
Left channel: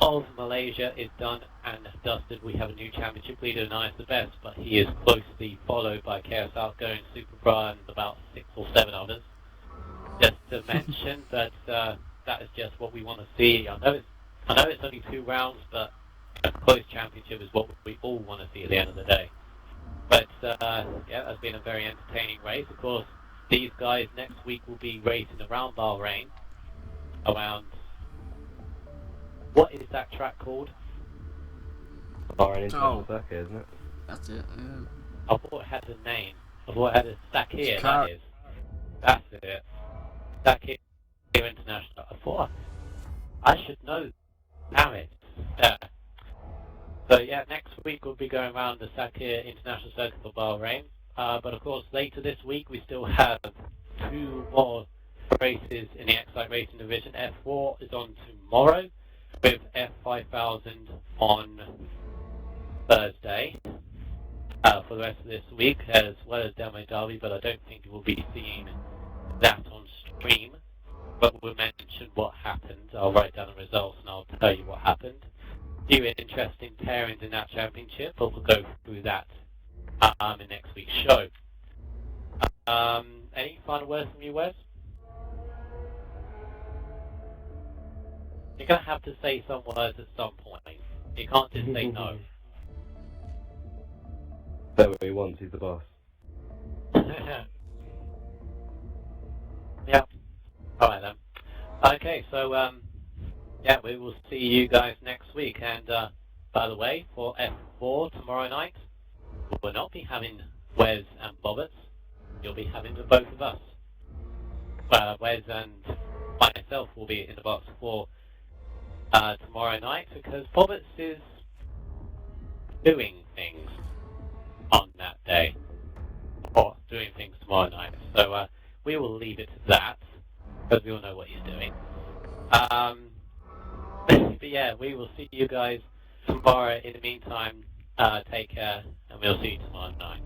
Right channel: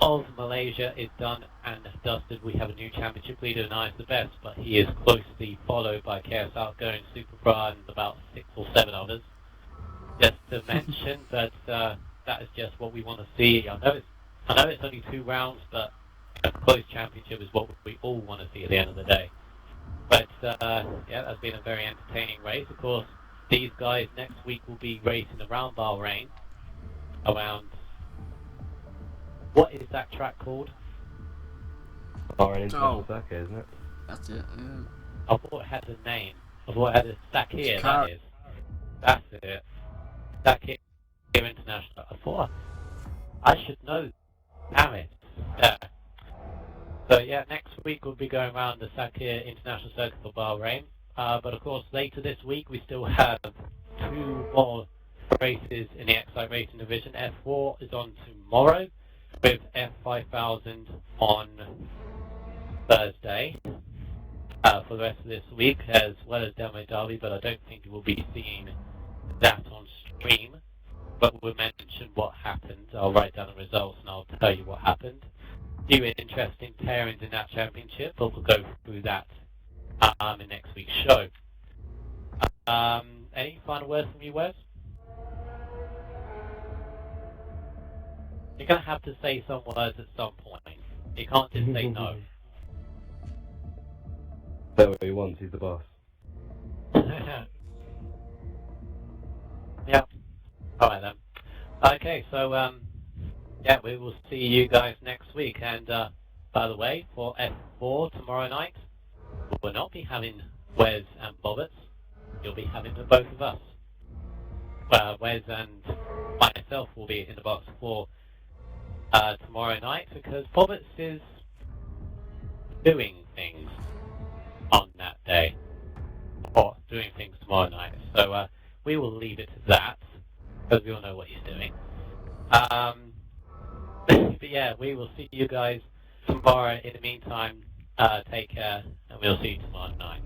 of Malaysia is done and dusted. We have a new championship leader, and Ives the best, but he is closely followed by Chaos Outgoing, Super Bra, and about 6 or 7 others. Just to mention that that is just what we want to see. I know it's only 2 rounds, but a close championship is what we all want to see at the end of the day. But yeah, that's been a very entertaining race. Of course, these guys next week will be racing around Bahrain, around, what is that track called? Bahrain International Circuit, isn't it? That's it, yeah. I thought it had a name. I thought it had a Sakir, Car- that is. That's it. Sakir International. I thought I should know. Damn it. Yeah. So yeah, next week we'll be going around the Sakir International Circuit for Bahrain. But of course, later this week we still have 2 more races in the Xcite Racing Division. F4 is on tomorrow, with F5000 on Thursday for the rest of this week, as well as Demo Derby, but I don't think you will be seeing that on stream. But we'll mention what happened. I'll write down the results and I'll tell you what happened. Few interesting pairings in that championship, but we'll go through that in next week's show. Any final words from you, Wes? You're going to have to say some words at some point. You can't just say no. Say what he wants, he's the boss. Yeah. Alright then. Okay, so yeah, we will see you guys next week. And by the way, for F4 tomorrow night, we'll not be having Wes and Bobbits. You'll be having the both of us. Wes and myself will be in the box for tomorrow night, because Bobbits is doing things on that day, or doing things tomorrow night. So we will leave it to that, because we all know what he's doing. But yeah, we will see you guys tomorrow. In the meantime, take care, and we'll see you tomorrow night.